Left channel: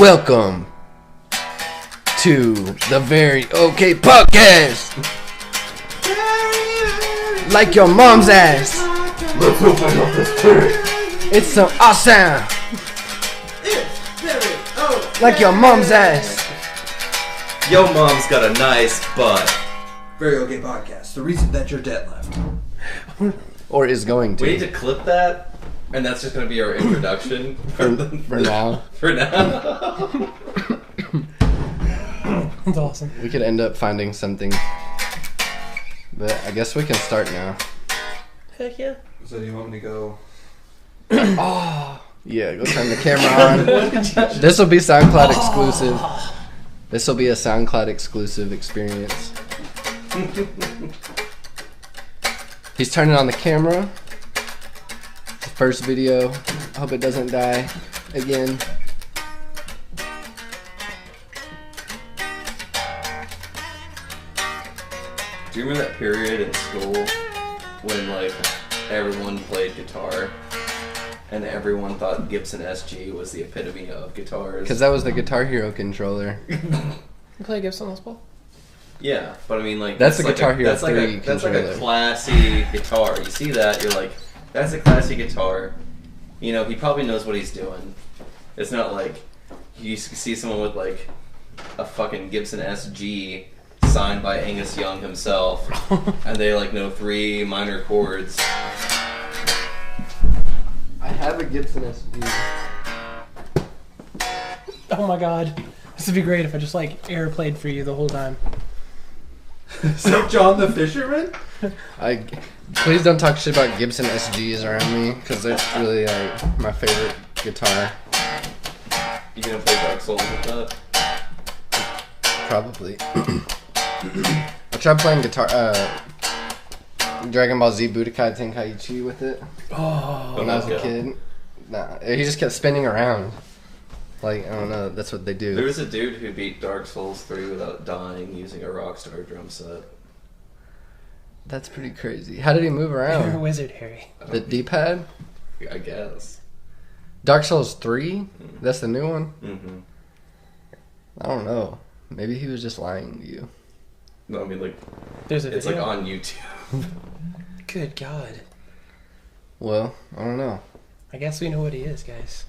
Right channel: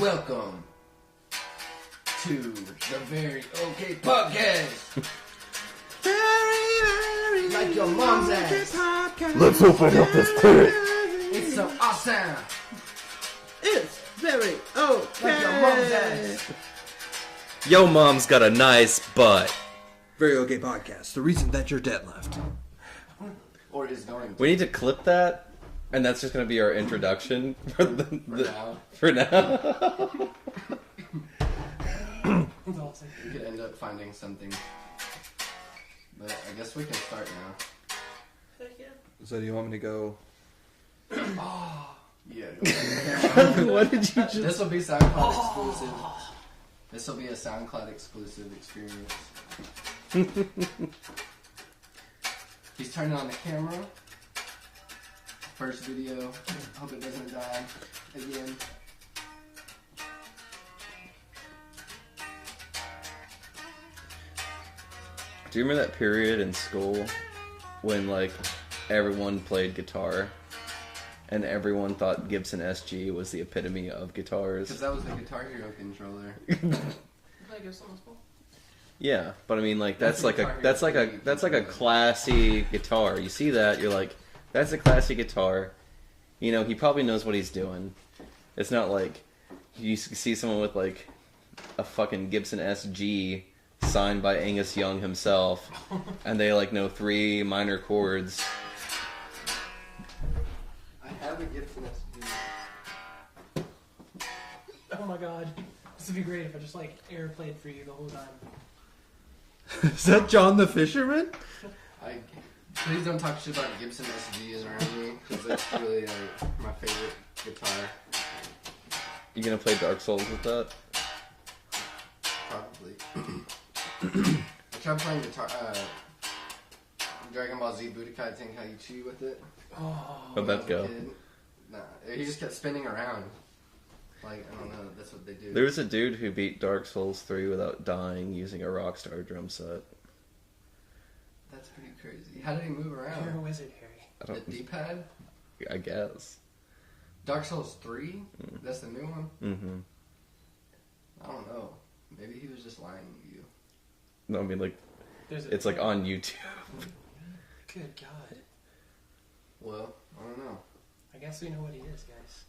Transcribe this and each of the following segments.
Welcome to the Very Okay Podcast. Like your mom's ass. Let's open up this tent. It's so awesome. It's very okay. Like your mom's ass. Yo, mom's got a nice butt. Very okay podcast. The reason that you're dead left. Or is going to. We need to clip that, and that's just going to be our introduction for now. For now. That's awesome. We could end up finding something. But I guess we can start now. Heck yeah. So do you want me to go? Oh, yeah, go turn the camera on. This will be SoundCloud exclusive. This will be a SoundCloud exclusive experience. He's turning on the camera. The first video. I hope it doesn't die again. Do you remember that period in school when, like, everyone played guitar and everyone thought Gibson SG was the epitome of guitars? Because that was the Guitar Hero controller. You play Gibson Les Paul? Yeah, but I mean, like, That's the like Guitar Hero that's like 3 that's like a controller. classy guitar. You see that, you're like, that's a classy guitar. You know, he probably knows what he's doing. It's not like you see someone with, like, a fucking Gibson SG signed by Angus Young himself, and they, like, know 3 minor chords. I have a Gibson SG. Oh my god. This would be great if I just like air played for you the whole time. Is that John the Fisherman? Please don't talk shit about Gibson SGs around me, because they're really like my favorite guitar. You gonna play Dark Souls with that? Probably. I tried playing Dragon Ball Z Budokai Tenkaichi with it Oh. when I was a kid. Nah, he just kept spinning around. Like, I don't know, that's what they do. There was a dude who beat Dark Souls 3 without dying using a Rockstar drum set. That's pretty crazy. How did he move You're a around? wizard, Harry. The D-pad? I guess. Dark Souls 3? That's the new one? Mm-hmm. I don't know. Maybe he was just lying to you. No, I mean, like, There's a it's like video. on YouTube. Good god. Well, I don't know. I guess we know what he is, guys.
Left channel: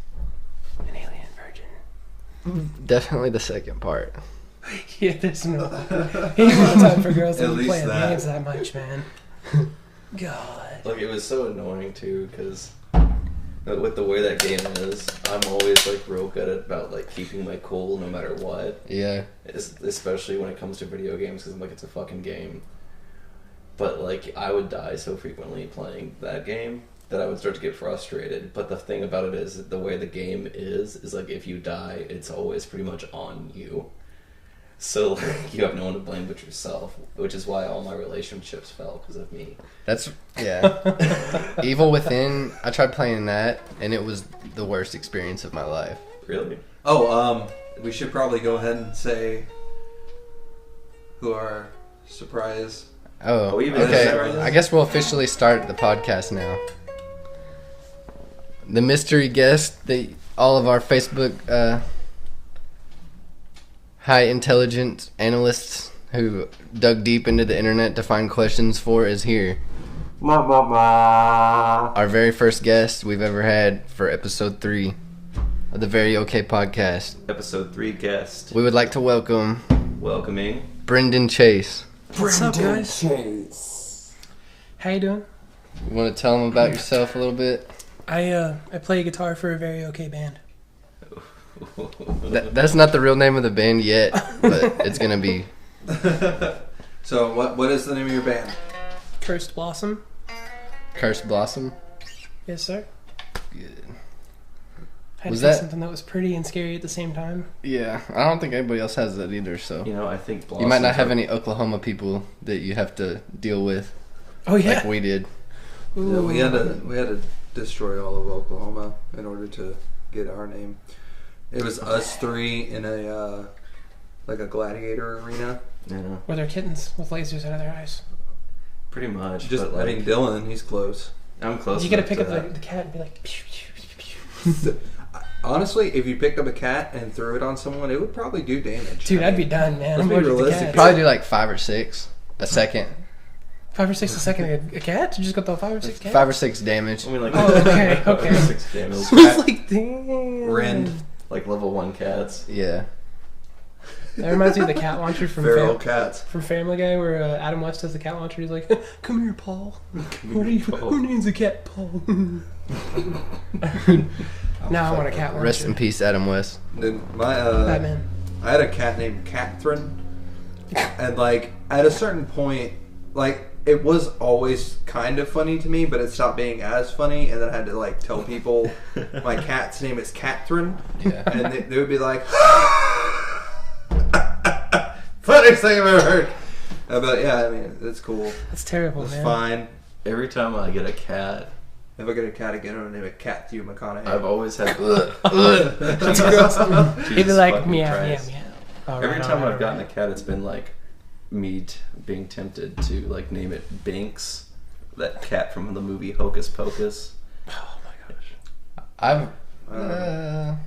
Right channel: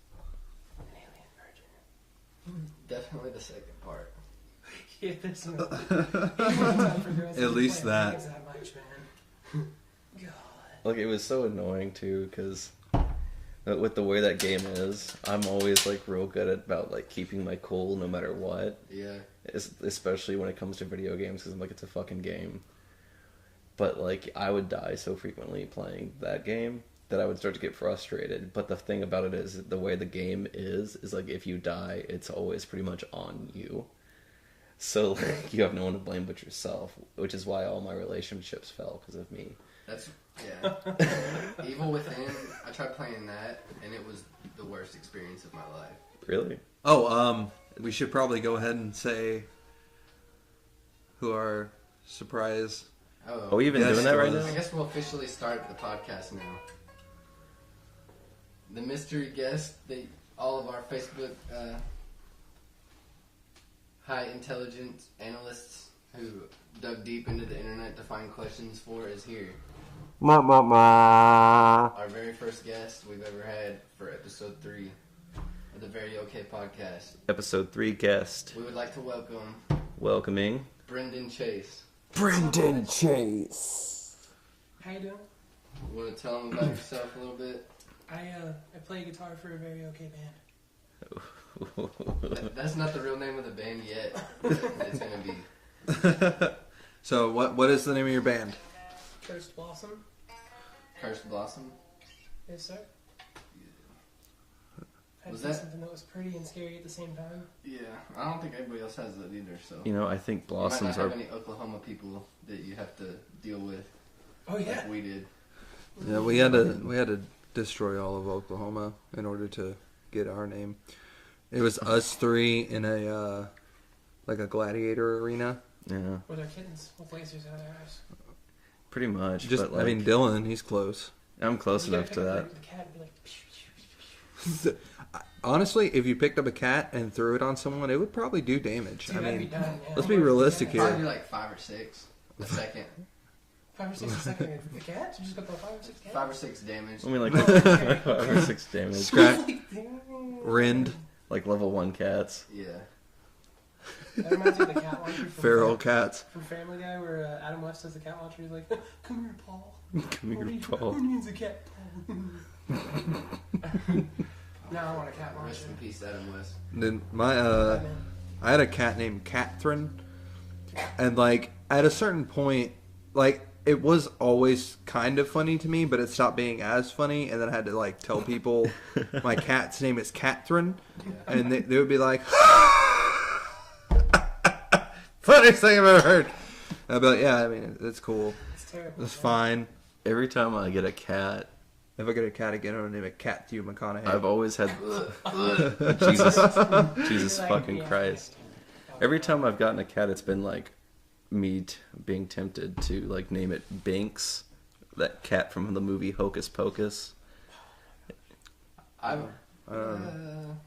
An alien virgin. Definitely the second part. Yeah, there's no. He ain't got time for girls At that least play that. games that much, man. God. Like, it was so annoying, too, because with the way that game is, I'm always, like, real good about, like, keeping my cool no matter what. Yeah. Especially when it comes to video games, because I'm like, it's a fucking game. But, like, I would die so frequently playing that game that I would start to get frustrated. But the thing about it is, the way the game is like, if you die, it's always pretty much on you. So, like, you have no one to blame but yourself, which is why all my relationships fell, because of me. That's, yeah. Evil Within, I tried playing that, and it was the worst experience of my life. Really? Oh, we should probably go ahead and say who our surprise. Oh, we even okay. did that right now? I guess we'll officially start the podcast now. The mystery guest that all of our Facebook high intelligence analysts who dug deep into the internet to find questions for is here. Our very first guest we've ever had for episode 3 of the Very Okay Podcast. Episode 3 guest. We would like to welcome Welcoming. Brendan Chase. What's up, guys? Chase. How you doing? You want to tell them about yourself a little bit? I play guitar for a very okay band. That's not the real name of the band yet, but it's gonna be. So what is the name of your band? Cursed Blossom. Cursed Blossom. Yes, sir. Good. Had Was to pick that- something that was pretty and scary at the same time. Yeah, I don't think anybody else has that either. So You know, I think you might not Blossoms have are- any Oklahoma people that you have to deal with, Oh yeah. like we did. Yeah, we had to destroy all of Oklahoma in order to get our name. It was us 3 in a like a gladiator arena. Yeah, Were there kittens with lasers out of their eyes? pretty much. Just, but, like, I mean, Dylan, he's close. I'm close You gotta enough pick to up that. the cat and be like, pew, pew, pew, pew. Honestly, if you picked up a cat and threw it on someone, it would probably do damage. Dude, I I'd be mean, done, man. let's I'm be allergic to realistic cats. here. Probably do like 5 or 6 a second. 5 or 6 a second. A cat? You just got the 5 or 6 cats? 5 or 6 damage. I mean, like, Oh, okay, 5 or okay. 6 damage. I was like, damn. Rend. Like level 1 cats. Yeah. That reminds me of the cat launcher from Feral cats. from Family Guy, where Adam West does the cat launcher. He's like, "Come here, Paul. Come here, Paul. Who names a cat Paul?" Now I want a cat launcher. Rest in peace, Adam West. Then my Batman. I had a cat named Catherine, and like at a certain point, like it was always kind of funny to me, but it stopped being as funny, and then I had to like tell people my cat's name is Catherine, Yeah. and they would be like, funniest thing I've ever heard. I'd be like, yeah, I mean it's cool, It's terrible, it's man. fine. Every time I get a cat, If I get a cat again, I'm gonna name it Catthew McConaughey. I've always had. He'd be Jesus like, fucking meow, meow, Christ. meow. All Every right, time all right, I've gotten all a cat, it's been like me being tempted to like name it Binks, that cat from the movie Hocus Pocus. I Um,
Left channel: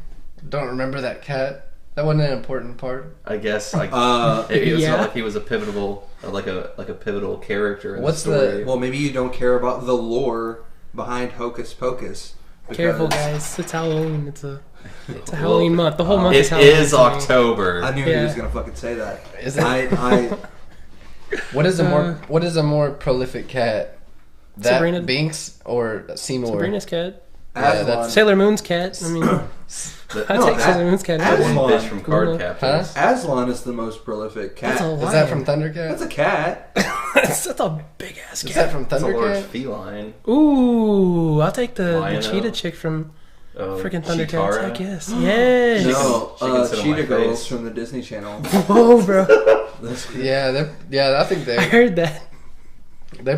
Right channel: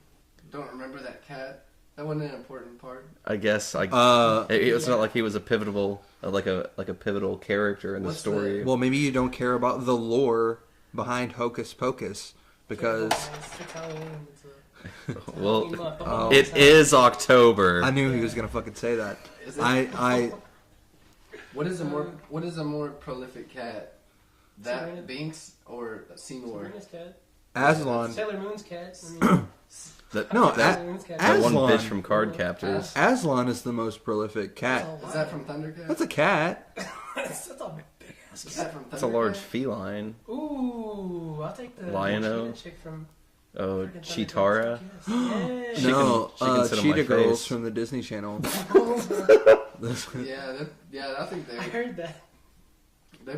don't remember that cat. That wasn't an important part. I guess like Uh, it was yeah. not like he was a pivotal like a pivotal character in What's the story. well, maybe you don't care about the lore behind Hocus Pocus because Careful, guys. It's Halloween. It's a Well, Halloween month. The whole month it is Halloween. is October. I knew he Yeah. was gonna fucking say that. Is it? I What is a more prolific cat? That Sabrina- Binks or Seymour? Sabrina's cat. Yeah, Aslan. that's- Sailor Moon's cat. I mean, The, I'd No, take that- Sailor Moon's cat. that one Aslan. bitch from Card Huh? Captors. Aslan is the most prolific cat. That's a Is that from lion. Thundercat? That's a cat. That's a big ass Is cat. that from That's a large Thundercat? feline. Ooh, I'll take the Lion-O. cheetah chick from Oh, freaking Thundercats. I Chitara. guess. Yes. She can- No, she can sit on my Cheetah Girls face. from the Disney Channel. Oh, bro. Yeah, I think I they heard that.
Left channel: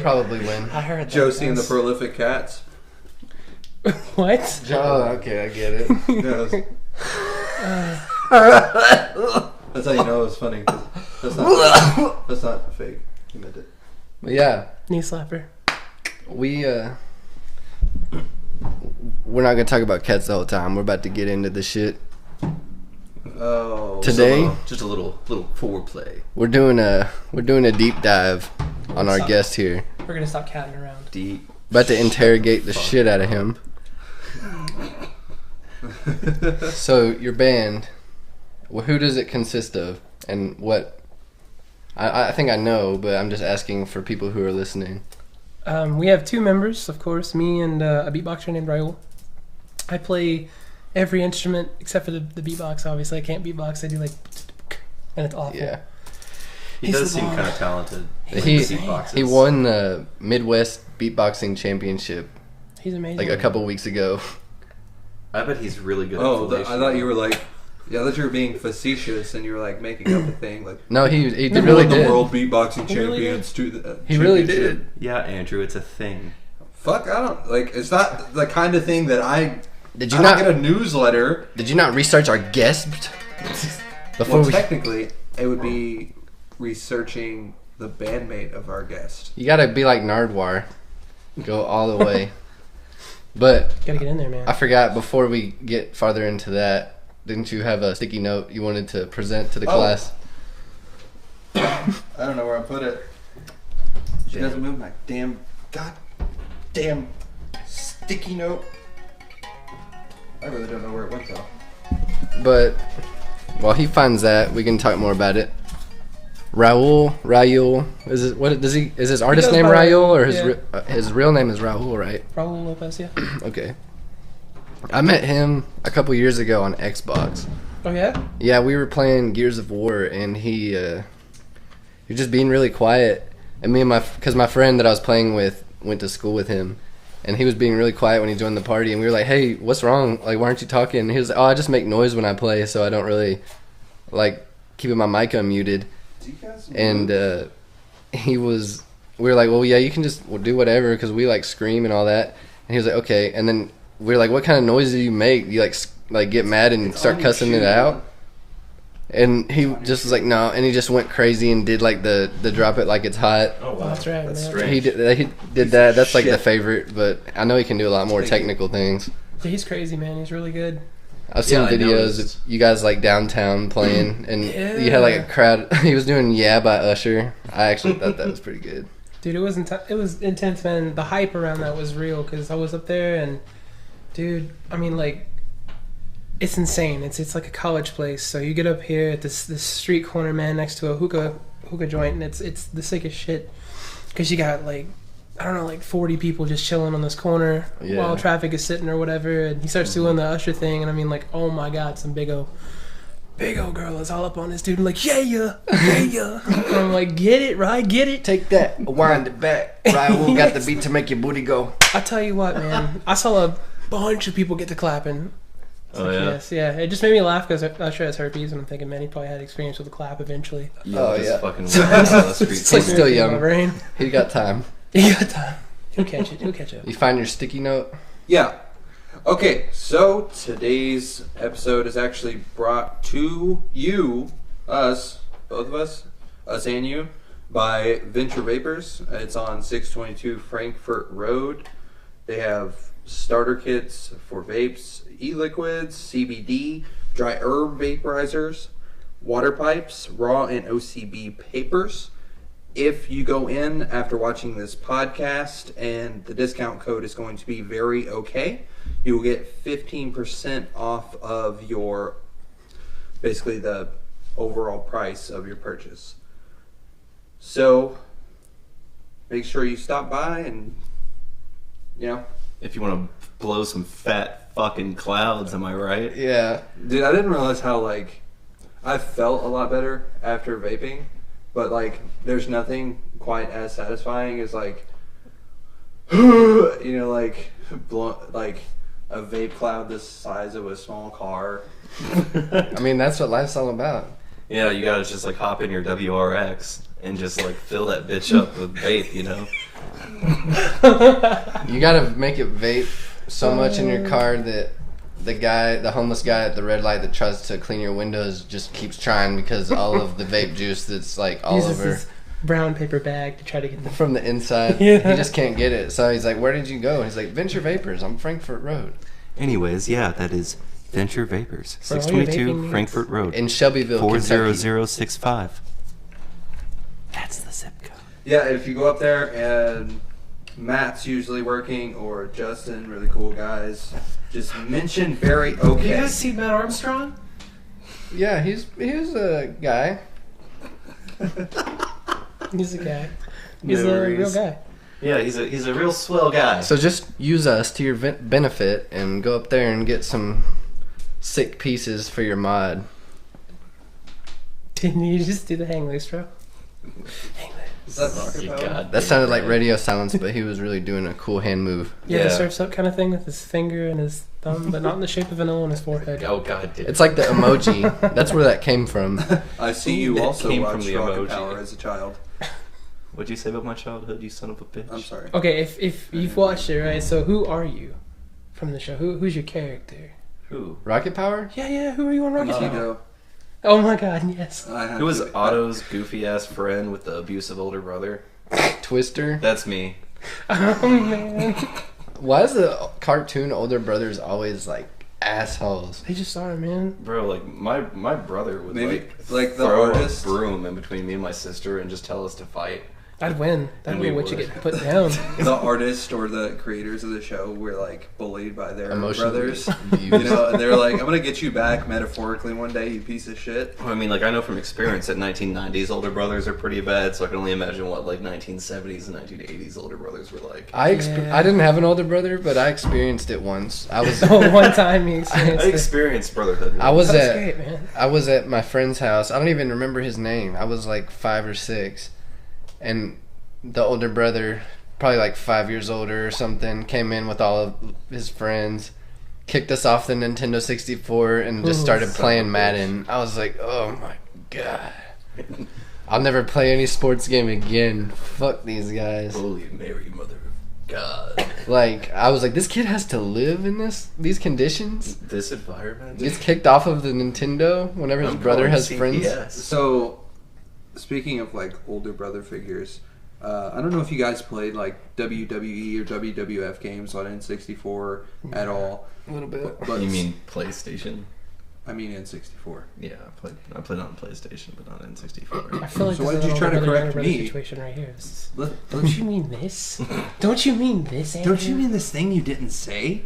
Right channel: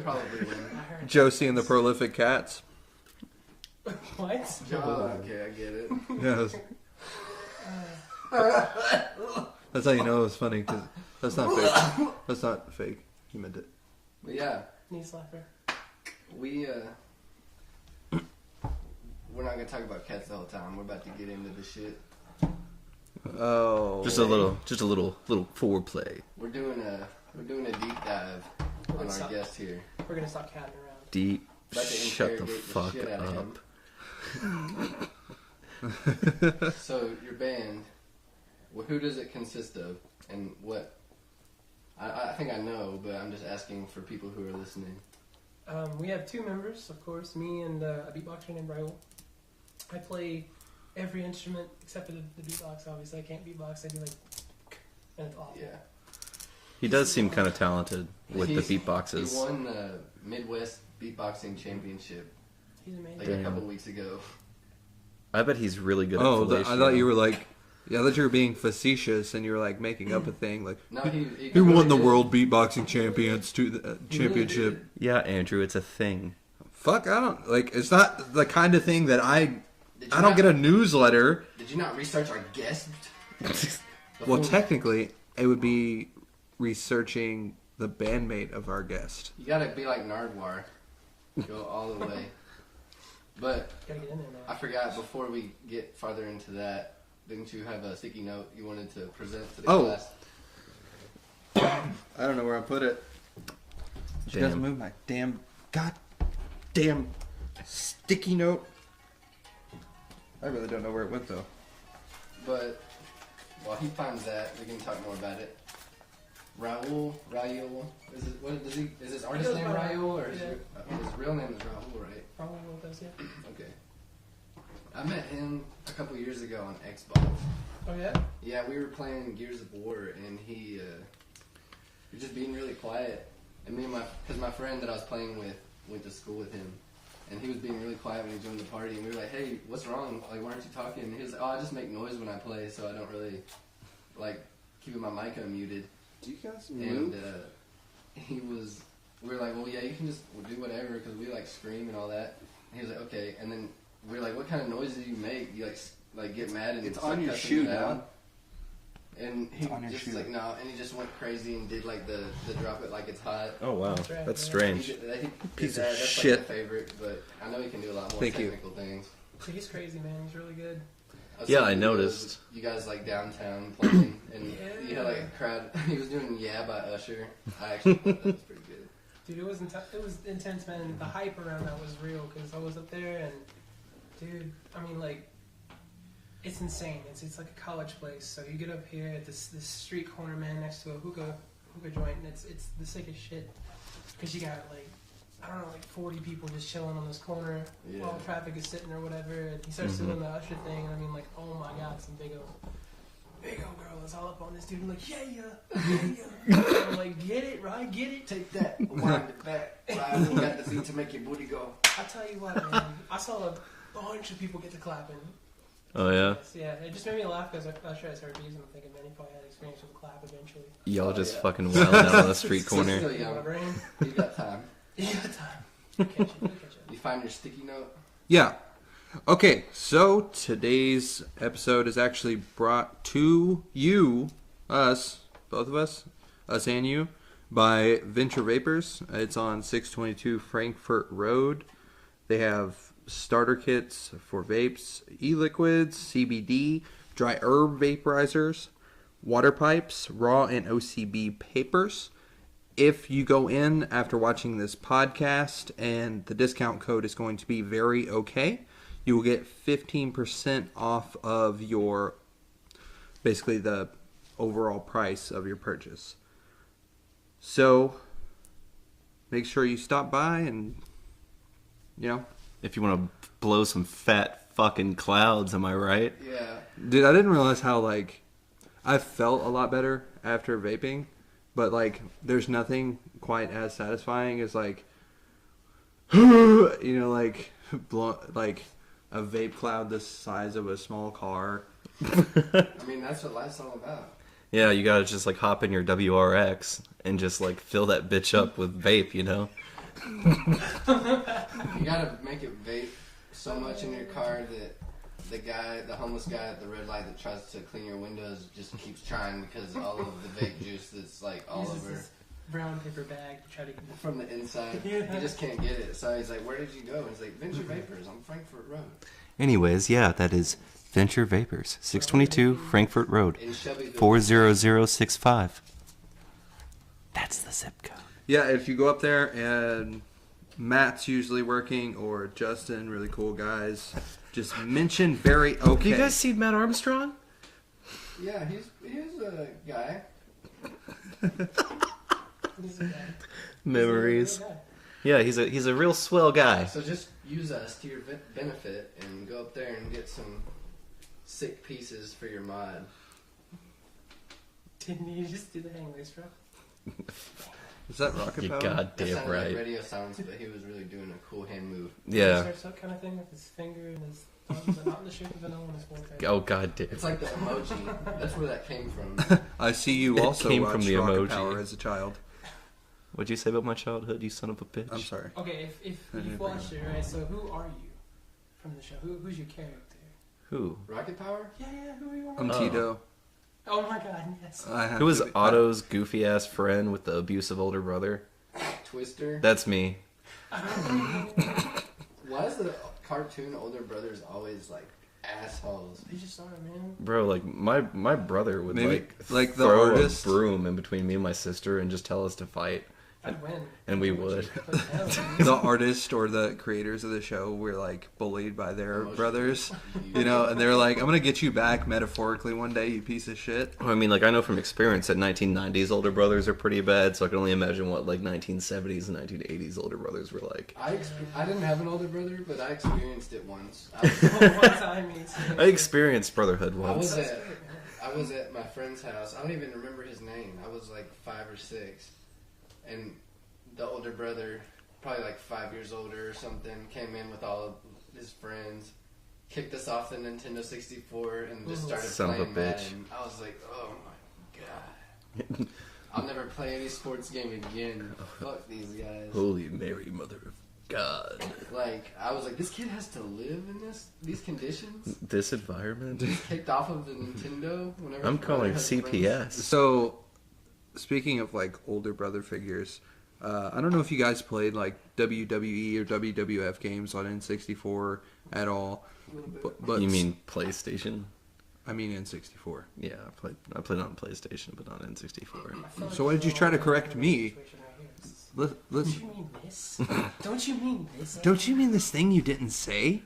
probably win. I heard that. Josie and the Prolific Cats. What? Oh, okay, I get it. No, that's how you know it was funny because that's not fake. That's not fake. He meant it. But yeah, Knee slapper. we're not gonna talk about cats the whole time. We're about to get into the shit. Oh, Today- Just a little foreplay. We're doing a deep dive on our guest here. We're gonna stop catting around. Deep. About to interrogate the fuck shit out of up. him. So your band, well, who does it consist of, and what? I think I know, but I'm just asking for people who are listening. We have 2 members, of course, me and a beatboxer named Raul. I play every instrument except for the beatbox, obviously. I can't beatbox. I do like, and it's awful. Yeah, He He's does the seem one. kind of talented with He- the beatboxes. he won the Midwest Beatboxing Championship He's amazing. like a couple weeks ago. I bet he's really good at oh, fellatio. I thought you were like, yeah, I thought you were being facetious and you were like making up a thing like. No, he He really won the did. World Beatboxing He really Champions to the He really championship. did. Yeah, Andrew, it's a thing. Fuck, I don't like. It's not the kind of thing that I. Did you I not don't get a newsletter. Did you not research our guest before Well, we? technically, it would be researching the bandmate of our guest. You gotta be like Nardwar, go all the way. But Gotta get in there, man. I forgot before we get farther into that. Didn't you have a sticky note you wanted to present to the Oh. class? I don't know where I put it. She Damn. doesn't move my damn sticky note. I really don't know where it went though. But while he finds that, we can talk more about it. Raul, is it what does he? Is his artist goes name by Raul or yeah. his real name is Raul, right? Raul Lopez, yeah. Okay. I met him a couple years ago on Xbox. Oh, yeah? Yeah, we were playing Gears of War, and he was just being really quiet. And me and because my friend that I was playing with went to school with him, and he was being really quiet when he joined the party. And we were like, "Hey, what's wrong? Like, why aren't you talking?" And he was like, "Oh, I just make noise when I play, so I don't really like keeping my mic unmuted." And we were like, "Well, yeah, you can just do whatever," because we like scream and all that. And he was like, "Okay." And then we were like, "What kind of noise do you make? Do you like get mad and start cussing it out?" And he just was like, "No," and he just went crazy and did like the drop it like it's hot. Oh wow, That's right, that's man. strange. He did Piece that. of That's like the shit. favorite, but I know he can do a lot more Thank you. technical things. Yeah, he's crazy, man. He's really good. I've seen Yeah, I videos noticed. of you guys like downtown playing, and you had like a crowd. He was doing "Yeah" by Usher. I actually thought that was pretty good. Dude, it was intense, man. The hype around that was real because I was up there and, dude, I mean, like, it's insane. It's like a college place. So you get up here at this street corner, man, next to a hookah joint, and it's the sickest shit because you got like, I don't know, like 40 people just chilling on this corner while traffic is sitting or whatever, and he starts doing the Usher thing, and I mean, like, oh my god, some big old girl is all up on this dude, and like, yeah. And I'm like, get it, right? Get it. Take that, wind it back. Ryan got the beat to make your booty go. I tell you what, man, I saw a bunch of people get to clapping. Oh, yeah? Yes, yeah. It just made me laugh because Usher has herpes, and I'm thinking, man, he probably had experience with a clap eventually. Y'all Oh, just yeah. fucking went down the street He's corner. still young. Rain. He got time. You got time. He'll catch it. He'll catch it. You find your sticky note. Yeah. Okay, so today's episode is actually brought to you, us, both of us and you, by Venture Vapors. It's on 622 Frankfurt Road. They have starter kits for vapes, e-liquids, CBD, dry herb vaporizers, water pipes, raw and OCB papers. If you go in after watching this podcast, and the discount code is going to be very okay, you will get 15% off of your, basically the overall price of your purchase. So make sure you stop by and, you know. If you want to blow some fat fucking clouds, am I right? Yeah. Dude, I didn't realize how, like, I felt a lot better after vaping, but, like, there's nothing quite as satisfying as, like, you know, like, like a vape cloud this size of a small car. I mean, that's what life's all about. Yeah, you gotta just like hop in your WRX and just like fill that bitch up with vape, you know? You gotta make it vape so much in your car that the homeless guy at the red light that tries to clean your windows just keeps trying because all of the vape juice that's like all Uses over this brown paper bag to try to get the. from the inside. Yeah. He just can't get it. So he's like, "Where did you go?" And he's like, "Venture Vapors on Frankfurt Road Anyways, yeah, that is Venture Vapors, For all your 622 vaping Frankfurt Road, in Shelbyville, 40065. That's the zip code. Yeah, if you go up there and Matt's usually working, or Justin, really cool guys, just mention very okay. Have you guys seen Matt Armstrong? Kentucky. Yeah, he's a guy. He's a guy. No He's a real worries. guy. Yeah, he's a real swell guy. So just use us to your benefit and go up there and get some sick pieces for your mod. Didn't you just do the hang loose, bro? Is that rocket You power? god That damn sounded right. like radio silence, but he was really doing a cool hand move. Yeah, Yeah. the surf's up kind of thing with his finger and his thumb, but not in the shape of an O on his forehead. Oh god damn. It's like the emoji. That's where that came from. I see you It also came from watched the Rocket emoji. Power as a child. What'd you say about my childhood, you son of a bitch? I'm sorry. Okay, if you've watched it, right? So who are you from the show? Who's your character? Who? Rocket Power? Yeah. Who are you on I'm Rocket? Tito. Oh my God, yes. I have Who was to be- Otto's goofy ass friend with the abusive older brother? Twister? That's me. Oh man, Why is the cartoon older brothers always like assholes? they just are, man. Bro, like my brother would Maybe, like, the throw artist? a broom in between me and my sister and just tell us to fight. I'd win. That'd And be we what you would. get put down. The artist or the creators of the show were like bullied by their Emotionally brothers. abused. You know, and they're like, I'm gonna get you back metaphorically one day, you piece of shit. I mean, like I know from experience that 1990s older brothers are pretty bad, so I can only imagine what like 1970s and 1980s older brothers were like. I Yeah. I didn't have an older brother, but I experienced it once. I was Oh, one time he experienced I it. experienced brotherhood. I was That's at great, man. I was at my friend's house. I don't even remember his name. I was like 5 or 6, and the older brother, probably like 5 years older or something, came in with all of his friends, kicked us off the Nintendo 64, and just Ooh, started son of playing a bitch. Madden. I was like, oh my god. I'll never play any sports game again. Fuck these guys. Holy Mary, Mother of God! Like, I was like, this kid has to live in these conditions? This environment. He's kicked off of the Nintendo whenever his brother has friends. CPS. So, speaking of like older brother figures, I don't know if you guys played like WWE or WWF games on N64 at all. A little bit. But You mean PlayStation? I mean N64. Yeah, I played on PlayStation, but not N64. I feel like So why this did is you a try to little bit of correct everybody's me? Situation right here. Let's, Don't you mean this? Don't you mean this? don't you Andrew? mean this thing you didn't say?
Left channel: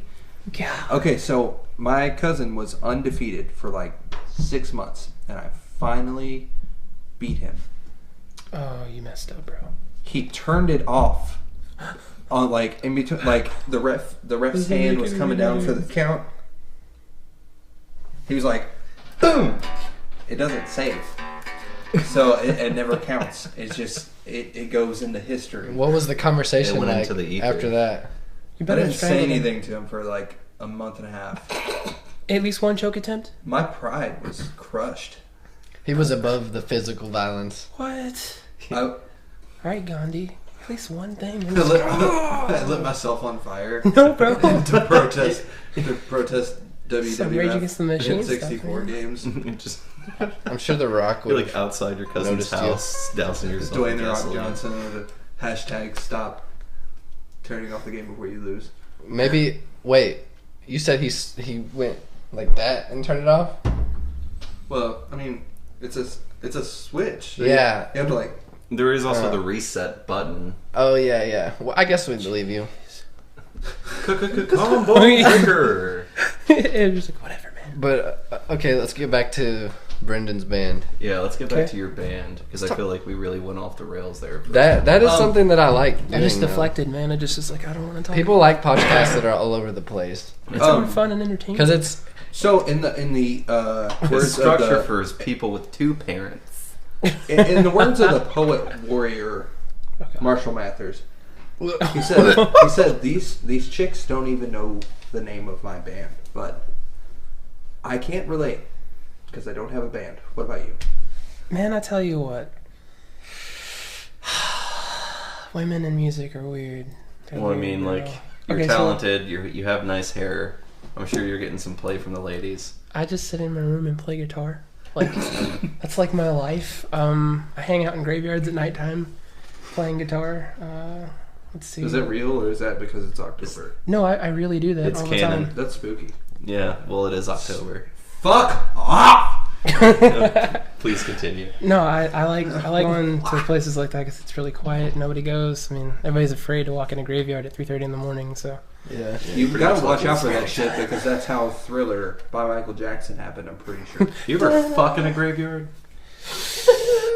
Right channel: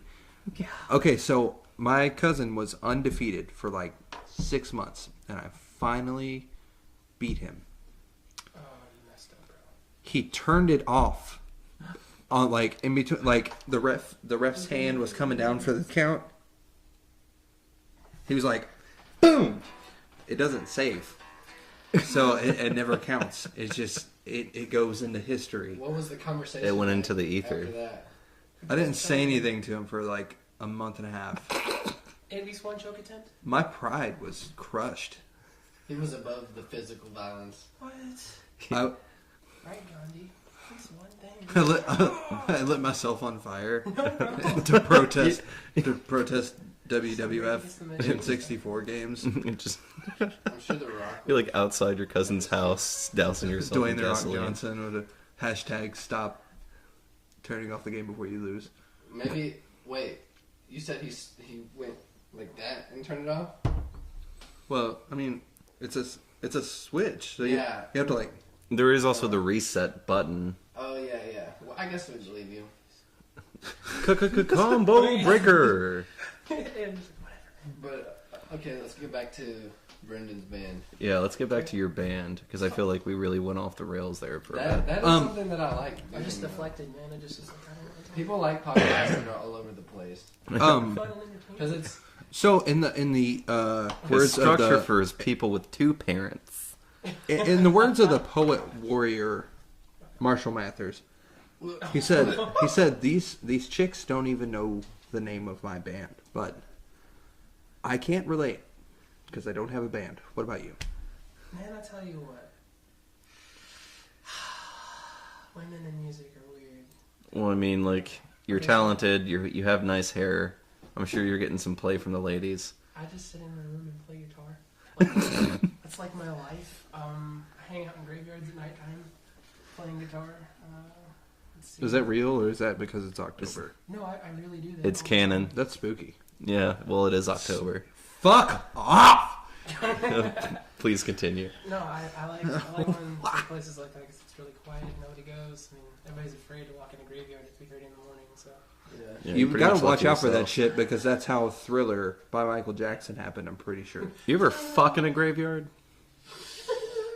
God. Okay, so my cousin was undefeated for like 6 months, and I finally beat him. Oh, you messed up, bro. He turned it off on like in between, like the ref's hand was coming down for the count. He was like, boom! It doesn't save. So it never counts. It's just, it goes into history. What was the conversation It went like into the ether. after that? You I better didn't try say it. anything to him for like a month and a half. At least one choke attempt? My pride was crushed. He was above the physical violence. What? I Alright, Gandhi. At least one thing. I lit myself on fire No, bro. to protest Some Rage Against the Machine WWF stuff, 64 man. games. Just I'm sure The Rock you're would. like outside your cousin's Noticed you. house, dousing yourself Dwayne in The Rock gasoline. Johnson with a hashtag stop turning off the game before you lose. Maybe. Wait. You said he went like that and turned it off? Well, I mean, it's a switch. So Yeah. You have to like. There is also the reset button. Oh yeah, yeah. Well, I guess we believe you. Combo breaker. It was like, whatever, man. But okay, let's get back to Brendan's band. Yeah, let's get back Okay. to your band because I feel like we really went off the rails there. For That is Um, something that I like. I just doing, though. deflected, man. I just was like, I don't want to talk. People like podcasts that are all over the place It's Um, fun and entertaining. because it's So in the His words of structure the for his people with two parents. in the words of the poet warrior Marshall Mathers, he said these chicks don't even know the name of my band, but I can't relate because I don't have a band. What about you? Man, I tell you what. Women in music are weird. They're Well, I weird, mean, bro. like you're Okay, so talented. You have nice hair. I'm sure you're getting some play from the ladies. I just sit in my room and play guitar. Like that's like my life. I hang out in graveyards at nighttime, playing guitar. Let's see. Is that real or is that because it's October? No, I really do that. It's all the canon. time. That's spooky. Yeah, well, it is October. Fuck off! Please continue. No, I like going to places like that because it's really quiet. Nobody goes. I mean, everybody's afraid to walk in a graveyard at 3:30 in the morning. So yeah. Yeah, You pretty gotta much watch like out for yourself. that shit because that's how Thriller by Michael Jackson happened. I'm pretty sure. You ever fuck in a graveyard?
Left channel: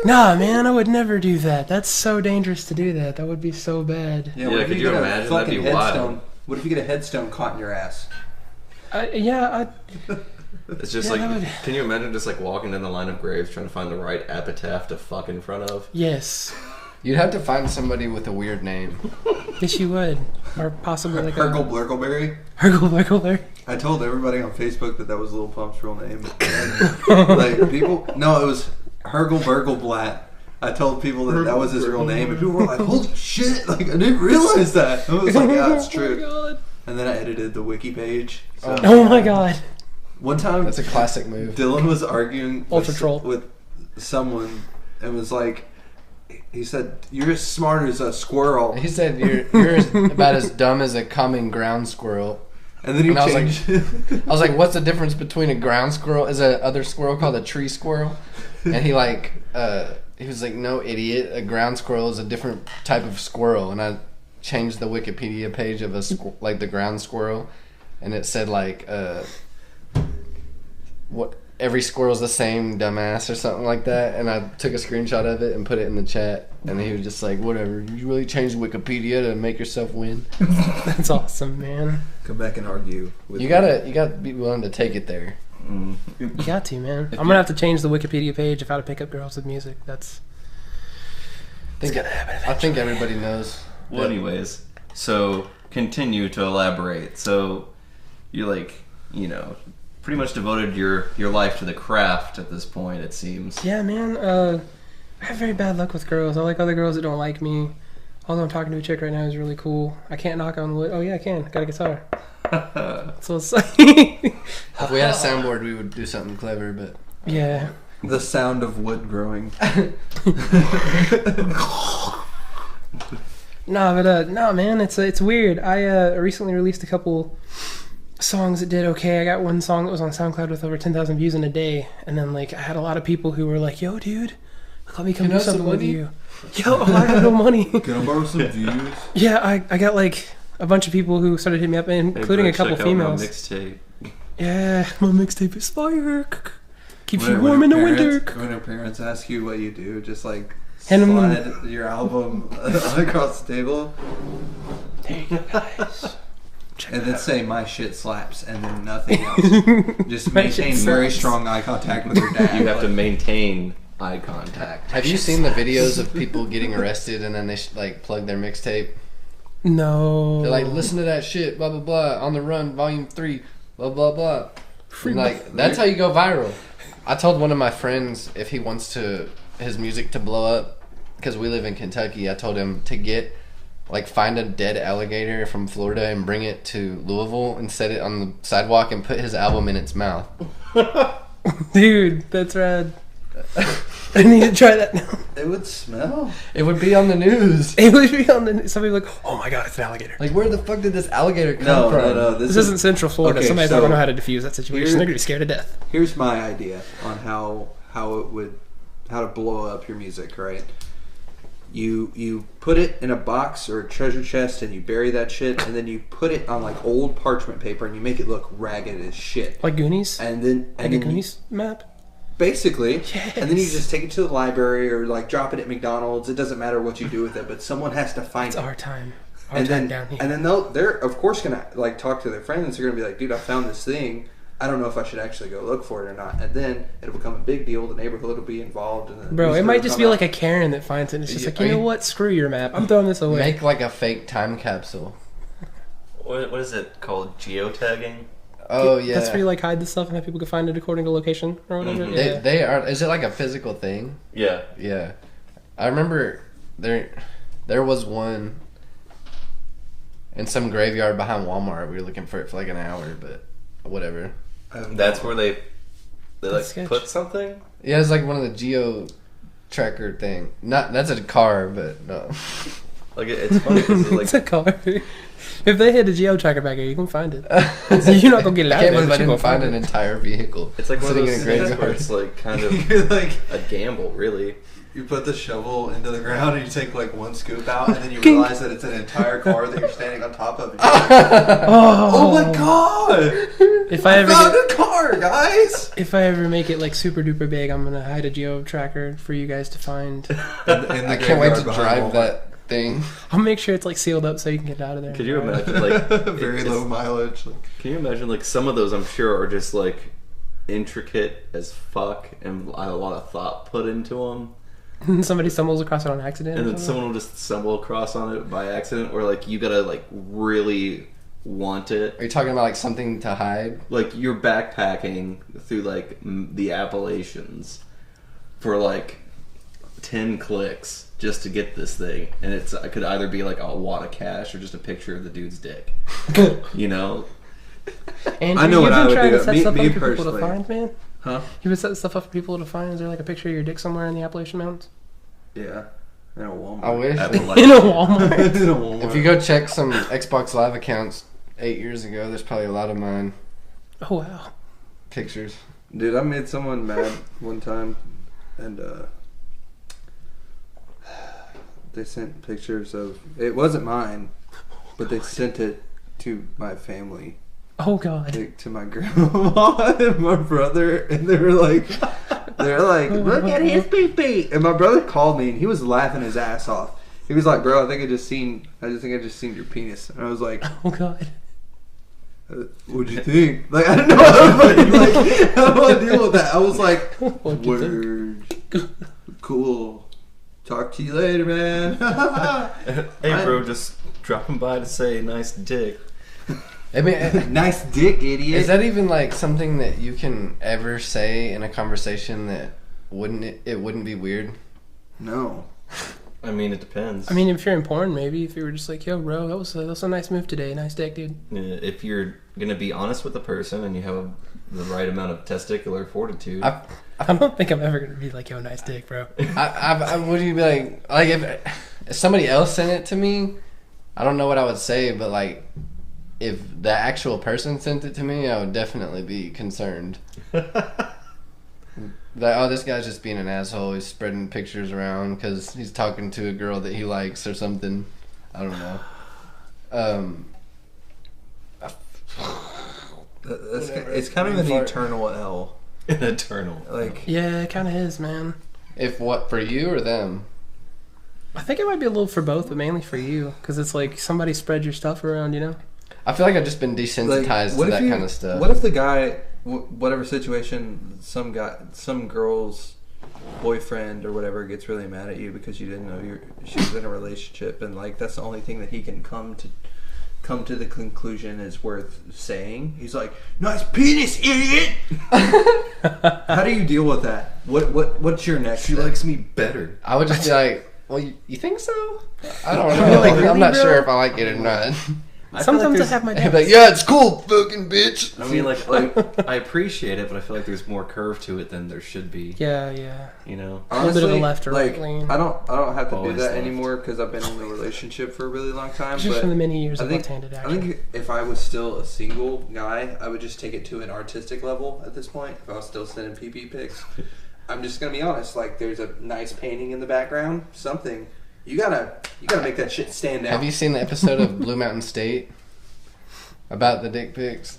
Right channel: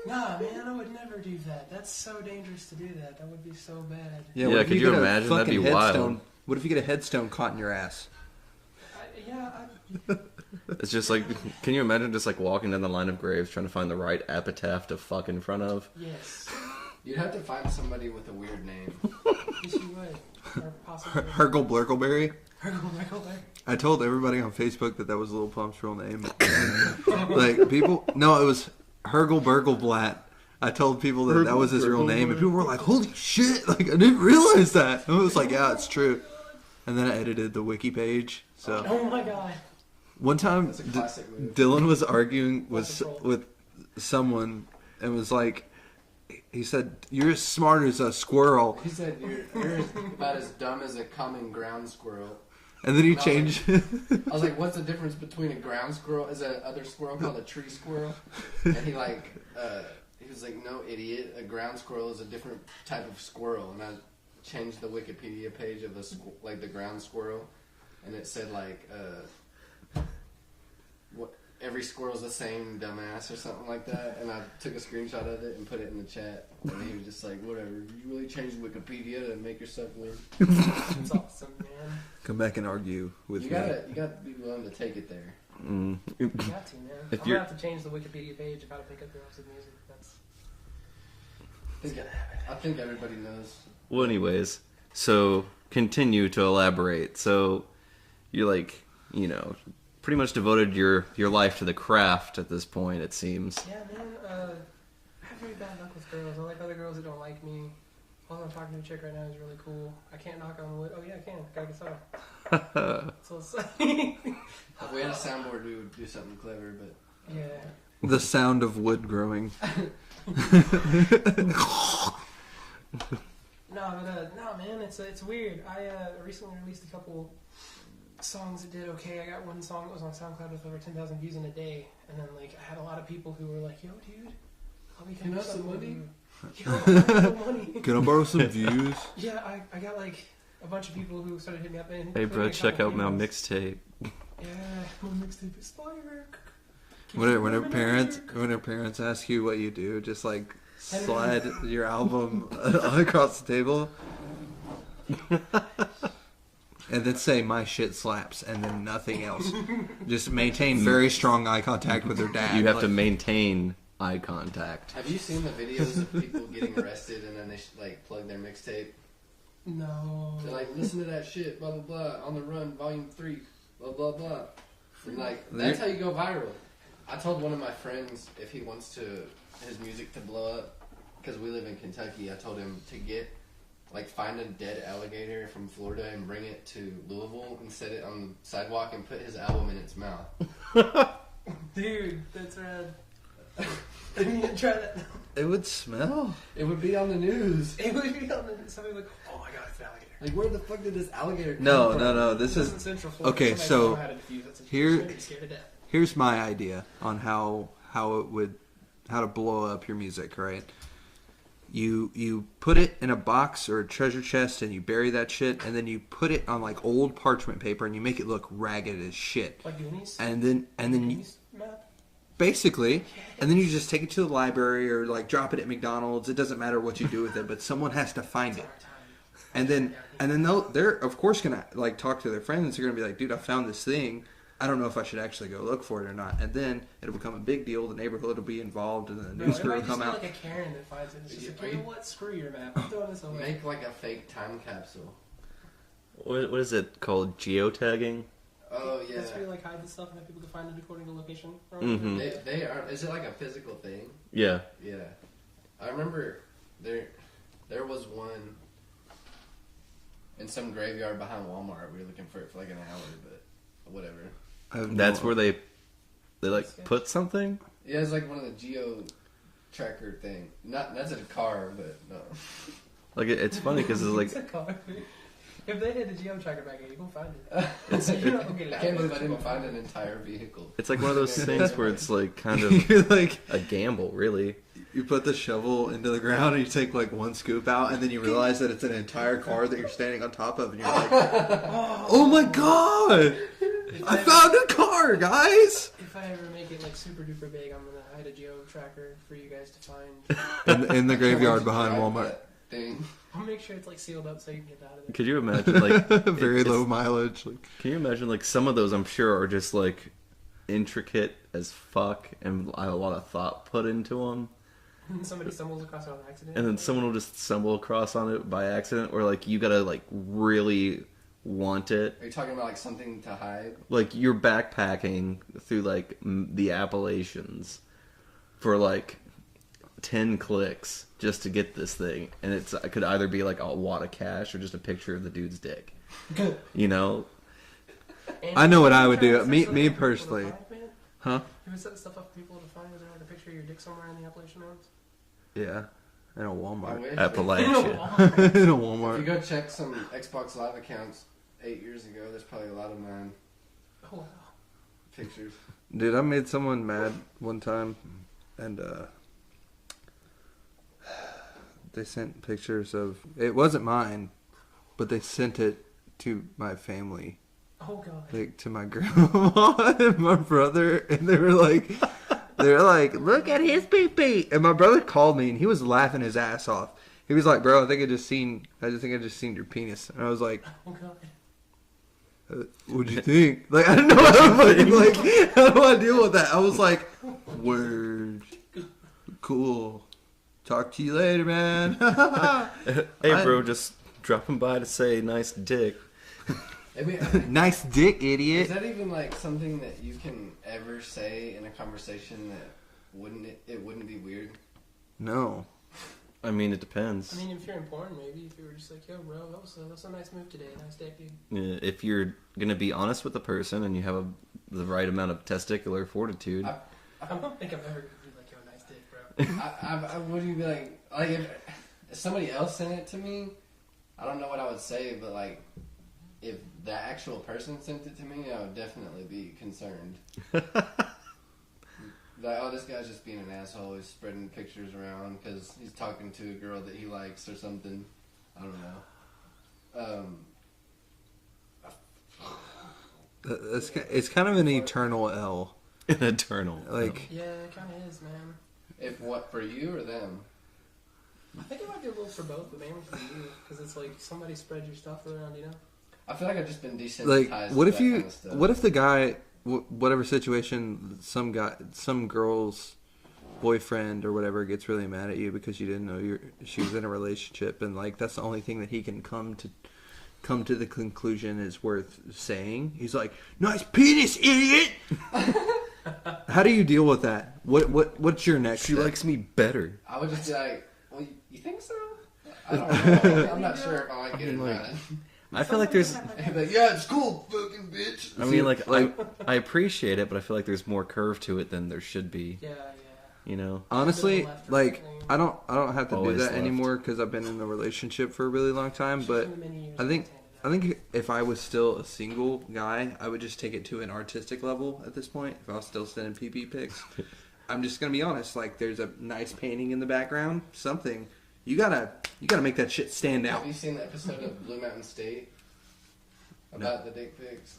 nah, man, I would never do that. That's so dangerous to do that. That would be so bad. Yeah, what if could you get a imagine? That'd be fucking wild. headstone? What if you get a headstone caught in your ass? It's just Yeah, like, that would- can you imagine just like walking down the line of graves trying to find the right epitaph to fuck in front of? Yes, You'd have to find somebody with a weird name. yes, you would, or possibly like Hergel Blurgleberry. Hergel. I told everybody on Facebook that was Lil Pump's real name. And, like people, no, it was Hergel Burgleblatt. I told people that was his real name, and people were like, "Holy shit!" Like I didn't realize that. I was like, "Yeah, it's true." God. And then I edited the wiki page. So Oh my god. one time, That's a classic move. Dylan was arguing Ultra troll. with someone and was like, he said, "You're as smart as a squirrel," He said you're about as dumb as a common ground squirrel. and then he And I was like- changed. I was like, "What's the difference between a ground squirrel? Is a other squirrel called a tree squirrel?" And he was like, "No, idiot. A ground squirrel is a different type of squirrel." And I changed the Wikipedia page of like the ground squirrel, and it said like what every squirrel's the same, dumbass, or something like that. And I took a screenshot of it and put it in the chat. And he was just like, "Whatever. You really changed Wikipedia to make yourself win." That's awesome, man. Come back and argue with You me. gotta be willing to take it there. You got to, man. If I'm gonna have to change the Wikipedia page of how to pick up girls with music. That's It's gonna happen. I think everybody knows. Well, anyways, so continue to elaborate. So you're like, pretty much devoted your life to the craft at this point, it seems. yeah, man. I have very bad luck with girls. I like other girls that don't like me. Although I'm talking to a chick right now who's really cool. I can't knock on wood. Oh yeah, I can. Got a guitar. So it's like, If we had a soundboard, we would do something clever, but yeah. the sound of wood growing. No, man, it's weird. I recently released a couple songs that did okay. I got one song that was on SoundCloud with over 10,000 views in a day, and then like I had a lot of people who were like, "Yo, dude, let me come do something with you." Yo, I got no money. Can I borrow some views? Yeah, I got like a bunch of people who started hitting me up, including hey, bro, a couple check females. Out my mixtape. Yeah, my mixtape is fire. Keeps you warm in the winter. When your parents ask you what you do, just like Hand 'em slide your album across the table. Hey guys. And then say my shit slaps and then nothing else. Just maintain very strong eye contact with your dad. You have to maintain eye contact. Have you seen the videos of people getting arrested and then they like plug their mixtape? No. They're like, listen to that shit, blah blah blah, On the Run, Volume 3, blah blah blah. And like that's how you go viral. I told one of my friends if he wants his music to blow up, because we live in Kentucky, I told him to find a dead alligator from Florida and bring it to Louisville and set it on the sidewalk and put his album in its mouth. Dude, that's rad. I need to try that now. It would smell. It would be on the news. It would be on the somebody like, oh my god, it's an alligator. Like, where the fuck did this alligator come from? No. This isn't Central Florida. Okay, Somebody's so not gonna know how to defuse that situation. They're gonna be scared to death. Here's my idea on how to blow up your music, right? You put it in a box or a treasure chest and you bury that shit, and then you put it on like old parchment paper and you make it look ragged as shit. Like Goonies? And then a Goonies map? Basically. Yes. And then you just take it to the library or like drop it at McDonald's. It doesn't matter what you do with it, but someone has to find It's it. our time. And then they're of course gonna like talk to their friends. They're gonna be like, dude, I found this thing. I don't know if I should actually go look for it or not. And then it'll become a big deal. The neighborhood will be involved. And bro, it might just be like a Karen that finds it. And it's just like, you know what? Screw your map. I'm throwing this away. Make like a fake time capsule. What is it called? Geotagging? Oh yeah. That's where you like hide the stuff and have people can find it according to location or whatever. Mm-hmm. Yeah. They are. Is it like a physical thing? Yeah. Yeah. I remember there was one in some graveyard behind Walmart. We were looking for it for like an hour, but whatever. That's where they like sketch. put something? Yeah, it's like one of the geo tracker thing. That's a car, but no. Like it's funny because it's like It's a car. If they had a geo tracker back here, you can find it. So you're not gonna get it I out can't of there, believe I but you didn't gonna find find an it. entire vehicle. it's like one of Sitting those in a things graveyard. where it's like kind of You're like a gamble, really. you put the shovel into the ground and you take like one scoop out, and then you realize that it's an entire car that you're standing on top of. And you're like, oh my god! If I I ever found get- a car, guys! if I ever make it like super duper big, I'm gonna hide a geo tracker for you guys to find. In the I can't wait graveyard to behind drive Walmart. that thing. I'll make sure it's like sealed up so you can get out of there. Could you imagine like Very it's- low mileage. Like, Can you imagine like some of those? I'm sure are just like intricate as fuck, and a lot of thought put into them. Somebody stumbles across it on accident. And or then something? someone will just stumble across on it by accident, or like you gotta like really want it. Are you talking about like something to hide? Like you're backpacking through like the Appalachians for like 10 clicks just to get this thing, and it could either be like a wad of cash or just a picture of the dude's dick. You know? Andrew, I know what you've I been would trying do. to set Me- stuff me up for people to personally. find, man? huh? You've been setting stuff up for people to find. Is there like a picture of your dick somewhere in the Appalachian Mountains? Yeah. In a Walmart. I wish. Appalachian. In a Walmart. In a Walmart. If you go check some Xbox Live accounts 8 years ago, there's probably a lot of mine Oh wow. pictures. Dude, I made someone mad one time, and they sent pictures of. It wasn't mine, but they sent it to my family, Oh god. like to my grandma and my brother, and they were like, "Look at his pee pee." And my brother called me, and he was laughing his ass off. He was like, "Bro, I think I just seen your penis," and I was like. Oh god. What'd you think? Like, I didn't know how to, like, how do I deal with that? I was like, What'd you word, cool. Talk to you later, man. Hey, bro, just dropping by to say nice dick. I mean, Nice dick, idiot. is that even like something that you can ever say in a conversation that it wouldn't be weird? No. I mean, it depends. I mean, if you're in porn, maybe if you were just like, "Yo, bro, that was a nice move today. Nice dick, dude." If you're gonna be honest with the person and you have the right amount of testicular fortitude, I don't think I'm ever gonna be like, "Yo, nice dick, bro." Would you be like if if somebody else sent it to me, I don't know what I would say, but like, if the actual person sent it to me, I would definitely be concerned. Like, oh, this guy's just being an asshole. He's spreading pictures around because he's talking to a girl that he likes or something. I don't know. It's kind of an eternal L. An eternal. Like, Yeah, it kind of is, man. If what, for you or them? I think it might be a little for both, but mainly for you, because it's like somebody spread your stuff around, you know? I feel like I've just been desensitized what to if that you? kind of stuff. What if the guy, whatever situation, some girl's boyfriend or whatever gets really mad at you because you didn't know she was in a relationship, and like that's the only thing that he can come to the conclusion is worth saying. He's like, "Nice penis, idiot." How do you deal with that? What's your next? She step? likes me better. I would just be like, well, you think so? I don't know. Like, I'm not sure if I like it or not. I feel like Sometimes I there's. have my I'd be doubts. like, yeah, it's cool, fucking bitch. I mean, like I appreciate it, but I feel like there's more curve to it than there should be. Yeah. You know. A little bit of Honestly, a left or like right lean. I don't have to Always do that left. anymore because I've been in a relationship for a really long time. Just But from the many years I of think left-handed I action. think if I was still a single guy, I would just take it to an artistic level at this point. If I was still sending PP pics, I'm just gonna be honest. Like, there's a nice painting in the background, something. You gotta make that shit stand out. Have you seen the episode of Blue Mountain State about the dick pics?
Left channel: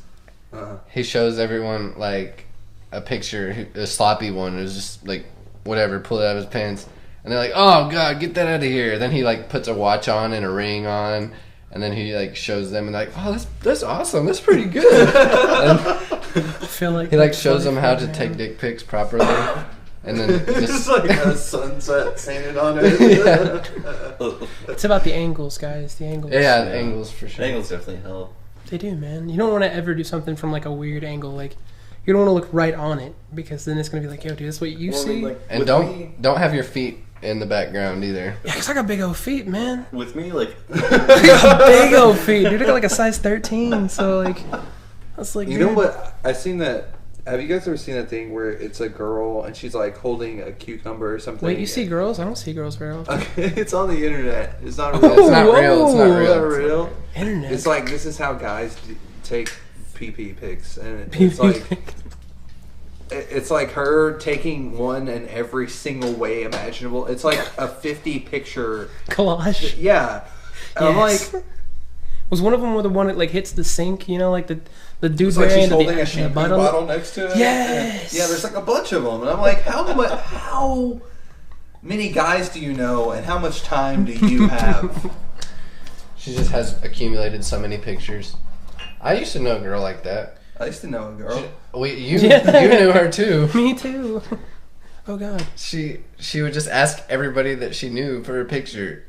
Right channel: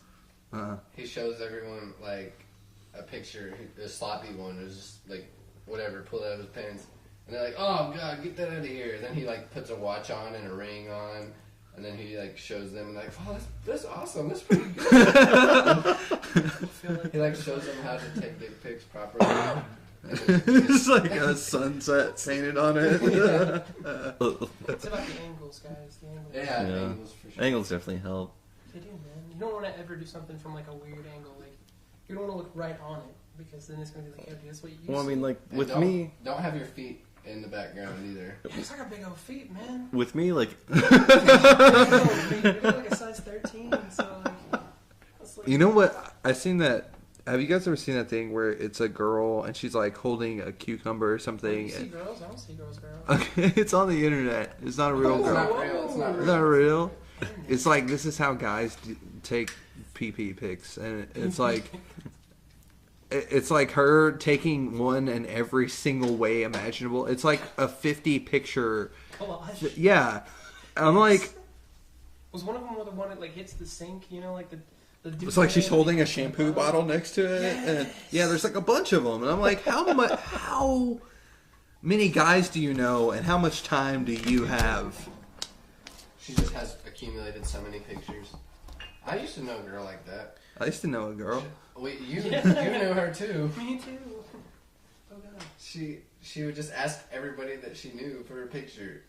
He shows everyone like a picture, a sloppy one. It was just like whatever, pulled it out of his pants, and they're like, "Oh God, get that out of here!" Then he like puts a watch on and a ring on, and then he like shows them and like, "Wow, that's awesome. That's pretty good." And I feel like he like that's shows them funny. how to take dick pics properly, and then It's just, like a sunset painted on it. Yeah. It's about the angles, guys. The angles. yeah, angles for sure. Angles definitely help. They do, man. You don't want to ever do something from like a weird angle. Like, you don't want to look right on it because then it's gonna be like, yo, dude, that's what you Well, I see. mean, like And with don't me, have your feet in the background either. Yeah, cause I got big old feet, man. with me, like Big old feet. Dude, I got like a size 13. So like, that's like. You know what? I seen that. Have you guys ever seen that thing where it's a girl and she's like holding a cucumber or something? Wait, you see girls? I don't see girls very often. Okay, it's on the internet. It's not real. It's not real. It's not It's not real. real. Internet. It's like this is how guys take PP pics, and it's like it's like her taking one in every single way imaginable. It's like a 50 picture. collage. Yeah, and I'm Yes. like, Was one of them the one that like hits the sink? You know, like the dude. it's like she's wearing the- holding the a shampoo bottle? bottle next to it. Yes. And, yeah, there's like a bunch of them, and I'm like, how many guys do you know, and how much time do you have? She just has accumulated so many pictures. I used to know a girl like that. I used to know a girl. You Yeah. you knew her too. Me too. Oh god. She would just ask everybody that she knew for a picture,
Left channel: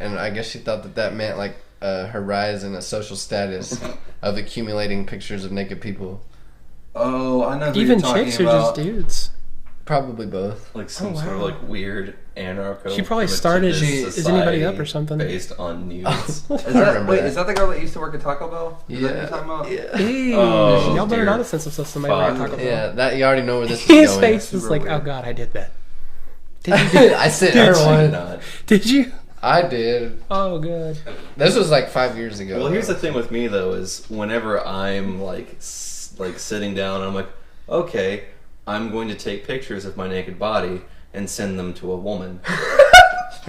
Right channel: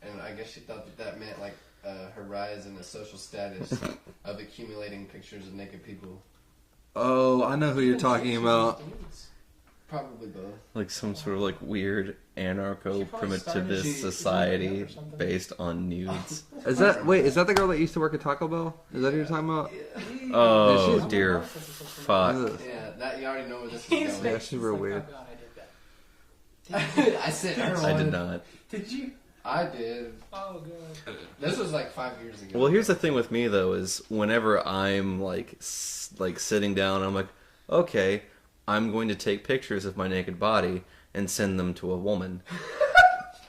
and I guess she thought that meant like her rise in a social status of accumulating pictures of naked people. Oh, I know who Even you're talking chicks about. are just dudes. Probably both. like some Oh, sort of wow. like weird anarcho. She probably primitivist started- Is anybody up society or something? based on nudes. Is I that remember wait? that. Is that the girl that used to work at Taco Bell? Is that what you're talking about? Yeah. Hey, Oh, y'all better dear not sense of somebody fuck. like Taco Yeah, Bell. that you already know where this is His going. face was super like, weird. oh god, I did that. Did you? Do I sent her I did one. not. Did you? I did. Oh god. This was like 5 years ago. Well, here's the thing with me though is whenever I'm like like sitting down, I'm like, okay, I'm going to take pictures of my naked body and send them to a woman.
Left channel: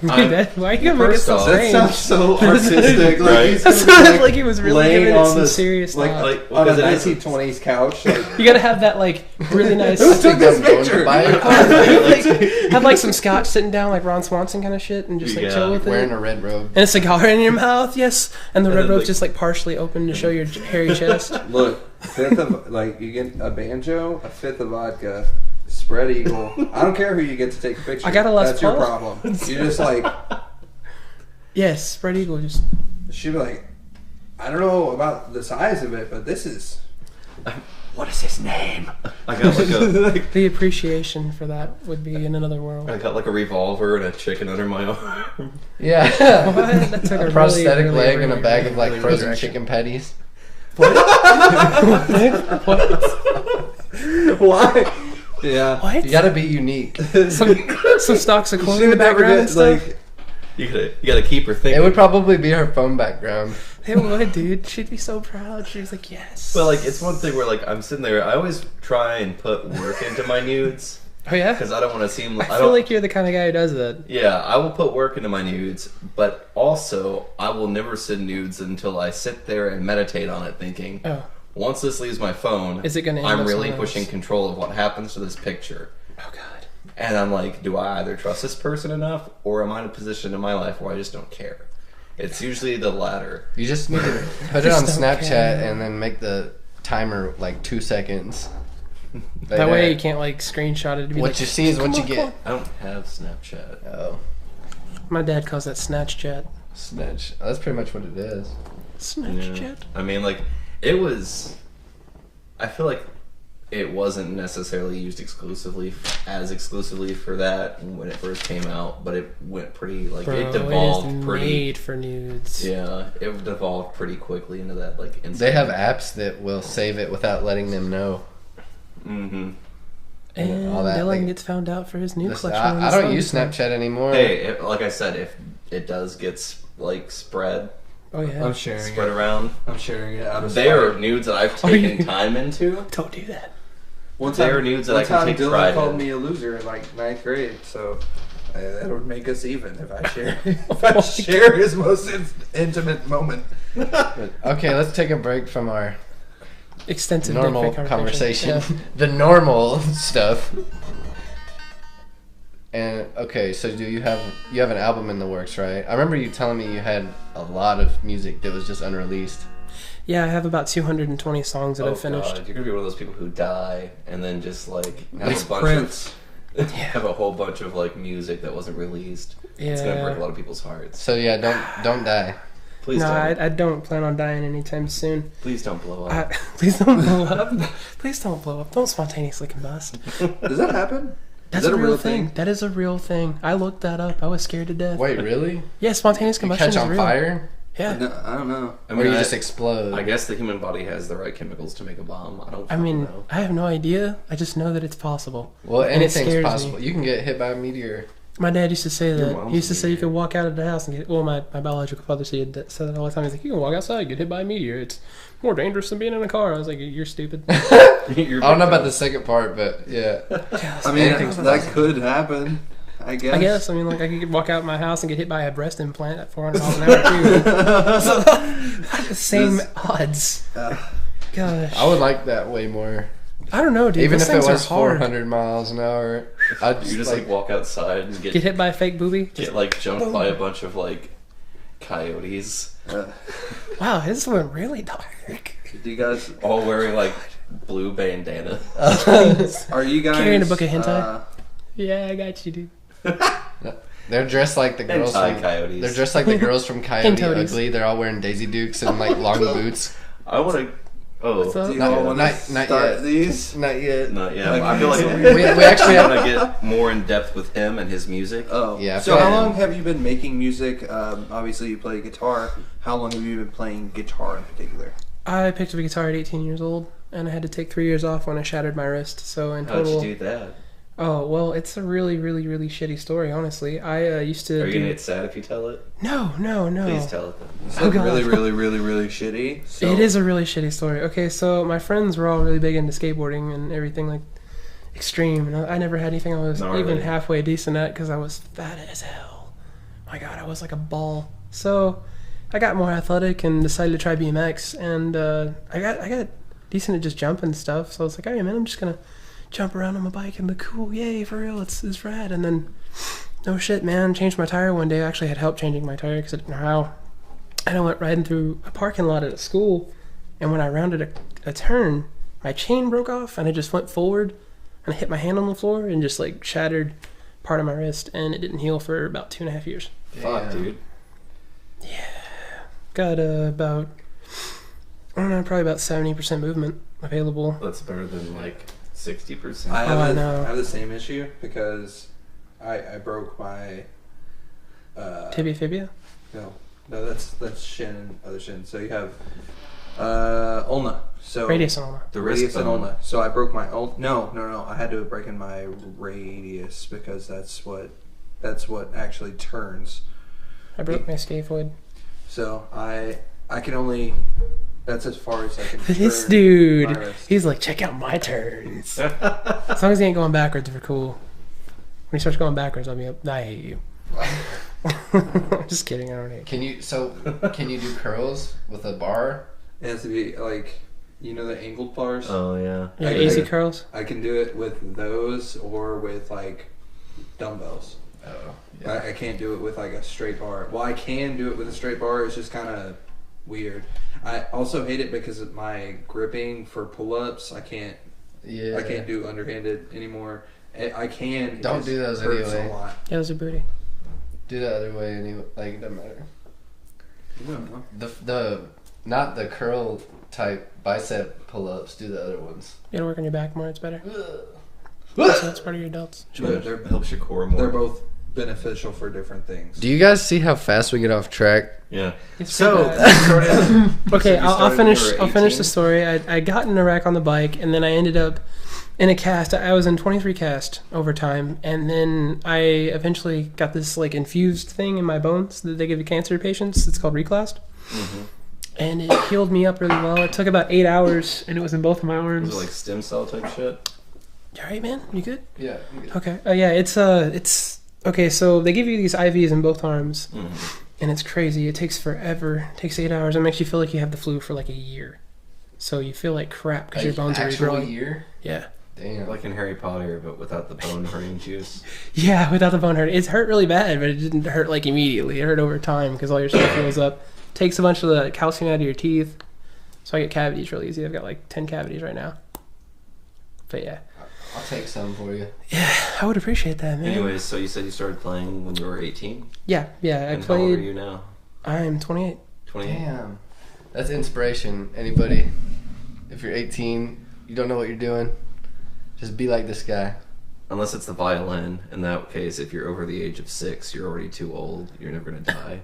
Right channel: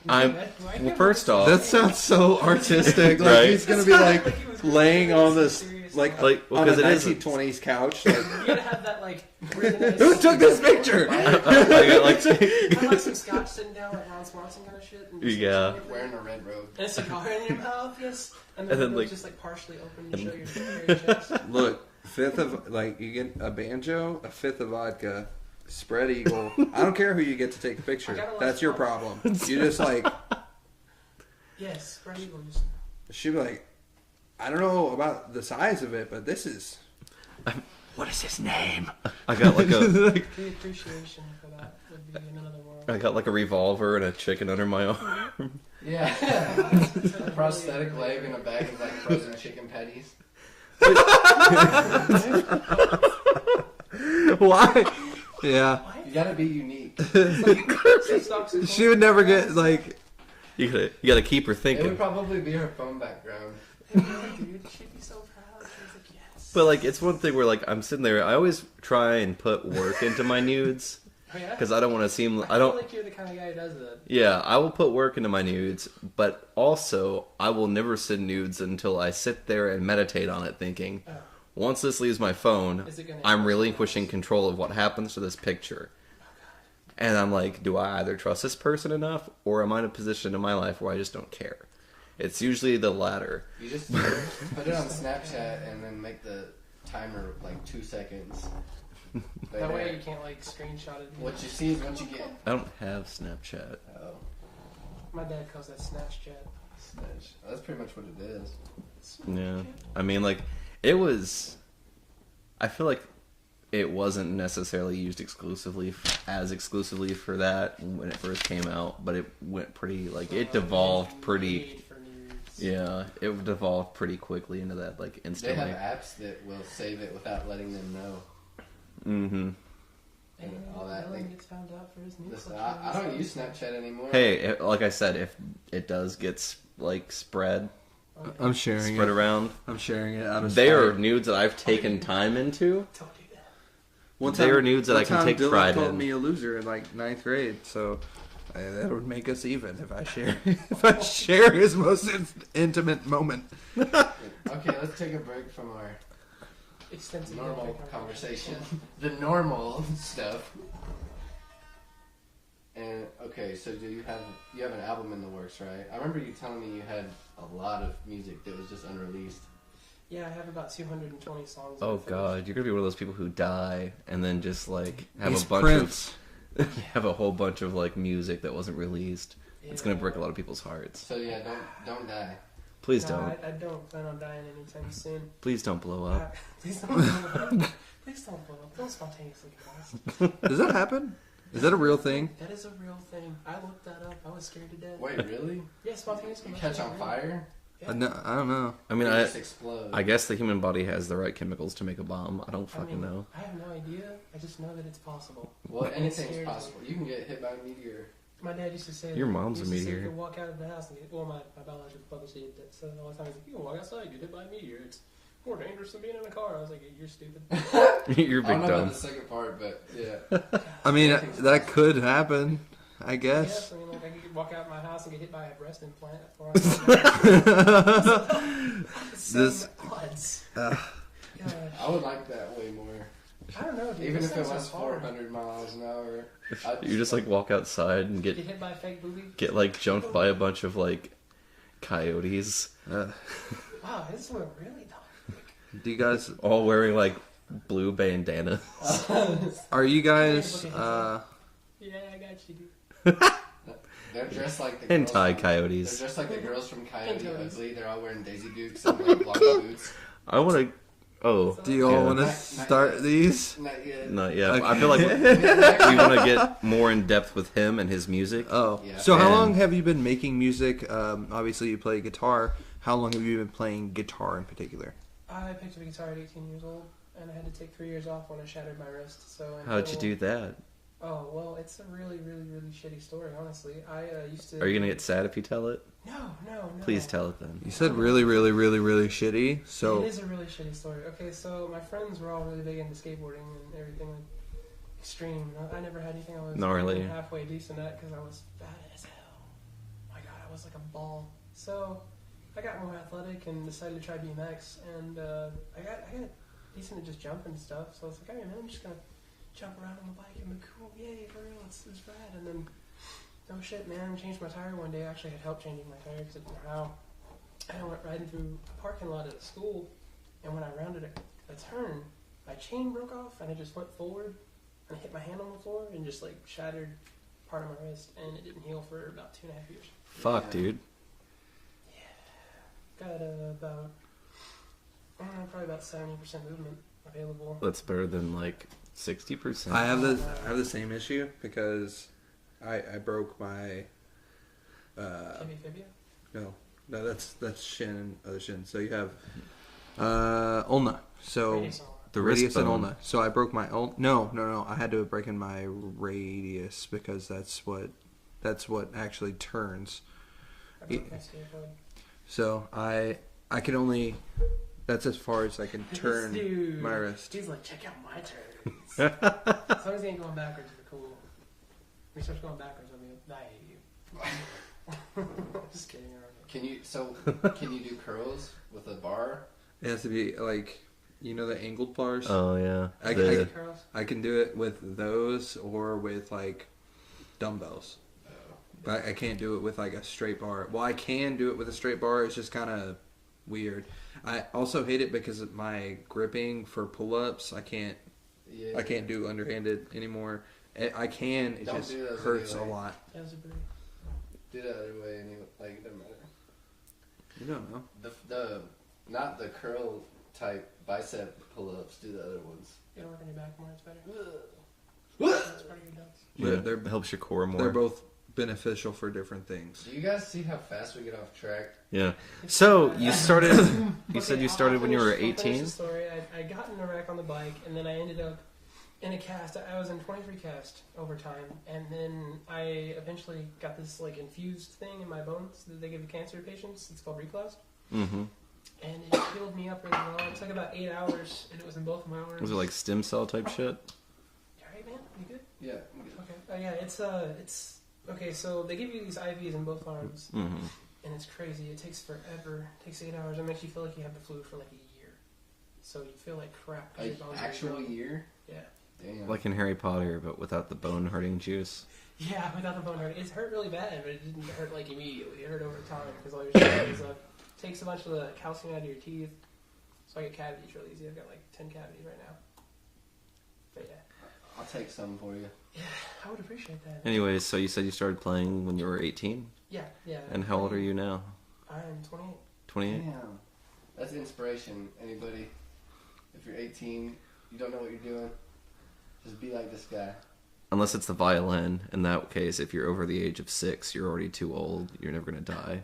Dude, I'm- why are you gonna well, make it first so off- That strange? sounds so artistic. Like Right. he's That gonna be sounded like, like he was really laying giving it on some this serious like thought. on because a it is- 1920s couch. Like, You gotta have that like really nice. who took this picture? Have like some scotch sitting down like Ron Swanson kind of shit and just like Yeah. chill with Wearing it. a red robe. And a cigar in your mouth, yes. And the And red then, robe's like- just like partially open to show your hairy chest. Look, fifth of like you get a banjo, a fifth of vodka, spread eagle. I don't care who you get to take a picture. I got a Les That's your Paul. problem. You just like Yes, spread eagle. Just she'd be like, I don't know about the size of it, but this is. What is his name? I got like a the appreciation for that would be in another world. I got like a revolver and a chicken under my arm. Yeah. What? That took a A really, prosthetic really, leg really, and a bag of like really frozen direction. chicken patties. Why? Yeah. What? You gotta be unique. Some stalks of corn. She in would the never background get and stuff? like. You gotta keep her thinking. It would probably be her phone background. It would, dude. She'd be so proud. She's like, yes. But like, it's one thing where like I'm sitting there. I always try and put work into my nudes Oh yeah. because I don't want to seem. I feel like you're the kind of guy who does that. Yeah, I will put work into my nudes, but also I will never send nudes until I sit there and meditate on it, thinking, Oh. once this leaves my phone, Is it gonna end I'm up relinquishing somewhere else? control of what happens to this picture. Oh god. And I'm like, do I either trust this person enough, or am I in a position in my life where I just don't care? It's usually the latter. You just need to put it on Just don't Snapchat care. and then make the timer like 2 seconds. That way you can't like screenshot it. To be What like, you see is what "Come you on, get. come on." I don't have Snapchat. Oh, My dad calls that snatch chat. snitch. That's pretty much what it is. Snatch Yeah. chat. I mean, like, it was. I feel like it wasn't necessarily used exclusively for that when it first came out, but it went pretty like Bro, it devolved is pretty. made for nudes. Yeah, it devolved pretty quickly into that like instant. They have apps that will save it without letting them know. Mm-hmm. And all that, Dylan like- gets found out for his new Listen, collection. on I the don't use songs. Snapchat anymore. Hey, like I said, if it does get spread Oh yeah. I'm sharing spread it. around, I'm sharing it out of they are spite. nudes that I've Oh, you- taken time into. Don't do that. One They are nudes that one I can time take Dylan pride called in. me a loser in like 9th grade, so that would make us even if I share if I share his most intimate moment. Okay, let's take a break from our Extensive normal dick pic conversation. Yeah. The normal stuff. And okay, so you have an album in the works, right? I remember you telling me you had a lot of music that was just unreleased. Yeah, I have about 220 songs that Oh I've finished. god, you're gonna be one of those people who die and then just like have It's a bunch Prince. of have a whole bunch of like music that wasn't released. It's gonna Yeah. break a lot of people's hearts. So yeah, don't die. Please No, don't. I don't plan on dying anytime soon. Please don't blow up. Please don't blow up. Please don't blow up. Don't spontaneously combust. Does that happen? That's Is that a real thing? That is a real thing. I looked that up. I was scared to death. Wait, really? Yeah, spontaneous You combustion catch is on real. fire? Yeah. No, I don't know. I Or mean, you I, just explode? I guess the human body has the right chemicals to make a bomb. I don't I fucking mean, know. I have no idea. I just know that it's possible. Well, And it anything's scares possible. me. You can get hit by a meteor. My dad used to say that. Your mom's He used a to say you meteor. could walk out of the house and get. Well, my biological father said that all the time. He's like, you can walk outside, get hit by a meteor. It's more dangerous than being in a car. I was like, you're stupid. You're I don't know big about dumb. the second part, but yeah. I mean, Anything's that possible. could happen. I guess. I guess. I mean, like, I could walk out of my house and get hit by a breast implant at 400 miles an hour. The same This- odds. Gosh. I would like that way more. I don't know, dude. Even Those if it things are was hard. 400 miles an hour. I'd You just like walk outside and Get get hit by a fake booby. like jumped by a bunch of like coyotes, Wow, this went really dark. Do you guys? all wearing like blue bandana. Are you guys? Carrying a book of hentai? Yeah, I got you, dude. They're dressed like the girls. Hentai From, coyotes. they're dressed like the girls from Coyote Hentotes. Ugly. They're all wearing Daisy Dukes and like long boots. I want to. Oh, What's up? Do you Not- all want to not start yet. these? Not yet. not yet. Okay. I feel like We actually want to get more in depth with him and his music. Oh, Yeah, So how and- long have you been making music? Obviously, you play guitar. How long have you been playing guitar in particular? I picked up a guitar at 18 years old, and I had to take 3 years off when I shattered my wrist. So in How'd total, you do that? Oh well, it's a really, really, really shitty story. Honestly, I used to. Are you do- gonna get sad if you tell it? No. Please tell it then. You said God. really, really, really, really shitty. So It is a really shitty story. Okay, so my friends were all really big into skateboarding and everything like extreme, and I never had anything I was Gnarly. even halfway decent at because I was fat as hell. My God, I was like a ball. So I got more athletic and decided to try BMX, and I got decent at just jumping and stuff. So I was like, hey man, I'm just gonna jump around on my bike and be cool. Yay, for real, it's rad. And then no shit, man, changed my tire one day. I actually had help changing my tire because I didn't know how. And I went riding through a parking lot at a school, and when I rounded a turn, my chain broke off, and I just went forward, and I hit my hand on the floor, and just like shattered part of my wrist, and it didn't heal for about 2.5 years. Fuck, dude. Got about, I don't know, probably about 70% movement available. That's better than like 60%. I have Oh, the no. I have the same issue because I broke my Tibia fibia? no that's shin and other shin. So you have ulna. So Radius ulna. the radius wrist and bone. ulna. So I broke my no. I had to break in my radius because that's what actually turns. I broke my scaphoid. So I can only. That's as far as I can. This turn dude, my wrist. he's like, check out my turns. As long as he ain't going backwards, we're cool. When he starts going backwards, I'll be up. I hate you. Just kidding. I don't hate you. Can you do curls with a bar? It has to be like, you know, the angled bars. Oh yeah. Yeah, I easy can- curls. I can do it with those or with like dumbbells. Oh. I can't do it with like a straight bar. Well, I can do it with a straight bar. It's just kind of weird. I also hate it because of my gripping for pull-ups. I can't do underhanded anymore. I can. It Don't just do those hurts anyway. a lot. Yeah, those are booty. Do the other way anyway. Like, it doesn't matter. You don't know. The not the curl type bicep pull-ups. Do the other ones. You gotta work on your back more. It's better. So that's part of your delts. They're Helps your core more. They're both beneficial for different things. Do you guys see how fast we get off track? Yeah. It's So pretty bad. you started. you Okay, said you I'll started when you finish. were I'll finish 18? the story. I got in a wreck on the bike, and then I ended up in a cast. I was in 23 cast over time, and then I eventually got this like infused thing in my bones that they give to cancer patients. It's called Reclast, Mm-hmm. and it healed me up really well. It took about 8 hours, and it was in both of my arms. Was it like stem cell type shit? You alright, man? You good? Yeah. Okay. Yeah. It's okay. So they give you these IVs in both arms. Mm-hmm. And it's crazy. It takes forever. It takes 8 hours. It makes you feel like you have the flu for like a year. So you feel like crap because your bones are actual regrowing. year. Yeah. Damn. Like in Harry Potter, but without the bone hurting juice. Yeah, without the bone hurt. It hurt really bad, but it didn't hurt like immediately. It hurt over time because all your stuff fills up. Takes a bunch of the calcium out of your teeth. So I get cavities really easy. I've got like 10 cavities right now. But yeah. I'll take some for you. Yeah, I would appreciate that, man. Anyways, so you said you started playing when you were 18? Yeah. And how old are you now? I'm 28. 28? Damn. That's inspiration. Anybody, if you're 18, you don't know what you're doing, just be like this guy. Unless it's the violin. In that case, if you're over the age of 6, you're already too old. You're never going to die.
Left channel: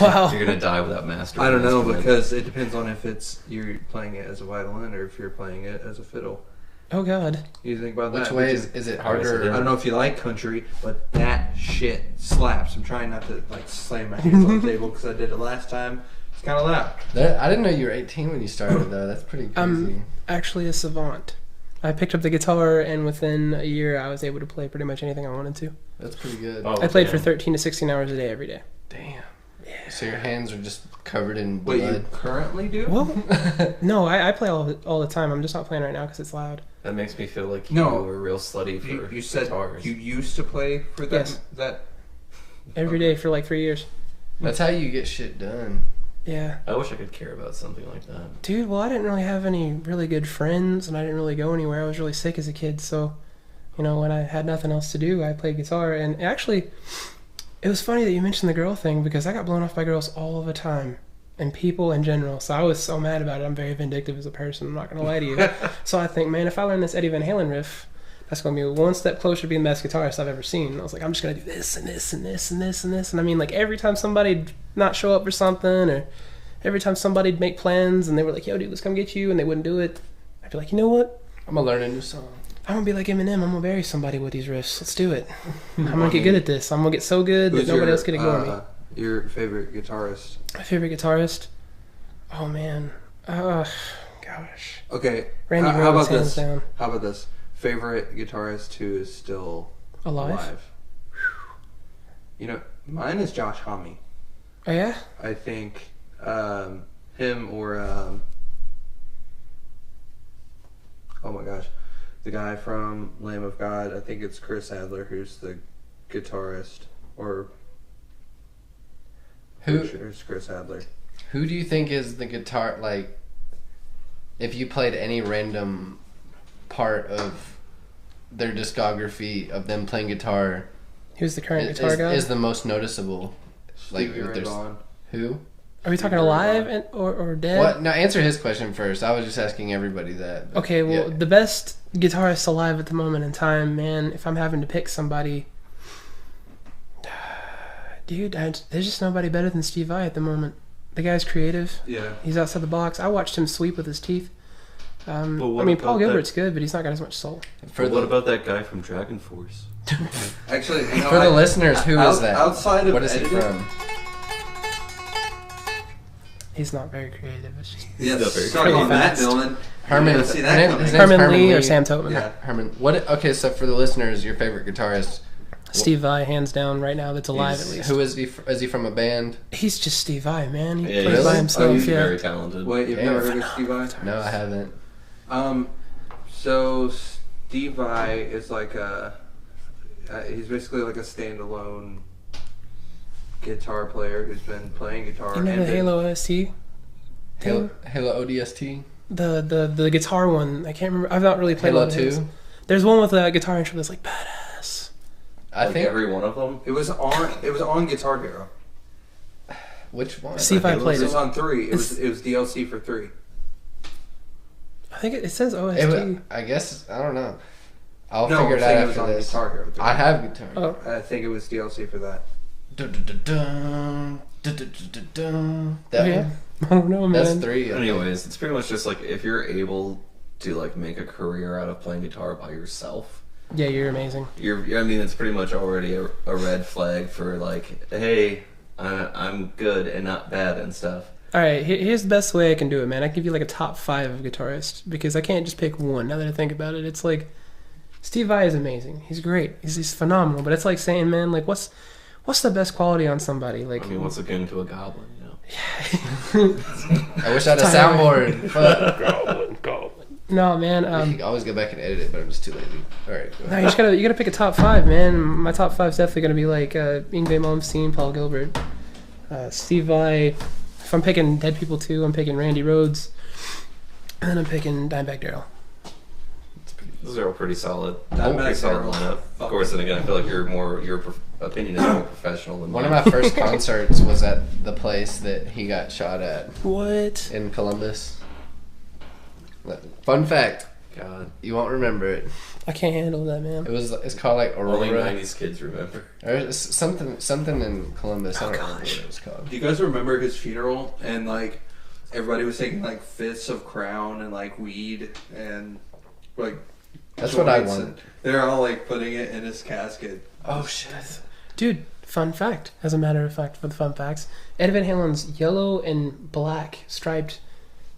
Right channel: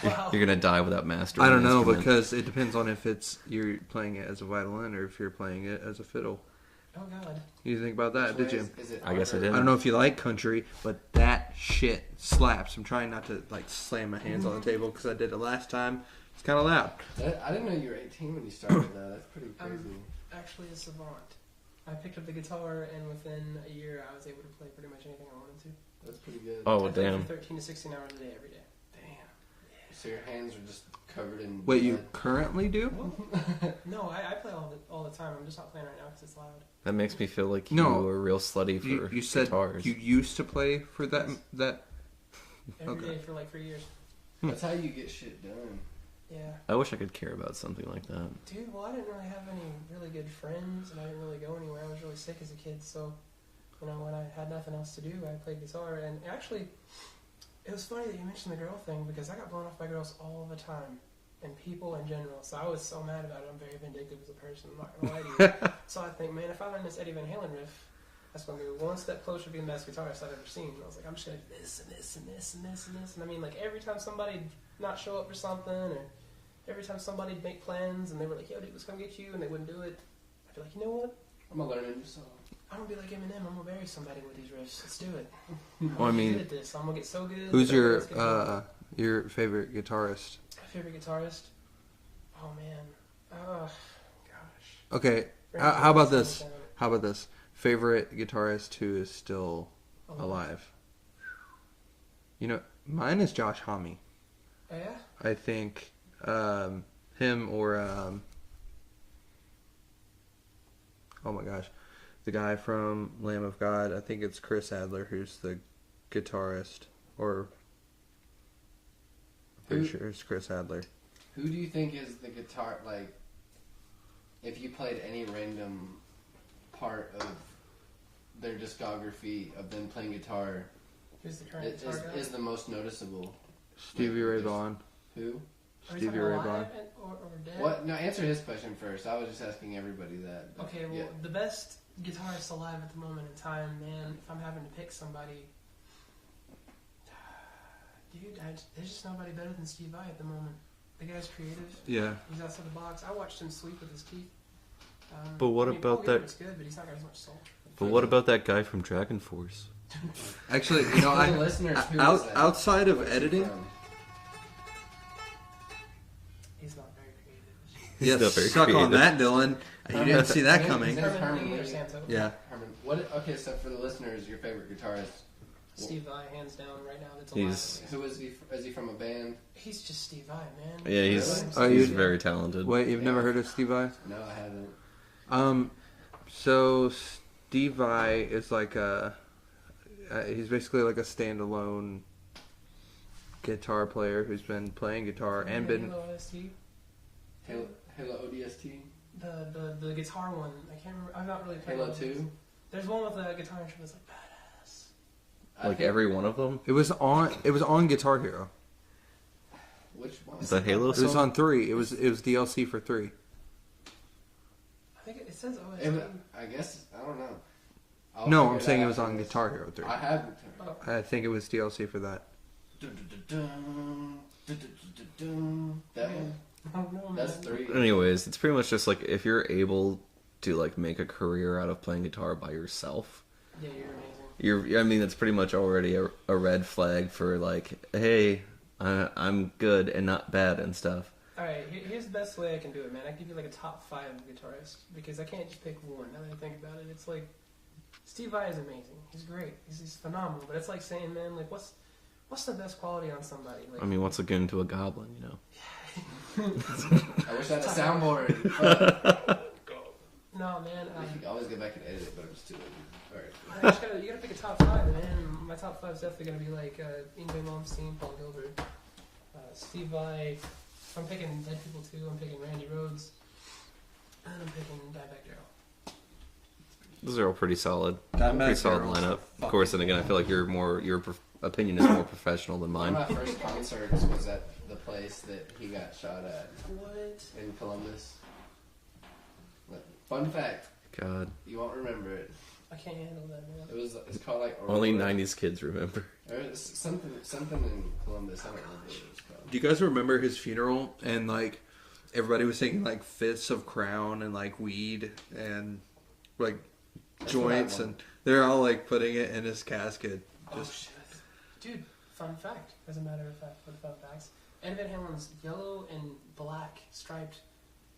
Wow. You're going to die without mastering I don't an know instrument. because it depends on if it's you're playing it as a violin or if you're playing it as a fiddle. Oh, God. You think about that? Which way Would you- is it I guess it harder? is. I don't know if you like country, but that shit slaps. I'm trying not to like slam my hands on the table because I did it last time. It's kind of loud. I didn't know you were 18 when you started though. That's pretty crazy. Actually a savant. I picked up the guitar, and within a year, I was able to play pretty much anything I wanted to. That's pretty good. Oh, I played damn. for 13 to 16 hours a day every day. Damn. So your hands are just covered in What you blood. currently do? Well, no, I play all the time. I'm just not playing right now because it's loud. That makes me feel like you No. were real slutty for You said guitars. you used to play for that. Yes. That Every Okay. day for like 3 years. That's how you get shit done. Yeah. I wish I could care about something like that. Dude, well, I didn't really have any really good friends, and I didn't really go anywhere. I was really sick as a kid, so, you know, when I had nothing else to do, I played guitar. And actually, it was funny that you mentioned the girl thing, because I got blown off by girls all the time, and people in general. So I was so mad about it. I'm very vindictive as a person, I'm not going to lie to you. So I think, man, if I learn this Eddie Van Halen riff, that's going to be one step closer to being the best guitarist I've ever seen. And I was like, I'm just going to do this and this and this and this and this. And I mean, like, every time somebody'd not show up for something, or every time somebody'd make plans and they were like, yo, dude, let's come get you, and they wouldn't do it, I'd be like, you know what? I'm gonna learn a new song. I'm going to be like Eminem. I'm going to bury somebody with these riffs. Let's do it. I'm Well, going I to get mean, good at this. I'm going to get so good that who's nobody your else can ignore me. your favorite guitarist? My favorite guitarist? Oh, man. Gosh. Okay. Randy How Rhoads, about hands this? down. How about this? Favorite guitarist who is still Alive? You know, mine is Josh Homme. Oh, yeah? I think him or oh my gosh, the guy from Lamb of God. I think it's Chris Adler who's the guitarist, or Who pretty sure it's Chris Adler. Who do you think is the guitar, like, if you played any random part of their discography of them playing guitar, Who's the current guitar guy? is the most noticeable? Stevie Ray there's- Vaughan. Who? Are we talking Stevie Ray alive Vaughan. or dead? What? Now answer his question first. I was just asking everybody that. but Okay, well, yeah. the best guitarist alive at the moment in time, man, if I'm having to pick somebody, dude, there's just nobody better than Steve Vai at the moment. The guy's creative. Yeah. He's outside the box. I watched him sweep with his teeth. But what I mean, Paul about that- Gilbert's good, but he's not got as much soul. But what about that guy from Dragon Force? Actually, you know, For the listeners, who is that? Outside of What is he editing, from? He's not very creative. It's just Yes, not very suck on that, Dylan. Herman, You didn't see that his coming. name's Herman Lee or Sam Tobin. Yeah. Herman. What? Okay, so for the listeners, your favorite guitarist? Steve Vai, hands down, right now that's alive at least. Who is he? Is he from a band? He's just Steve Vai, man. He Yeah, plays by he's, himself. he's yeah. very talented. Wait, you've Yeah. never heard of Steve Vai? No, I haven't. So Steve Vai is like he's basically like a standalone guitar player who's been playing guitar You know and the been, Halo OST? Halo ODST. The guitar one. I can't remember. I've not really played Halo one of those. 2. There's one with a guitar intro that's like badass. I Like think every one of them. It was on Guitar Hero. Which one? Steve Vai Halo plays It was it. on 3. It was DLC for 3. I think it says OST. I guess I don't know. I'll No, figure I'm it out saying it was after on this. Guitar Hero 3. I have guitar. Oh, I think it was DLC for that. Dun-dun-dun-dun, dun-dun-dun-dun-dun. That yeah. one? I don't know, man. That's 3. Anyways, it's pretty much just like if you're able to like make a career out of playing guitar by yourself, Yeah, you're amazing. I mean, it's pretty much already a red flag for like, hey, I'm good and not bad and stuff. All right, here's the best way I can do it, man. I can give you like a top 5 of guitarists because I can't just pick one. Now that I think about it, it's like Steve Vai is amazing. He's great. He's phenomenal. But it's like saying, man, like what's the best quality on somebody? Like I mean, what's akin to a goblin, you know? I wish I had a soundboard. Fuck. No, man. You can always go back and edit it, but I'm just too lazy. All right. Go. No, you gotta pick a top 5, man. My top 5 is definitely gonna be like Yngwie Malmsteen, Paul Gilbert, Steve Vai. If I'm picking Dead People 2, I'm picking Randy Rhoads, and then I'm picking Dimebag Darrell. Those are all pretty solid. That Pretty solid Darrell. lineup. Of course, and again, I feel like your opinion is more professional than One mine. of my first concerts was at the place that he got shot at What? in Columbus. Fun fact, God, you won't remember it. I can't handle that, man. It's called like Aurora. only '90s kids remember. Or it's something in Columbus. I don't remember what it was called. Do you guys remember his funeral? And like everybody was taking like fifths of Crown and like weed and like That's what I joints, want. and they're all like putting it in his casket. Oh shit! Dude, fun fact. As a matter of fact, for the fun facts, Ed Van Halen's yellow and black striped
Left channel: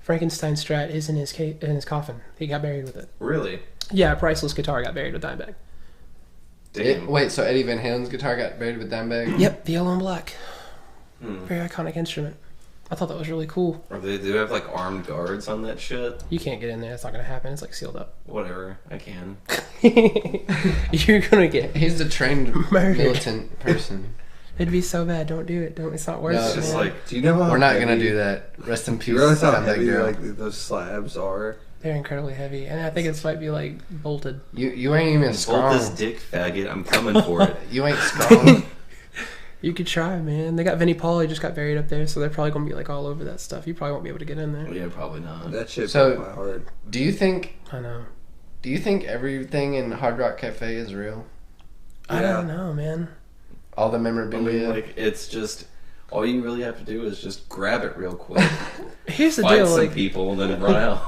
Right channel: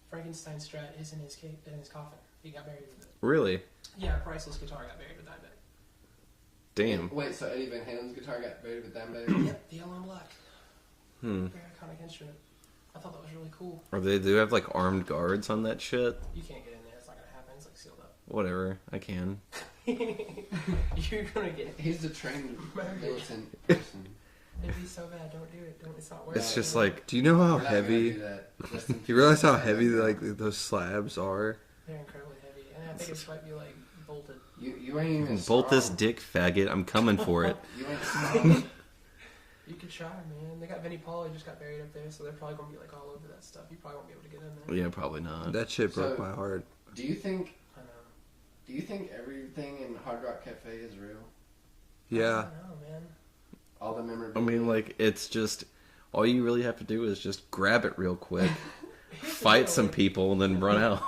Frankenstein Strat is in his coffin. He got buried with it. Really? Yeah, a priceless guitar got buried with Dimebag. Damn. Wait, so Eddie Van Halen's guitar got buried with Dimebag? Yep, the yellow and black. Hmm. Very iconic instrument. I thought that was really cool. Or they do have like armed guards on that shit. You can't get in there. It's not gonna happen. It's like sealed up. Whatever, I can. You're gonna get. He's a trained Murdered. militant person. It'd be so bad. Don't do it. Don't. It's not worth No, it. It's just man. like Do you know how We're not heavy, gonna do that. Rest in Do peace. you realize how Dimebag heavy Darrell. like those slabs are? they're incredibly heavy, and I think it might be like bolted. You ain't even strong. bolt this dick, faggot. I'm coming for it. You ain't strong. You could try, man. They got Vinnie Paul. He just got buried up there, so they're probably gonna be like all over that stuff. You probably won't be able to get in there. Yeah, probably not. That shit So- broke my heart. Do you think I know. everything in Hard Rock Cafe is real? I Yeah. don't know, man. All the I memorabilia. mean, like, it's just all you really have to do is just grab it real quick, Here's the fight deal. some Like, people, and then run out.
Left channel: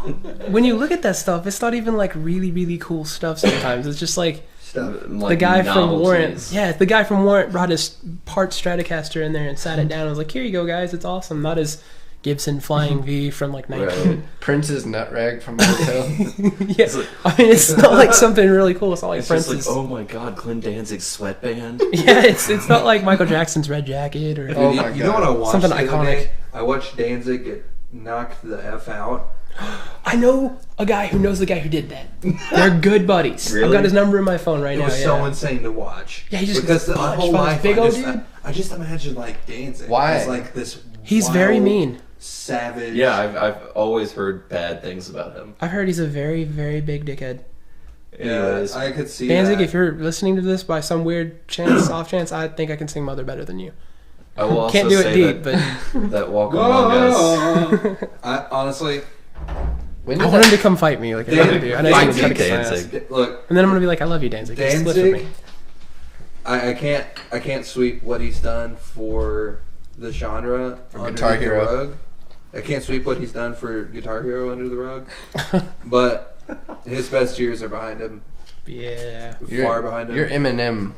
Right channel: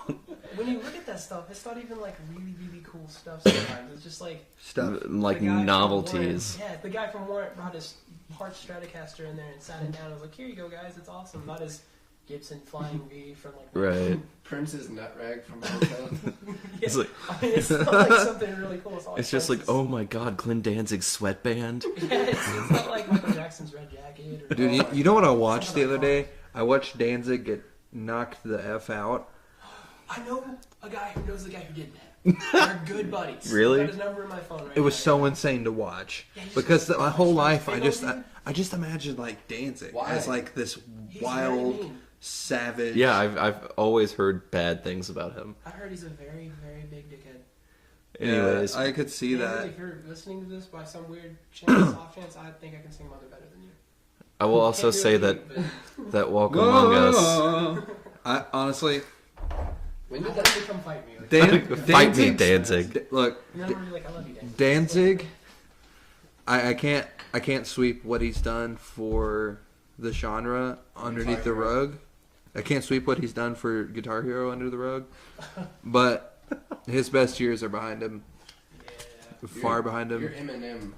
when you look at that stuff, it's not even like really, really cool stuff. Sometimes it's just like Stuff. Like the guy from Warrant. novelties. Yeah, the guy from Warrant brought his part Stratocaster in there and sat it down. and was like, "Here you go, guys. It's awesome." Not his Gibson Flying V from like 19. Right. Prince's nut rag from the hotel. Yeah, It's like- I mean, it's not like something really cool. It's not like It's just like, Prince's. oh my god, Glenn Danzig's sweatband. Yeah, it's not like Michael Jackson's Red Jacket or. Dude, Oh you, my you know what I God. watched Something the other iconic. day? I watched Danzig get knocked the F out. I know a guy who knows the guy who did that. They're good buddies. Really? I've got his number in my phone right It now. was yeah. so insane to watch. Yeah, he just because my punch, whole punch, life big old dude. I just imagine like Danzig Why? as like this. He's wild, very mean. savage. Yeah, I've always heard bad things about him. I've heard he's a very, very big dickhead. Anyways, I could see Danzig, that. if you're listening to this by some weird chance, off chance, I think I can sing Mother better than you. I will Can't also do it say deep, that that Walk Among Us. Whoa! I honestly, When I did want him that, to come fight me. Like, I Dan- love you. I know Fight he's me, gonna kick my ass. Danzig. look, And then I'm gonna be like, I love you, Danzig. Just split with Danzig. me. I can't sweep what he's done for the genre underneath Guitar the Hero. rug. I can't sweep what he's done for Guitar Hero under the rug. But his best years are behind him. Yeah. Far behind him. You're Eminem.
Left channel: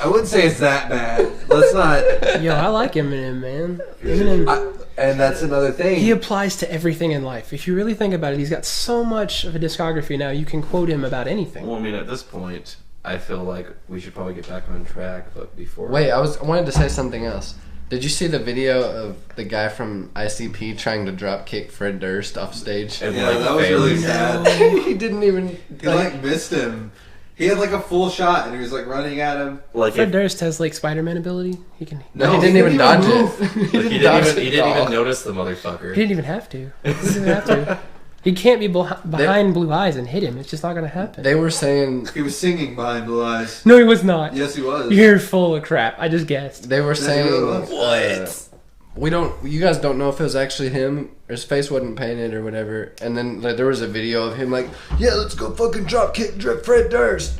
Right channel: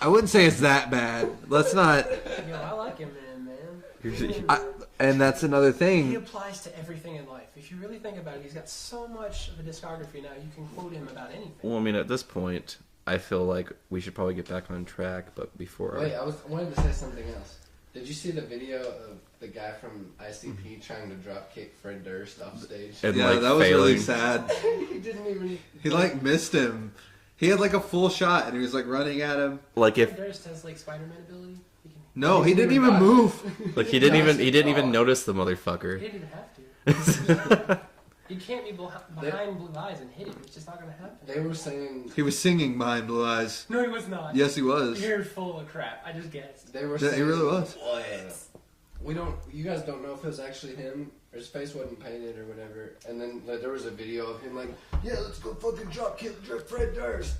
I wouldn't say it's that bad. Let's not. Yo, I like Eminem, man. Eminem, And that's another thing. he applies to everything in life. If you really think about it, he's got so much of a discography now. You can quote him about anything. Well, I mean, at this point, I feel like we should probably get back on track. But before, Wait, I wanted to say something else. Did you see the video of the guy from ICP trying to drop kick Fred Durst off stage? and Yeah, that was really failing. sad. He didn't even. He like missed him. He had like a full shot, and he was like running at him. Like Fred if Durst has like Spider-Man ability. He can. No, he didn't even dodge move. it. like he didn't even notice the motherfucker. He didn't even have to. He didn't even have to. He can't be behind Blue Eyes and hit him. It's just not going to happen. They were saying He was singing behind Blue Eyes. No, he was not. Yes, he was. You're full of crap. I just guessed. they were Yeah, he saying really was. what? We don't. You guys don't know if it was actually him. Or his face wasn't painted or whatever. And then like there was a video of him like, yeah, let's go fucking drop kick Fred Durst.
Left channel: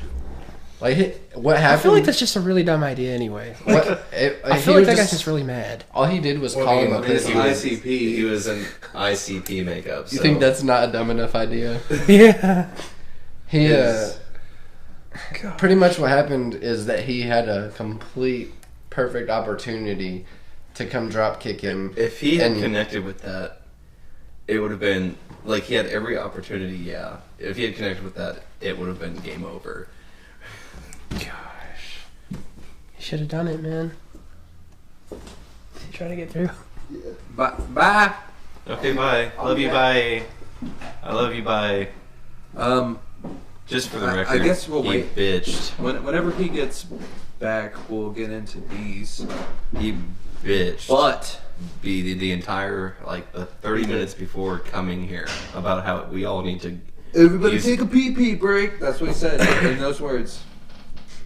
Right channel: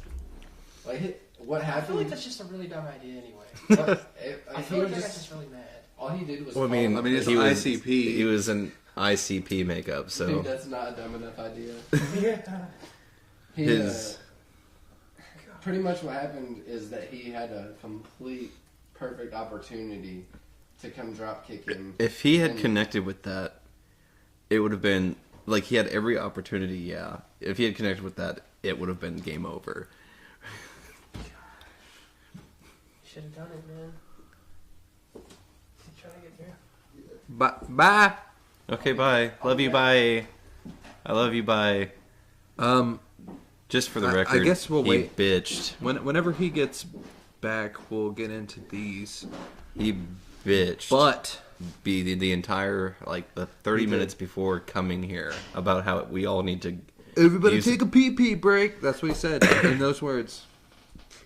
Like what happened? I feel like that's just a really dumb idea anyway. I he feel like was that guy's just really mad. all he did was Well, call I him mean, up. it's he was ICP. He was in ICP makeup. You So think that's not a dumb enough idea? Yeah. He His- pretty much what happened is that he had a complete perfect opportunity to come drop kick him. if he had and- connected with that, it would have been like he had every opportunity. Yeah, if he had connected with that, it would have been game over. You should have done it, man. Try to get through. Bye. Okay, bye. Love you. Bye. I love you. Bye. Just for the I record, guess we'll he wait. bitched. Whenever he gets back, we'll get into these. He bitched. But Be the entire like the 30 minutes before coming here about how we all need to. everybody Use- take a pee break. That's what he said in those words.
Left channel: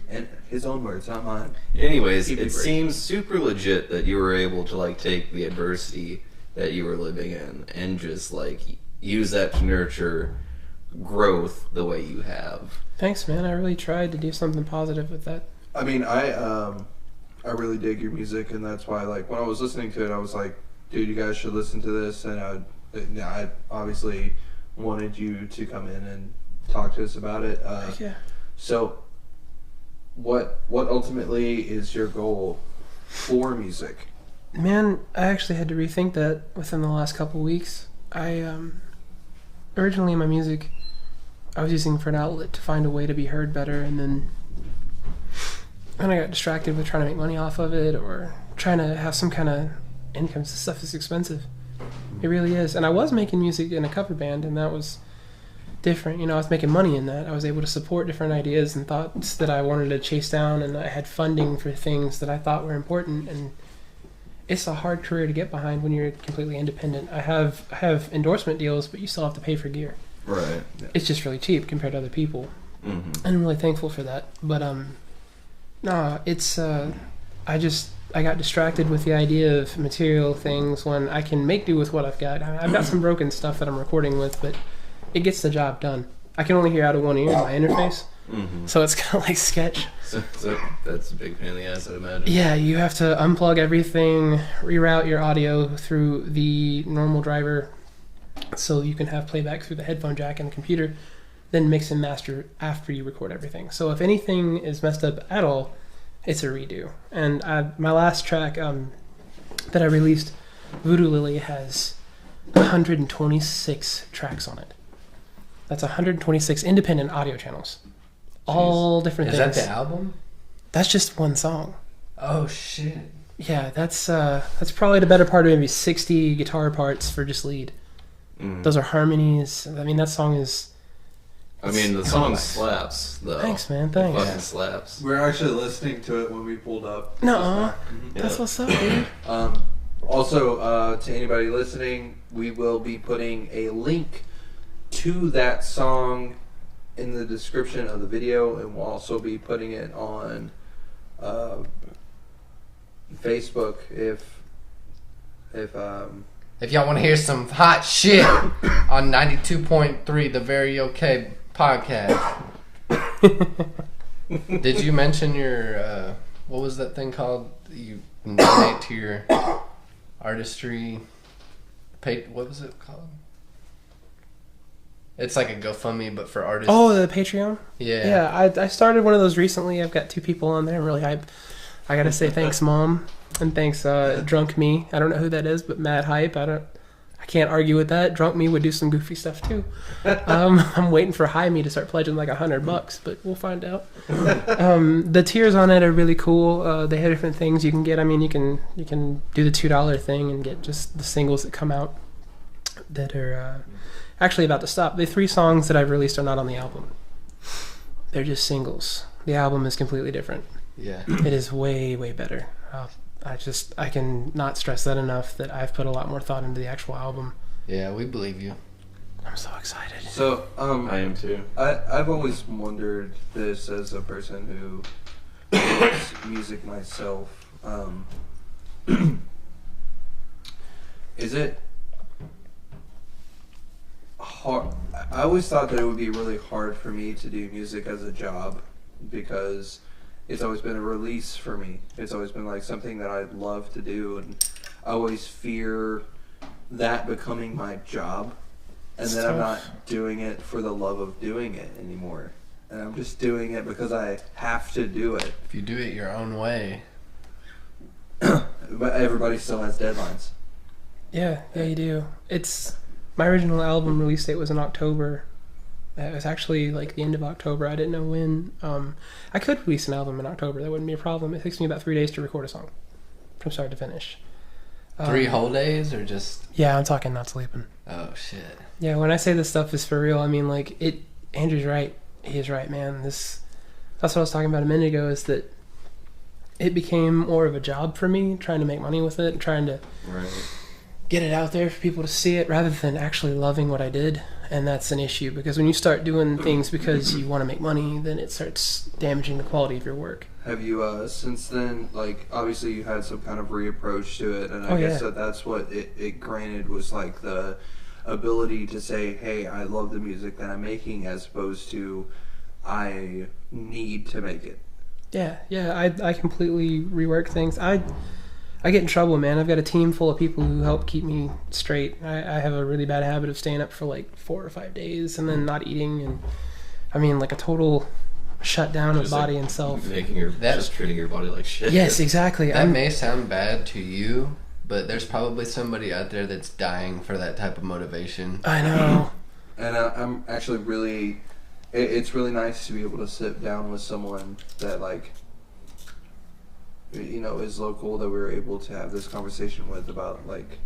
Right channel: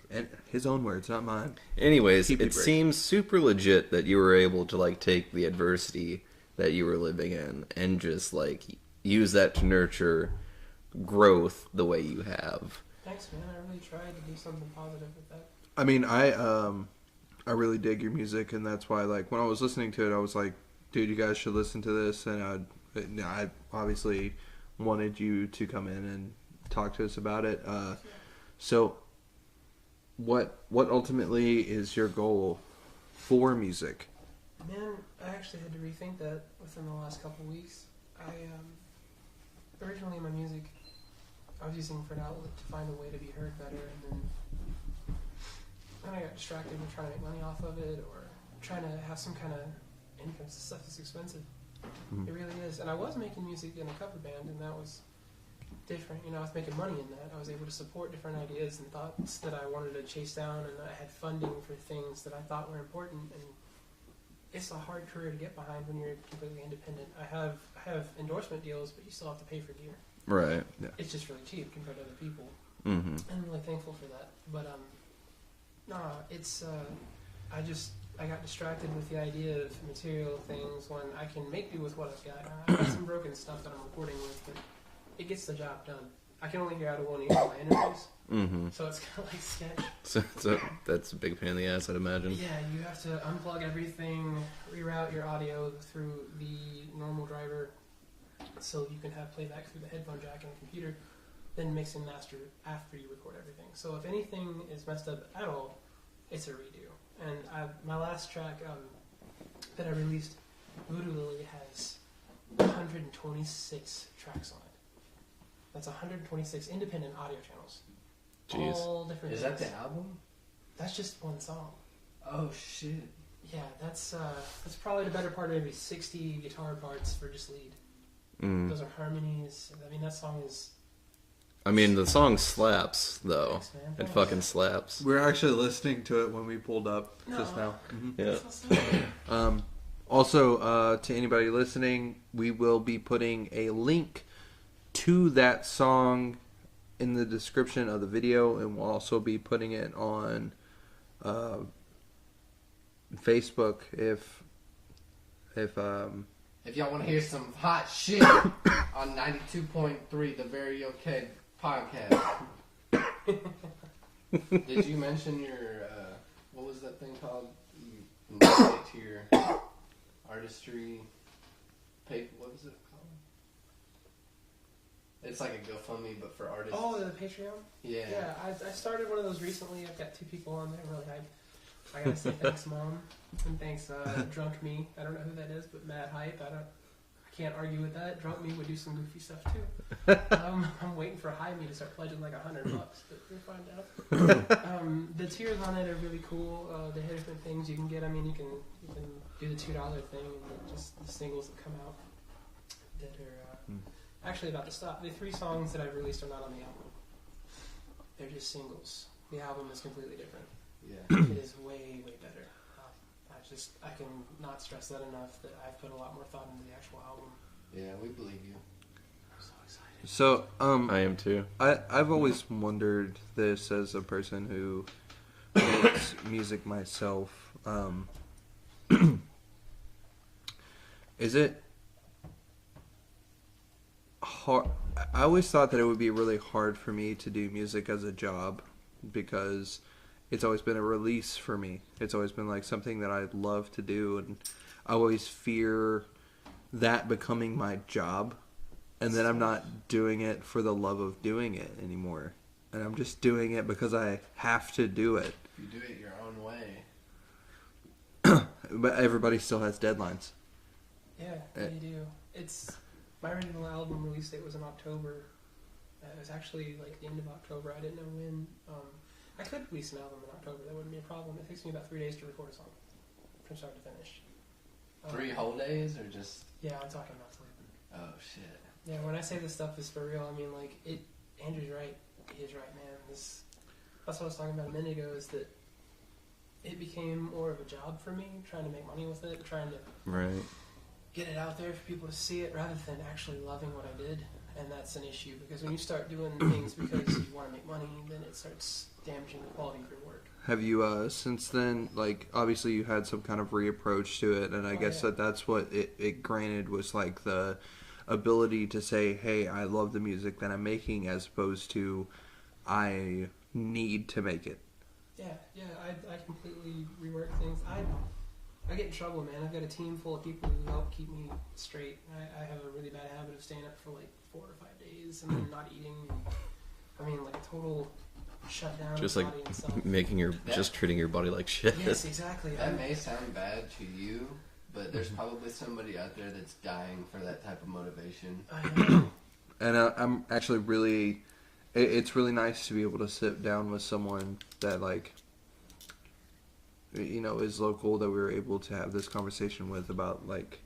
And his own words, not mine. Anyways, Keep it it break. seems super legit that you were able to like take the adversity that you were living in and just like use that to nurture growth the way you have. Thanks, man. I really tried to do something positive with that. I mean, I really dig your music, and that's why, like, when I was listening to it, I was like, dude, you guys should listen to this. And I obviously wanted you to come in and talk to us about it. Yeah. So, what ultimately is your goal for music? Man, I actually had to rethink that within the last couple weeks. I originally my music I was using for an outlet to find a way to be heard better, and then I got distracted with trying to make money off of it or trying to have some kind of income. This stuff is expensive. It really is. And I was making music in a cover band, and that was different. You know, I was making money in that. I was able to support different ideas and thoughts that I wanted to chase down, and I had funding for things that I thought were important. And it's a hard career to get behind when you're completely independent. I have endorsement deals, but you still have to pay for gear. Right. It's just really cheap compared to other people. Mm-hmm. And I'm really thankful for that. But no, it's I got distracted with the idea of material things when I can make do with what I've got. I've got some broken stuff that I'm recording with, but it gets the job done. I can only hear out of one ear my interface, Mm-hmm. so it's kind of like Sketch. So that's a big pain in the ass, I'd imagine. Yeah, you have to unplug everything, reroute your audio through the normal driver so you can have playback through the headphone jack and the computer, then mix and master after you record everything. So if anything is messed up at all, it's a redo. And my last track that I released, Voodoo Lily, has 126 tracks on it. That's 126 independent audio channels. All different Is things. that the album? That's just one song. Oh shit! Yeah, that's probably the better part of maybe 60 guitar parts for just lead. Mm. Those are harmonies. I mean, that song is... I mean, the song slaps, though. Thanks, man. It Thanks. fucking slaps. We're actually listening to it when we pulled up. No. just now. That's Yeah. what's up, dude. Also, to anybody listening, we will be putting a link to that song in the description of the video, and we'll also be putting it on Facebook if If y'all want to hear some hot shit on 92.3, the Very Okay podcast. Did you mention your what was that thing called? You donate to your artistry. What was it called? It's like a GoFundMe, but for artists. Oh, the Patreon? Yeah. Yeah, I started one of those recently. I've got 2 people on there. I'm really hyped. I gotta say thanks, Mom, and thanks, Drunk Me. I don't know who that is, but mad hype. I can't argue with that. Drunk Me would do some goofy stuff too. I'm waiting for High Me to start pledging like $100, but we'll find out. The tiers on it are really cool. They have different things you can get. I mean, you can do the $2 thing and get just the singles that come out that are actually about to stop. The 3 songs that I've released are not on the album. They're just singles. The album is completely different. Yeah. It is way, way better. I can not stress that enough that I've put a lot more thought into the actual album. Yeah, we believe you. I'm so excited. So, I am too. I've always wondered this as a person who makes music myself. Is it hard? I always thought that it would be really hard for me to do music as a job because it's always been a release for me. It's always been like something that I love to do, and I always fear that becoming my job, and then I'm not doing it for the love of doing it anymore, and I'm just doing it because I have to do it. If you do it your own way. But everybody still has deadlines. Yeah, you do. It's my original album release date was in October. It was actually like the end of October. I didn't know when. I could release an album in October. That wouldn't be a problem. It takes me about 3 days to record a song from start to finish. 3 whole days or just? Yeah, I'm talking not sleeping. Oh, shit. Yeah, when I say this stuff is for real, I mean, like, Andrew's right. He is right, man. That's what I was talking about a minute ago, is that it became more of a job for me, trying to make money with it, trying to get it out there for people to see it, rather than actually loving what I did. And that's an issue, because when you start doing things because you want to make money, then it starts damaging the quality of your work. Have you, since then, like, obviously you had some kind of reapproach to it, and I guess that's what it granted was, like, the ability to say, hey, I love the music that I'm making, as opposed to, I need to make it. Yeah, I completely rework things. I get in trouble, man. I've got a team full of people who help keep me straight. I have a really bad habit of staying up for like 4 or 5 days and then not eating, and I mean, like a total shutdown of body and self. Just treating your body like shit. Yes, exactly. That may sound bad to you, but there's probably somebody out there that's dying for that type of motivation. I know. And I'm actually really, it's really nice to be able to sit down with someone that, like, you know, is local, that we were able to have this conversation with about, like,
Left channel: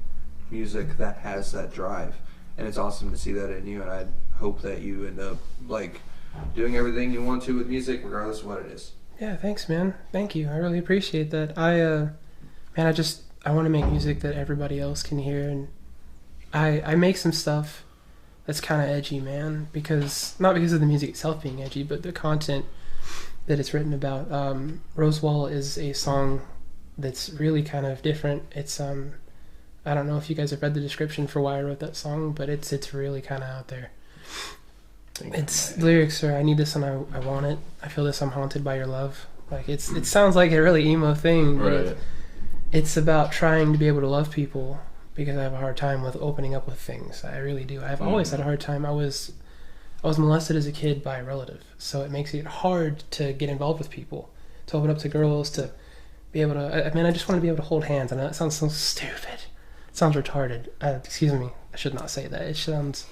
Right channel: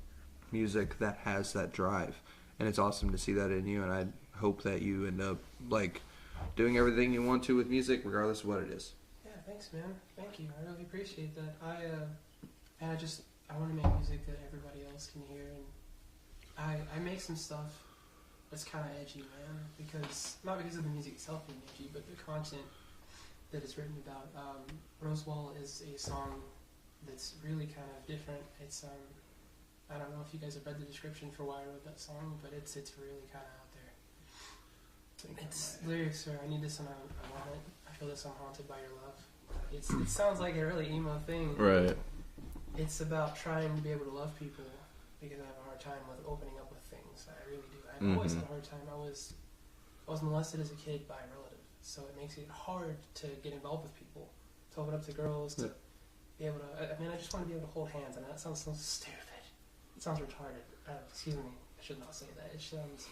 music that has that drive. And it's awesome to see that in you, and I hope that you end up, like, doing everything you want to with music, regardless of what it is. Yeah, thanks, man. Thank you. I really appreciate that. I want to make music that everybody else can hear, and I make some stuff that's kind of edgy, man, not because of the music itself being edgy, but the content that it's written about. Rosewall is a song that's really kind of different. It's I don't know if you guys have read the description for why I wrote that song, but it's really kind of out there. Its lyrics are, I need this and I want it. I feel this, I'm haunted by your love. Like, it sounds like a really emo thing. Right. It's about trying to be able to love people, because I have a hard time with opening up with things. I really do. I've always had a hard time. I was molested as a kid by a relative, so it makes it hard to get involved with people, to open up to girls, to be able to. I mean, I just want to be able to hold hands. I know that sounds so stupid. It sounds retarded. Excuse me. I should not say that. It sounds.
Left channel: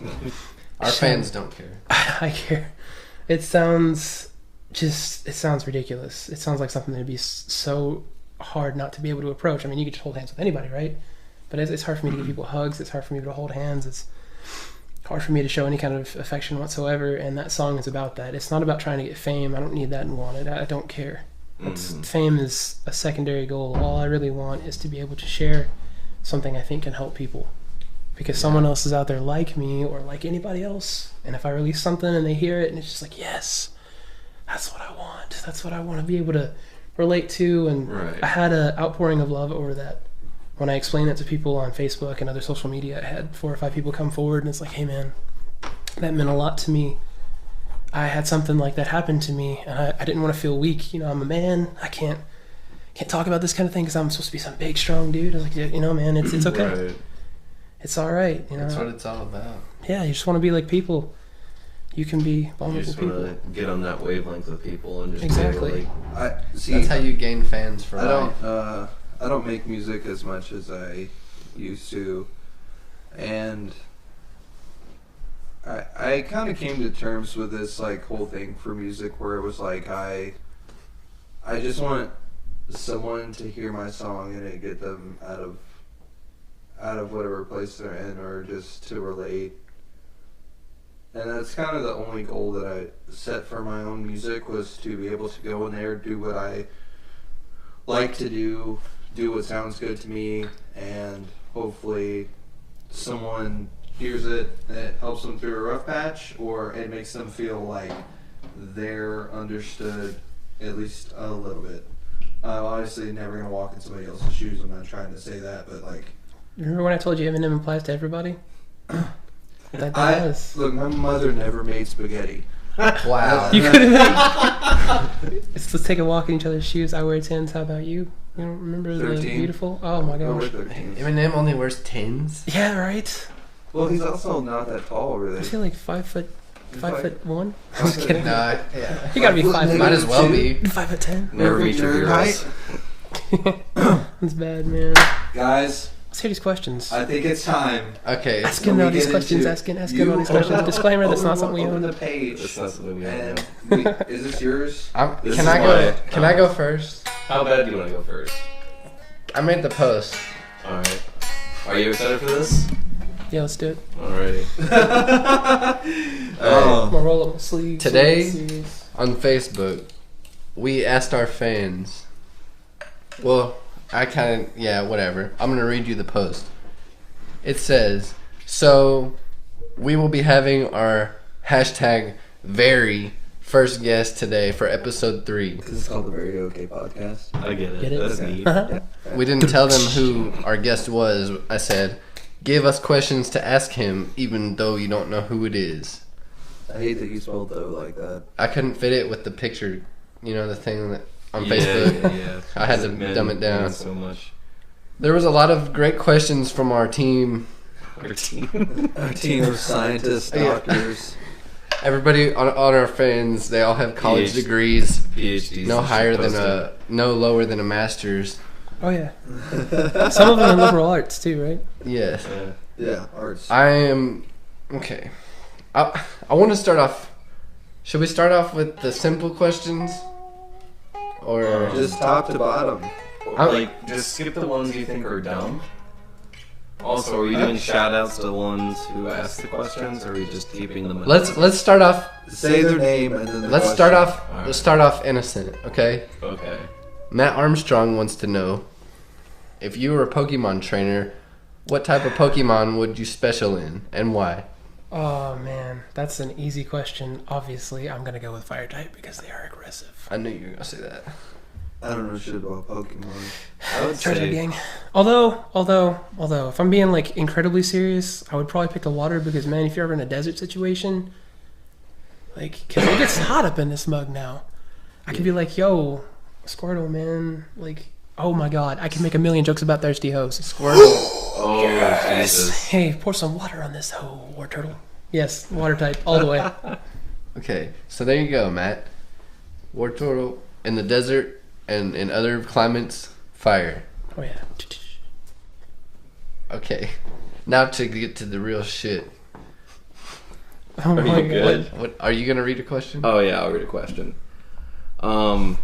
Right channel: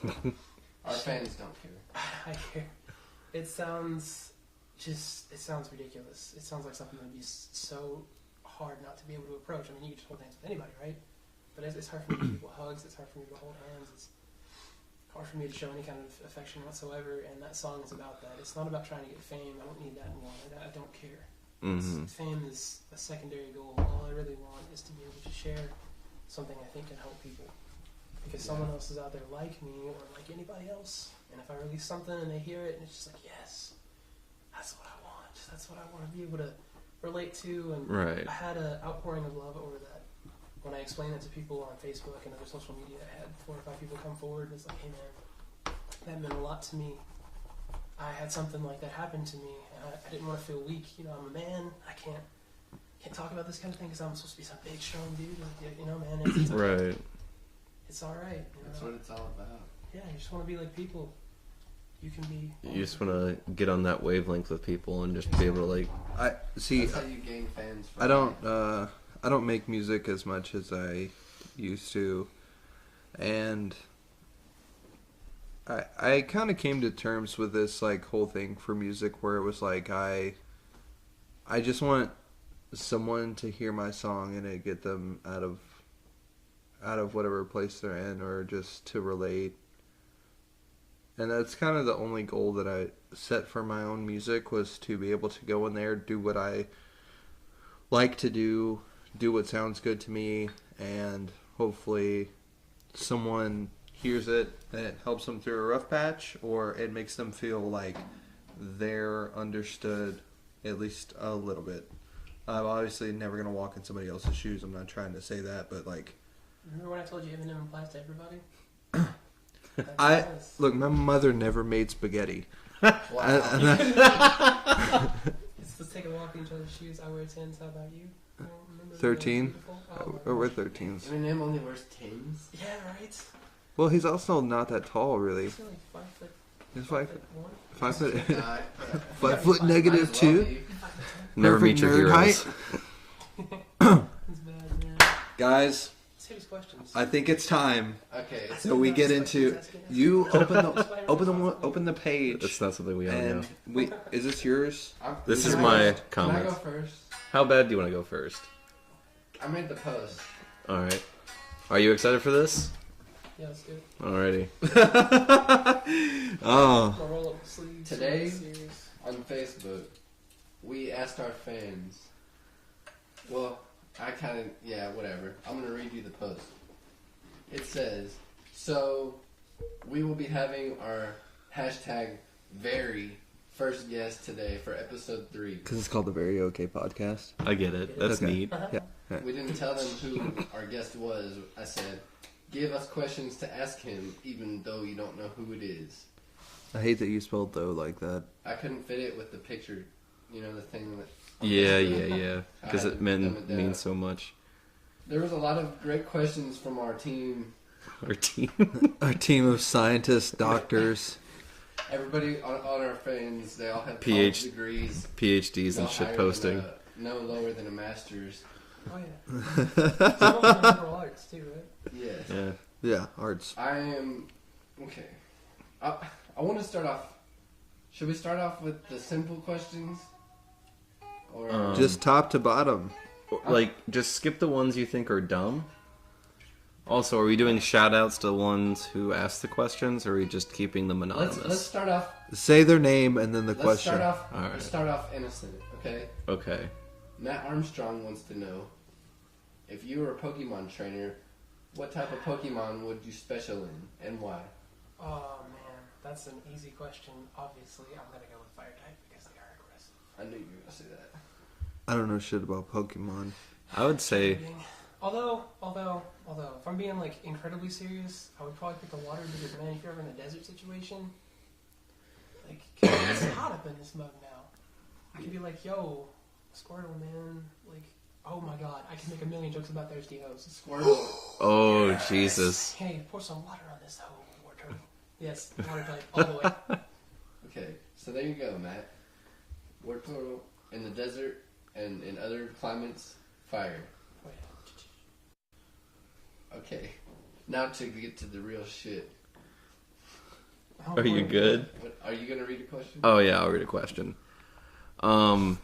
Our fans don't care. I care. It sounds ridiculous. It sounds like something that'd be so hard not to be able to approach. I mean, you could just hold hands with anybody, right? But it's hard for me to give people hugs. It's hard for me to hold hands. It's hard for me to show any kind of affection whatsoever. And that song is about that. It's not about trying to get fame. I don't need that and want it. I don't care. Fame is a secondary goal. All I really want is to be able to share something I think can help people. Because someone else is out there like me or like anybody else. And if I release something and they hear it and it's just like, yes, that's what I want. That's what I want to be able to relate to. And I had an outpouring of love over that. When I explained it to people on Facebook and other social media, I had 4 or 5 people come forward and it's like, hey man, that meant a lot to me. I had something like that happen to me, and I didn't want to feel weak. You know, I'm a man. I can't talk about this kind of thing because I'm supposed to be some big, strong dude. I was like, yeah, you know, man, it's okay. Right. It's all right. You know, That's what it's all about. Yeah, you just want to be like people. you can be You vulnerable. just want to get on that wavelength with people and just Exactly. be able to like. I see. That's how you gain fans for I life. don't make music as much as I used to, and I kind of came to terms with this like whole thing for music where it was like I just want someone to hear my song and it get them out of whatever place they're in, or just to relate. And that's kind of the only goal that I set for my own music, was to be able to go in there, do what I like to do what sounds good to me, and hopefully someone hears it and it helps them through a rough patch, or it makes them feel like they're understood at least a little bit. I'm obviously never going to walk in somebody else's shoes. I'm not trying to say that, but like... Remember when I told you Eminem applies to everybody? Look, my mother never made spaghetti. Wow. You could have. Let's take a walk in each other's shoes. I wear 10s. How about you? You don't remember the 13. beautiful? Oh my Oh, we're gosh. 13. Eminem only wears 10s? Yeah, right. Well, he's also not that tall, I really. feel like 5'1". Nah, Kidding. yeah. You gotta be Five foot 5'5". Might as well be. 5'10". Never meet your Nerd heroes. That's bad, man. Guys, Let's hear these questions. I think it's time. Okay. Ask So him we all these get questions. into- Ask him You all these questions. open- Disclaimer, that's not something we open own. the page. That's not something we don't know. And is this yours? This Can is I my- go? Can I go first? How bad do you want to go first? I made the post. All right. Are you excited for this? Yeah, let's do it. Alrighty. Oh. More roll up sleeves. Today- sleeves. On Facebook, we asked our fans. Well, whatever. I'm gonna read you the post. It says, so we will be having our hashtag very first guest today for episode 3. Because it's called the Very Okay Podcast. I get it. Get it? That's Okay. neat. We didn't tell them who our guest was. I said, give us questions to ask him, even though you don't know who it is. I hate that you spelled though like that. I couldn't fit it with the picture, the thing that on Yeah, Facebook. yeah. I had to dumb it down. means so much. There was a lot of great questions from our team. Our team. Our team of scientists, doctors. Everybody on our fans, they all have college PhD. degrees. PhDs. No and higher shit than posted. no lower than a master's. Oh yeah. Some of them are liberal arts too, right? Yes. Yeah. Yeah, arts. I am okay. I want to start off. Should we start off with the simple questions, or Just top to bottom. Like, just skip the ones you think are dumb. Also, are we doing shout outs to the ones who asked the questions, or are we just keeping them anonymous? let's start off. Say their name and then the Let's question. start off. All right. Let's start off innocent. Okay. Okay. Matt Armstrong wants to know, if you were a Pokemon trainer, what type of Pokemon would you special in, and why? Oh man, that's an easy question. Obviously, I'm gonna go with fire type because they are aggressive. I knew you were gonna say that. I don't know shit about Pokemon. I would Fire type say. gang. Although, if I'm being like incredibly serious, I would probably pick the water because man, if you're ever in a desert situation, like, cause it gets hot up in this mug now. I could be like, yo, Squirtle, man, like, oh my god, I can make a million jokes about thirsty hoes. Squirtle. Oh, Jesus. Hey, pour some water on this hoe, war turtle. Yes, water type, all the way. Okay, so there you go, Matt. War turtle in the desert and in other climates, fire. Oh yeah. Okay, now to get to the real shit. Oh Are my you God. good? What are you gonna read a question? Oh, yeah, I'll read a question. Are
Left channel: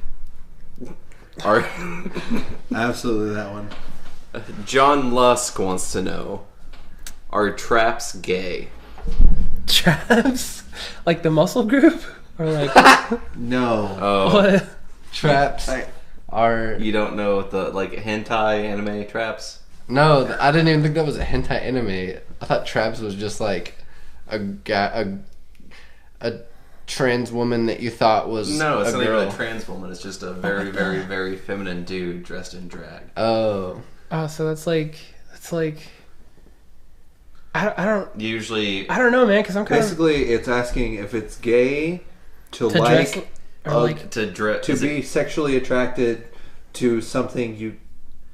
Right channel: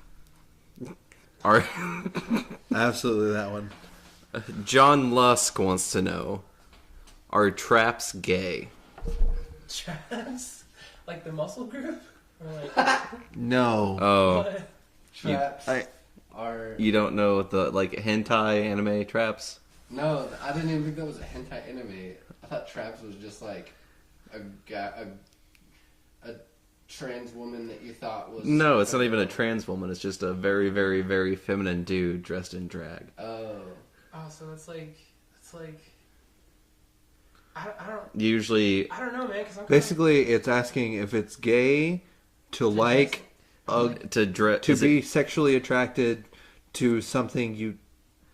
Absolutely that one. John Lusk wants to know, are traps gay? Traps? Like the muscle group? Or like No. Oh, what? Traps I- are you don't know what the, like, hentai anime traps? no. I didn't even think that was a hentai anime. I thought traps was just like a trans woman that you thought was No, it's not even girl. a trans woman. It's just a very, very, very feminine dude dressed in drag. Oh, Oh, so it's like I Usually, don't know, man, because I'm kind Basically, it's asking if it's gay to of like or like to dress to be sexually attracted to something you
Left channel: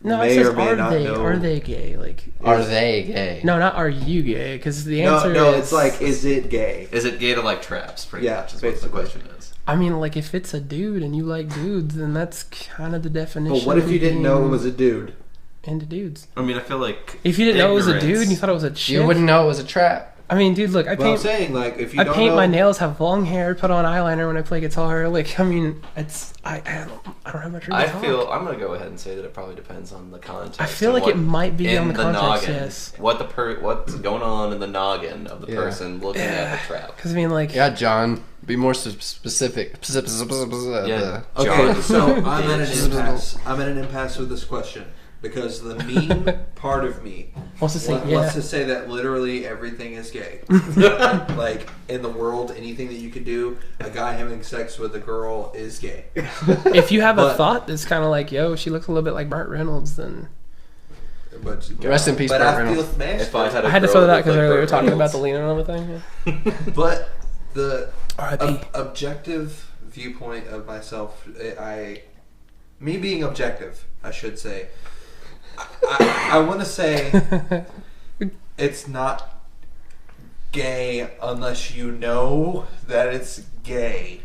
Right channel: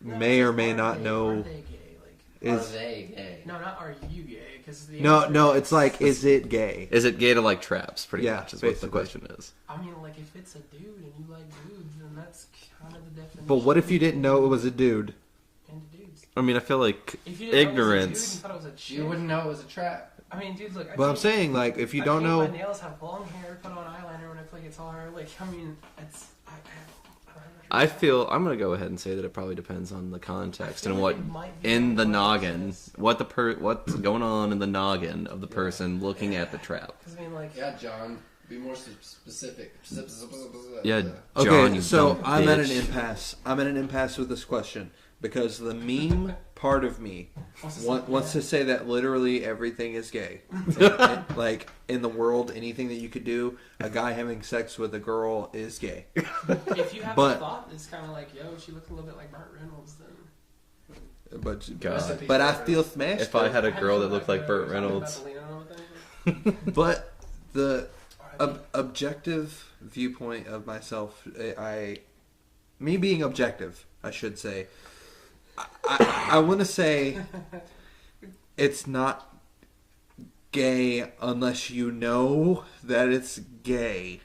No, may it says, or may are not they, know. Are they gay? Like, Are they gay? no, not are you gay? Because the answer No, is, it's like, is it gay? Is it gay to like traps? Pretty Yeah, much is what the basically. question is. I mean, like, if it's a dude and you like dudes, then that's kind of the definition. But what if of you didn't know it being was a dude? into dudes? I mean, I feel like If you didn't know it was a dude ignorance- and you thought it was a chick, You wouldn't know it was a trap. I mean, dude, look, I But I'm paint, saying, like, if you I don't paint know, my nails, have long hair, put on eyeliner when I play guitar. Like, I mean, it's I don't have much. I feel I'm gonna go ahead and say that it probably depends on the context. I feel and like it might be on in the context, noggin. yes. What's going on in the noggin of the Yeah. person looking at the trap. Because I mean, like, Yeah, John. Be more specific. Yeah. okay, John, so I'm at an bitch. impasse. I'm at an impasse with this question because the meme part of me wants to say, wants to say that literally everything is gay. Like in the world, anything that you could do, a guy having sex with a girl is gay. if you have a but- thought that's kind of like, yo, she looks a little bit like Burt Reynolds, then But Rest in peace, But Burt I feel Reynolds. smashed. If I had a I had to girl throw that that because looked like we were Burt talking about Reynolds, the lean and everything. But the R.I.P. objective viewpoint of myself, me being objective, I should say. I want to say it's not gay unless you know that it's gay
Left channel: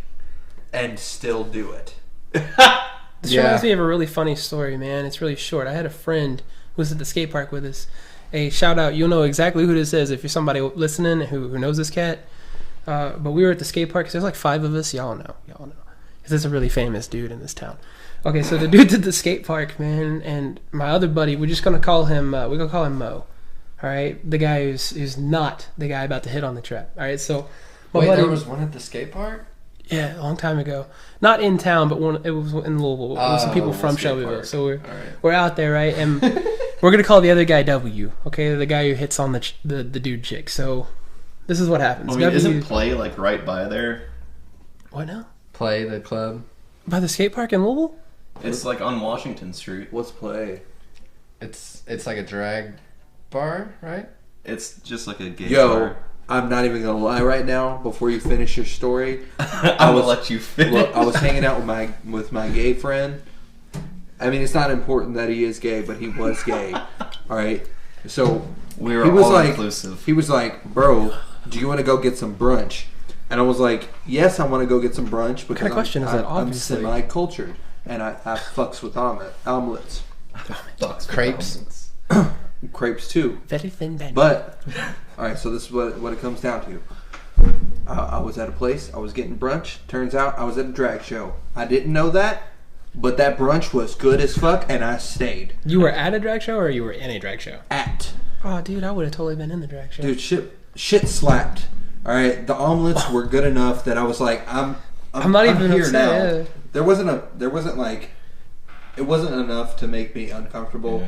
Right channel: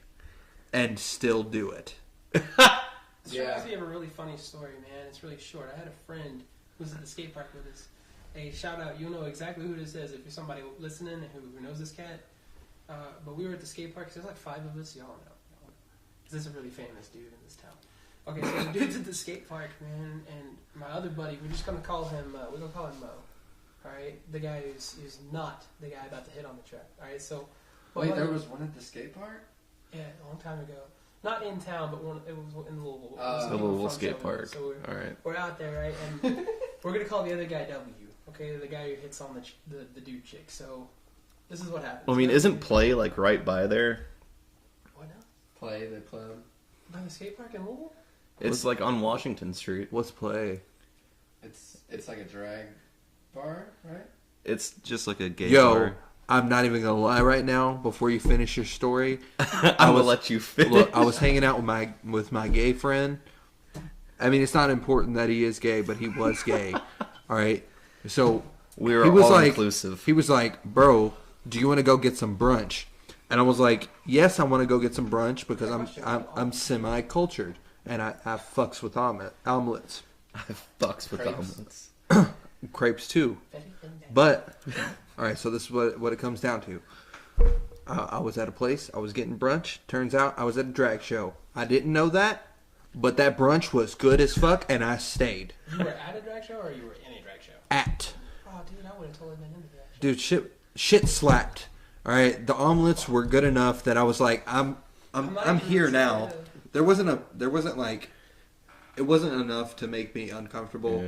and still do it. This Yeah. reminds me of a really funny story, man. It's really short. I had a friend who was at the skate park with us. Hey, shout out. You'll know exactly who this is if you're somebody listening who knows this cat. But we were at the skate park. 'Cause there's like 5 of us. Y'all know. Because there's a really famous dude in this town. Okay, so the dude's at the skate park, man. And my other buddy, we're just going to call him, we're going to call him Mo. All right? The guy who's not the guy about to hit on the trap. All right, so... my Wait, buddy- there was one at the skate park? Yeah, a long time ago. Not in town, but it was in Louisville. It was some people Louisville from skate Shelbyville. park. So all right. we're out there, right? And we're gonna call the other guy W. Okay, the guy who hits on the dude chick. So this is what happens. I mean, W, isn't play like right by there? what now? Play the club. By the skate park in Louisville? It's like on Washington Street. What's play? It's like a drag bar, right? It's just like a gay Yo, bar. I'm not even gonna lie right now. Before you finish your story, I will let you finish. look, I was hanging out with my gay friend. I mean, it's not important that he is gay, but he was gay. All right, so We were he was all like, inclusive. he was like, "Bro, do you want to go get some brunch?" And I was like, "Yes, I want to go get some brunch because question is that, I'm obviously? semi-cultured and I fucks with omelets, Fucks Crepes. crepes too." Very thin bed. But all right, so this is what it comes down to. I was at a place. I was getting brunch. Turns out I was at a drag show. I didn't know that, but that brunch was good as fuck, and I stayed. You were at a drag show or you were in a drag show? At Oh, dude, I would have totally been in the drag show. dude, shit slapped. All right, the omelets were good enough that I was like, I'm not even here upset, now. yeah. There wasn't like, it wasn't enough to make me uncomfortable.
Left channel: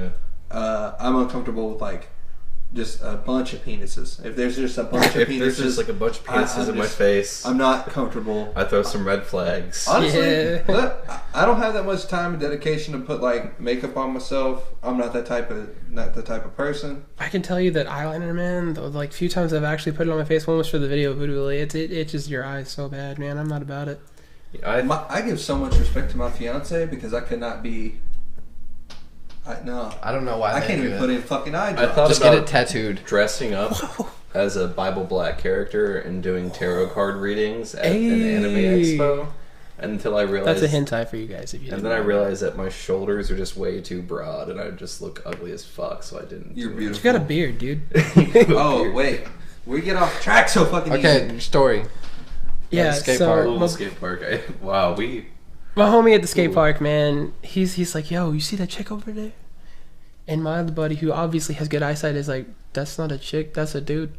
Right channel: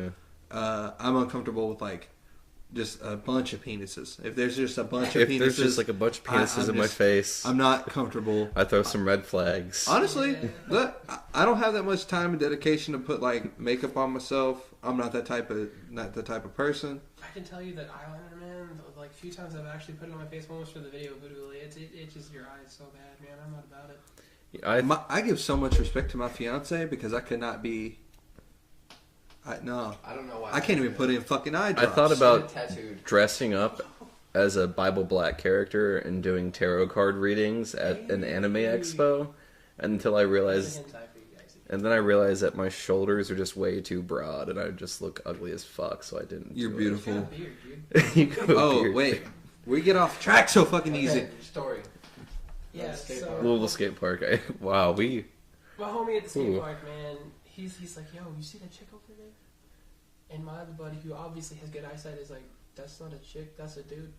Yeah. I'm uncomfortable with like just a bunch of penises. If there's just a bunch of If penises, there's just like a bunch of penises I'm in my just- face, I'm not comfortable. I throw some red flags. Honestly, Yeah. look, I don't have that much time and dedication to put like makeup on myself. I'm not the type of person. I can tell you that eyeliner, man, the like few times I've actually put it on my face, one was for the video of Voodoo. It itches your eyes so bad, man. I'm not about it. I give so much respect to my fiance because I could not be. No, I don't know why. I they can't do even it. put in fucking eye I drops. thought Just about get it tattooed. dressing up as a Bible Black character and doing tarot card readings at an anime Hey. expo until I realized. That's a hentai for you guys. If you And then I realized that my shoulders are just way too broad and I would just look ugly as fuck, so I didn't. You're do beautiful. you got a beard, dude. it. Oh wait, we get off track so fucking Okay, easy. story. Yeah, skate so park. Louisville my, skate park. Wow, we. my homie at the skate Ooh. park, man, he's like, yo, you see that chick over there? And my other buddy, who obviously has good eyesight, is like, that's not a chick, that's a dude.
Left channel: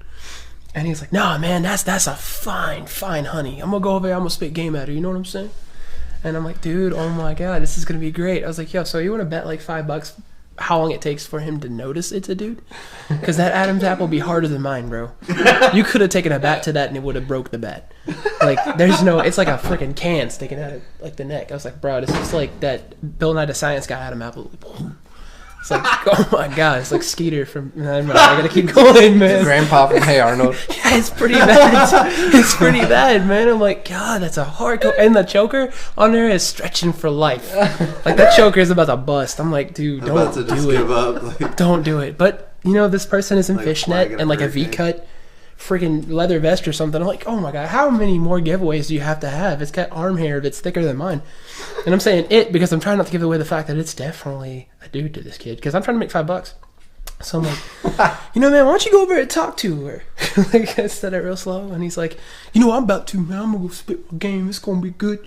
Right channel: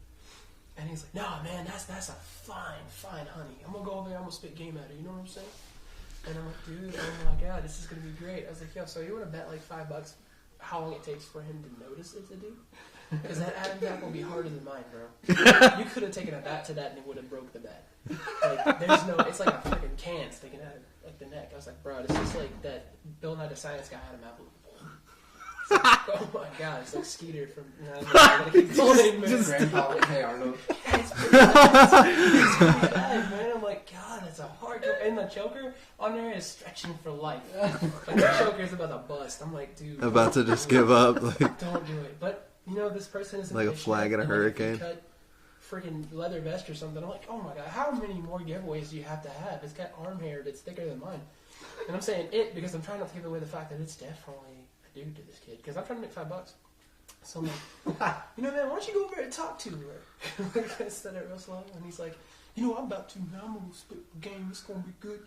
And he's like, nah, man, that's a fine honey. I'm gonna go over there, I'm gonna spit game at her. You know what I'm saying? And I'm like, dude, oh my god, this is gonna be great. I was like, yo, so you wanna bet like $5 how long it takes for him to notice it's a dude? Because that Adam's apple will be harder than mine, bro. You could have taken a bat to that and it would have broke the bat. Like, there's no, it's like a freaking can sticking out of like the neck. I was like, bro, this is like that Bill Nye the Science Guy Adam apple. It's like, oh my god, it's like Skeeter from. No, I gotta keep going, man. Grandpa from Hey Arnold. Yeah, it's pretty bad. It's pretty bad, man. I'm like, God, that's a hardcore. And the choker on there is stretching for life. Like that choker is about to bust. I'm like, dude, I'm don't about to just give up. Like, Don't do it. But you know, this person is in Like a fishnet flag in a and like a hurricane. V-cut, freaking leather vest or something. I'm like, oh my god, how many more giveaways do you have to have? It's got arm hair that's thicker than mine. And I'm saying it because I'm trying not to give away the fact that it's definitely a dude to this kid. Because I'm trying to make $5. So I'm like, you know, man, why don't you go over and talk to her? Like, I said it real slow. And he's like, you know, I'm about to, man. I'm going to go spit my game. It's going to be good.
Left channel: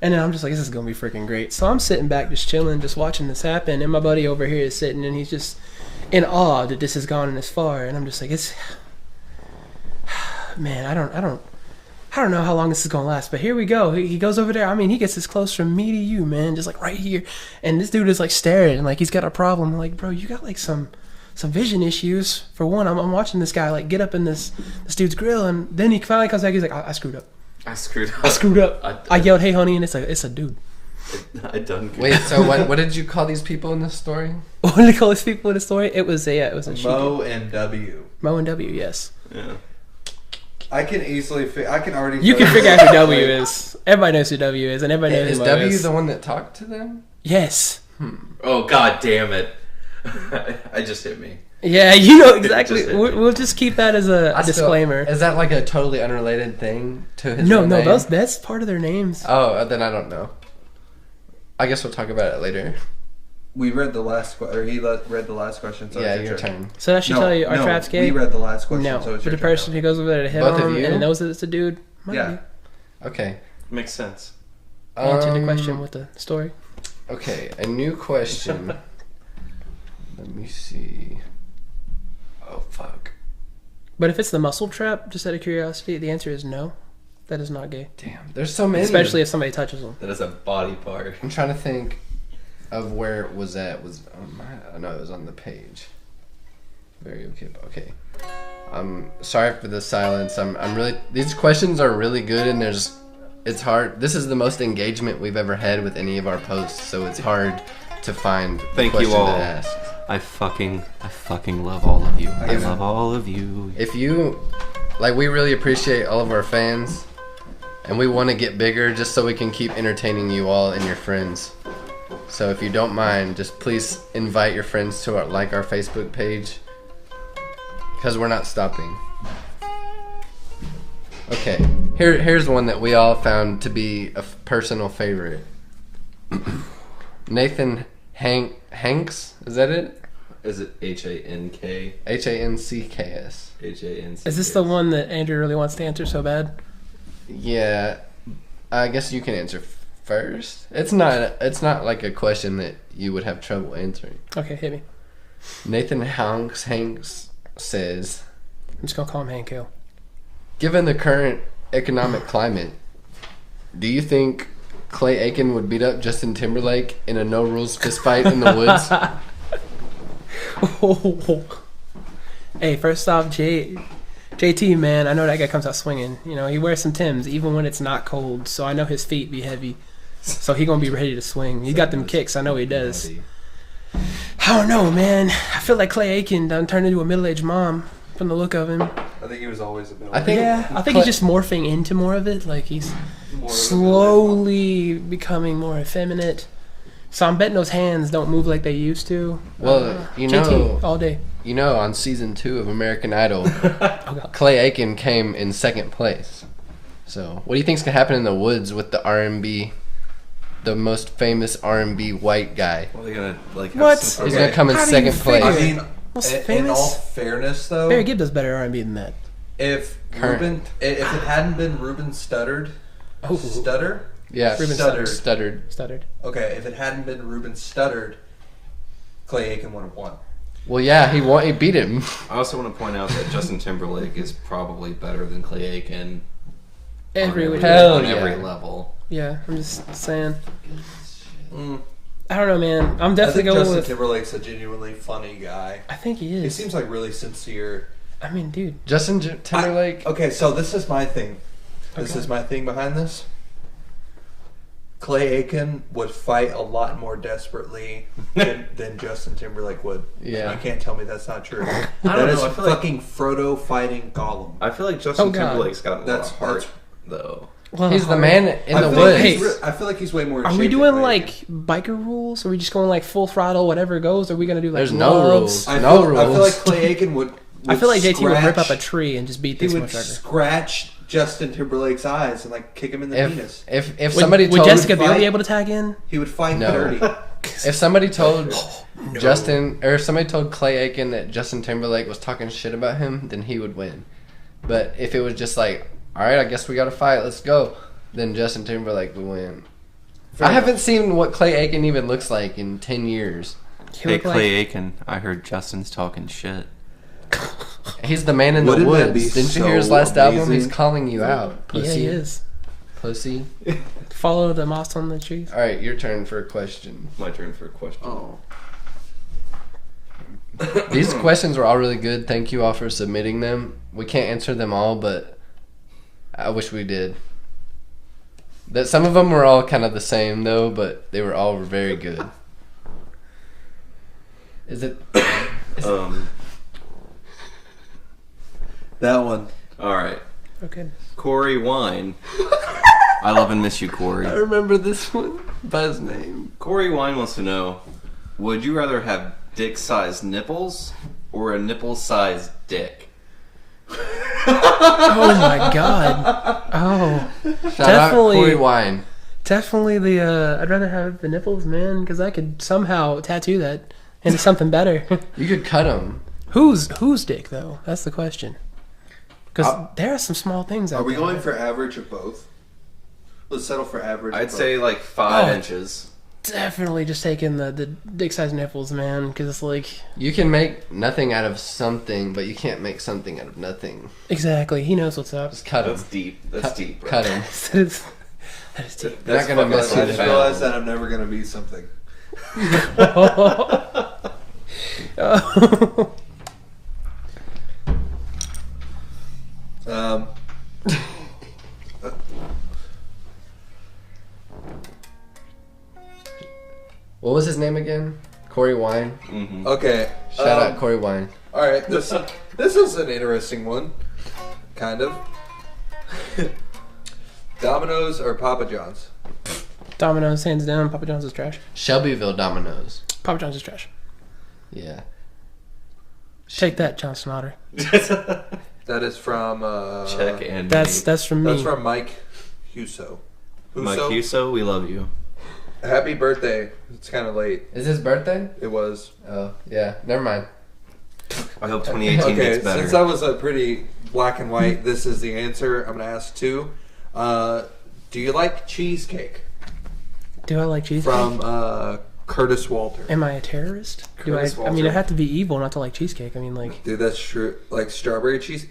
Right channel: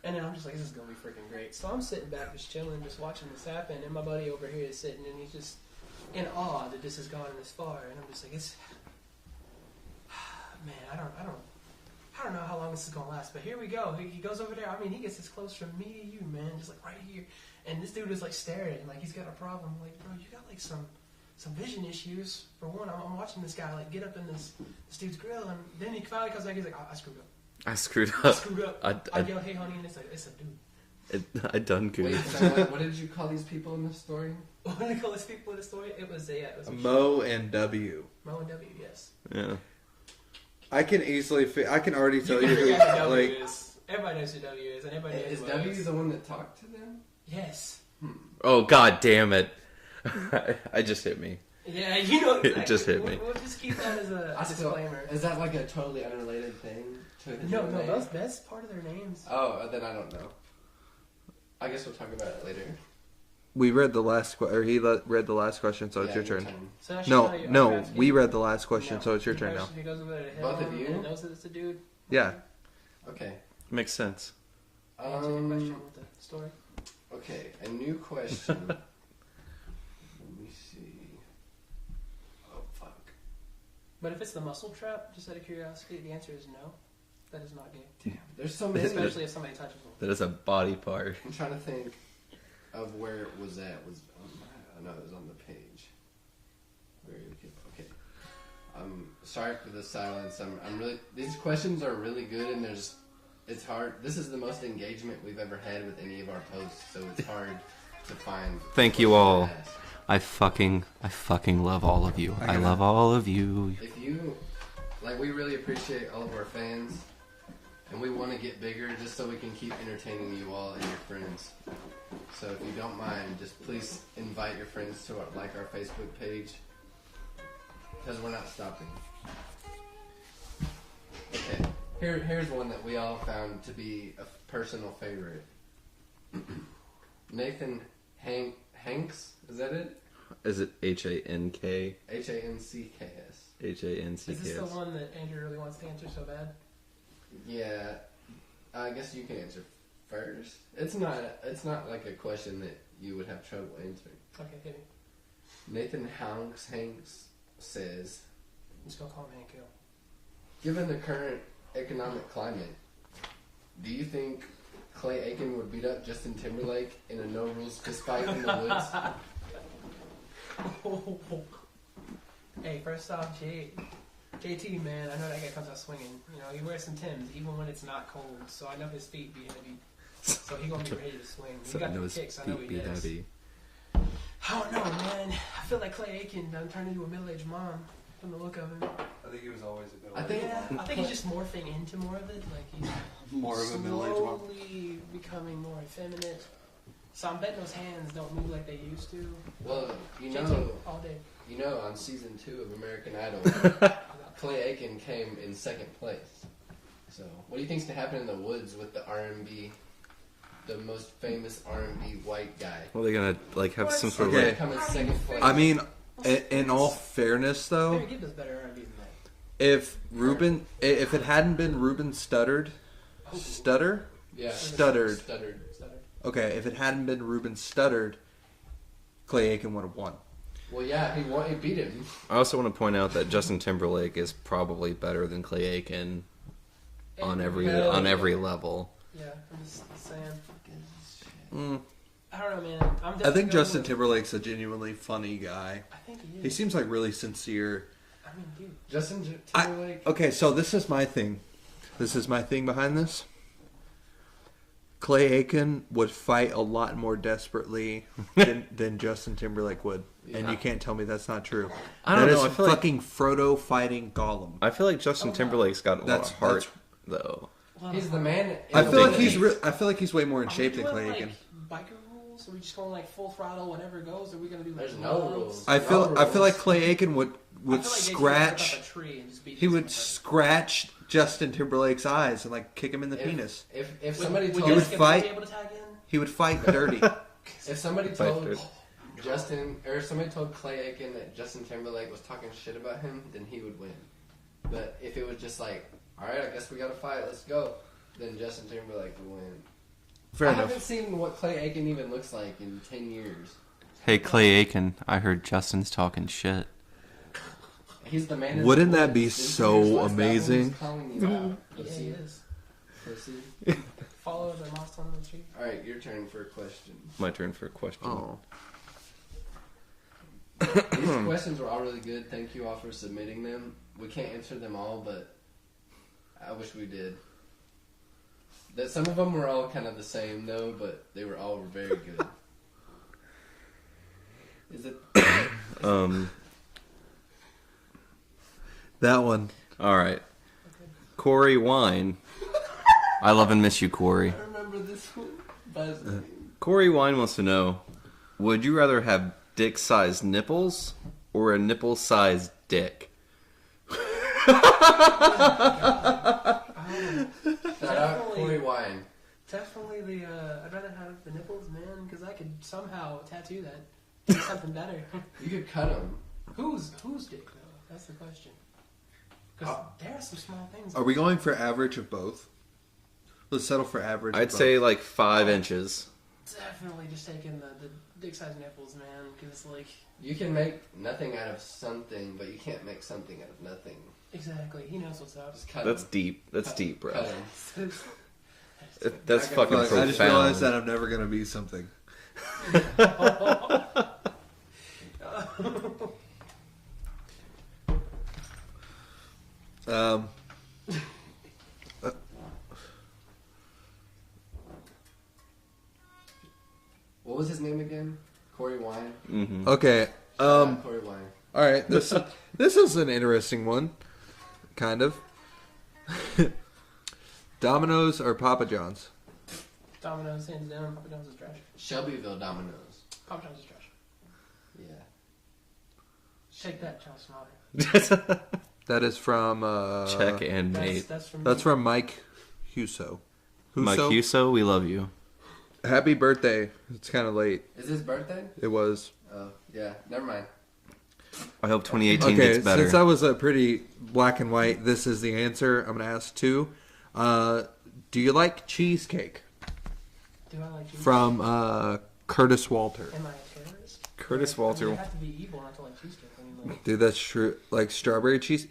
And then I'm just like, this is going to be freaking great. So I'm sitting back just chilling, just watching this happen. And my buddy over here is sitting and he's just in awe that this has gone this far. And I'm just like, it's... Man, I don't know how long this is going to last. But here we go. He goes over there. I mean, he gets as close from me to you, man. Just like right here. And this dude is like staring. And like he's got a problem. I'm like, bro, you got like some vision issues. For one, I'm watching this guy like get up in this dude's grill, and then he finally comes back. He's like, I screwed up. I screwed up. I screwed up. I yelled, "Hey, honey," and it's a dude. I done good. Wait, so what did you call these people in this story? What did they call these people in the story? It was a Mo and W. Mo and W. Yes. Yeah. I can easily. I can already. You can figure out who W is. Everybody knows who W is, and everybody knows Is who Mo W is. the one that talked to them? Yes. Oh god damn it! I just hit me. Yeah, you know It exactly. just hit me. We'll just keep that as a disclaimer. Is that like a totally unrelated thing to his No, real no, name? that's part of their names. Oh, then I don't know. I guess we'll talk about it later. We read the last or he read the last question, so Yeah, it's your your turn. turn. So that should No, tell you, are no, traps gay? we read the last question, No, so it's for your the turn person now. who goes over there to hit Both of on you? and knows that it's a dude. might Yeah. be. Okay. Makes sense. Answer the question with the story. Okay, a new question. Let me see. Oh, fuck. But if it's the muscle trap, just out of curiosity, the answer is no. That is not gay. Damn, there's so many. Especially if somebody touches them. That is a body part. I'm trying to think of where it was at. No, it was on the page. Very okay. Okay. I'm sorry for the silence. I'm really. These questions are really good, and it's hard. This is the most engagement we've ever had with any of our posts, so it's hard to find. Thank you question to all. ask. I fucking love all of you. I know. love all of you. If you we really appreciate all of our fans, and we want to get bigger just so we can keep entertaining you all and your friends. So if you don't mind, just please invite your friends to our Facebook page, because we're not stopping. Okay, here's one that we all found to be a personal favorite. Nathan Hanks, is that it? Is it Hank? Hanks. Hanc. Is this the one that Andrew really wants to answer so bad? Yeah, I guess you can answer first. It's not like a question that you would have trouble answering. Okay, hit me. Nathan Hanks says, I'm just going to call him Hank Hill. given the current economic climate, do you think Clay Aiken would beat up Justin Timberlake in a no rules fistfight in the woods? Hey, first off, JT, man, I know that guy comes out swinging. You know, he wears some Timbs even when it's not cold, so I know his feet be heavy. So he gonna be ready to swing. He got them kicks, I know he does. I don't know, man. I feel like Clay Aiken done turned into a middle-aged mom from the look of him. I think he was always a bit. I think he's just morphing into more of it. Like he's slowly becoming more effeminate. So I'm betting those hands don't move like they used to. Well, you JT, know, all day. You know, on season 2 of American Idol, Clay Aiken came in 2nd place. So, what do you think's gonna happen in the woods with the R&B, the most famous R&B white guy? Well, they're gonna like have What? some sort He's of gonna come in How do you 2nd place. I mean, Most in famous? all fairness, though, Barry Gibb does better R&B than that. if Current. if it hadn't been Ruben Studdard, Oh, Stutter, yeah, Ruben Stuttered. stuttered. Okay, if it hadn't been Ruben Studdard, Clay Aiken would have won. Well, yeah, he beat him. I also want to point out that Justin Timberlake is probably better than Clay Aiken on Hell on yeah. every level. Yeah, I'm just saying. Mm. I don't know, man. I'm I definitely think going Justin with. Timberlake's a genuinely funny guy. I think he He is. seems like really sincere. I mean, dude. Justin Timberlake. Okay, so this is my thing. This Okay. is my thing behind this. Clay Aiken would fight a lot more desperately than Justin Timberlake would. Yeah. And you can't tell me that's not true. I That don't is know. I feel like fucking Frodo fighting Gollum. I feel like Justin Oh, God. Timberlake's got a lot That's- of heart, though. Well, He's the man in I the feel, like woods. he's I feel like he's way more in Are shape we than doing Clay like Aiken. biker rules? Are we just going like full throttle, whatever goes? Or are we gonna do like There's no gloves? rules. I No feel like rules. Clay Aiken would I feel like JT would rip scratch- up a tree and just beat He this would motherfucker. scratch Justin Timberlake's eyes and like kick him in the penis. If Would, somebody would told Jessica Biel fight- be able to tag in? He would fight No. dirty. if somebody told Justin or if somebody told Clay Aiken that Justin Timberlake was talking shit about him, then he would win. But if it was just like, all right, I guess we got to fight, let's go, then Justin Timberlake would win. Fair I enough. haven't seen what Clay Aiken even looks like in 10 years. He Hey, looked like- Clay Aiken, I heard Justin's talking shit. He's the man in Wouldn't the woods. that be Didn't you hear his so last album? amazing? He's calling you out. Yeah, Pussy. he is. Pussy. Follow the moss on the trees. All right, your turn for a question. My turn for a question. Oh. These questions were all really good. Thank you all for submitting them. We can't answer them all, but I wish we did. That some of them were all kind of the same though, but they were all very good. Is it? That one. All right. Okay. Corey Wine. I love and miss you, Corey. I remember this one by his name. Corey Wine wants to know, would you rather have dick-sized nipples or a nipple-sized dick? Oh my god. Oh, Shout Definitely. out Corey Wine. definitely the. I'd rather have the nipples, man, because I could somehow tattoo that into something better. You could cut them. whose dick though? That's the question. Because there are some small things. Are we going for average of both? Let's settle for average. I'd of say both. like 5 Oh. inches. Definitely just taking the dick size nipples, man, because it's like You can make nothing out of something, but you can't make something out of nothing. exactly. He knows what's up. Just cut That's them. deep. That's deep, bro. Cut them. That is deep. That's Not gonna fucking mess I just profound. realized that I'm never gonna be something. Um. What was his name again? Corey Wine. Mm-hmm. Okay. Shout out Corey Wine. All right. This is an interesting one, kind of. Domino's or Papa John's? Domino's, hands down. Papa John's is trash. Shelbyville Domino's. Papa John's is trash. Yeah. Take that, Johnson Otter. That is from. Check and That's from me. That's from Mike Huso. Mike Huso, we love you. Happy birthday! It's kind of late. Is his birthday? It was. Oh, yeah. Never mind. I hope 2018 Okay, gets better. since that was a pretty black and white, this is the answer. I'm gonna ask two. Do you like cheesecake? Do I like cheesecake? From Curtis Walter. Am I a terrorist? Curtis I mean, Walter. I have to be evil not to like cheesecake. I mean, like, Dude, that's true. Like strawberry cheese.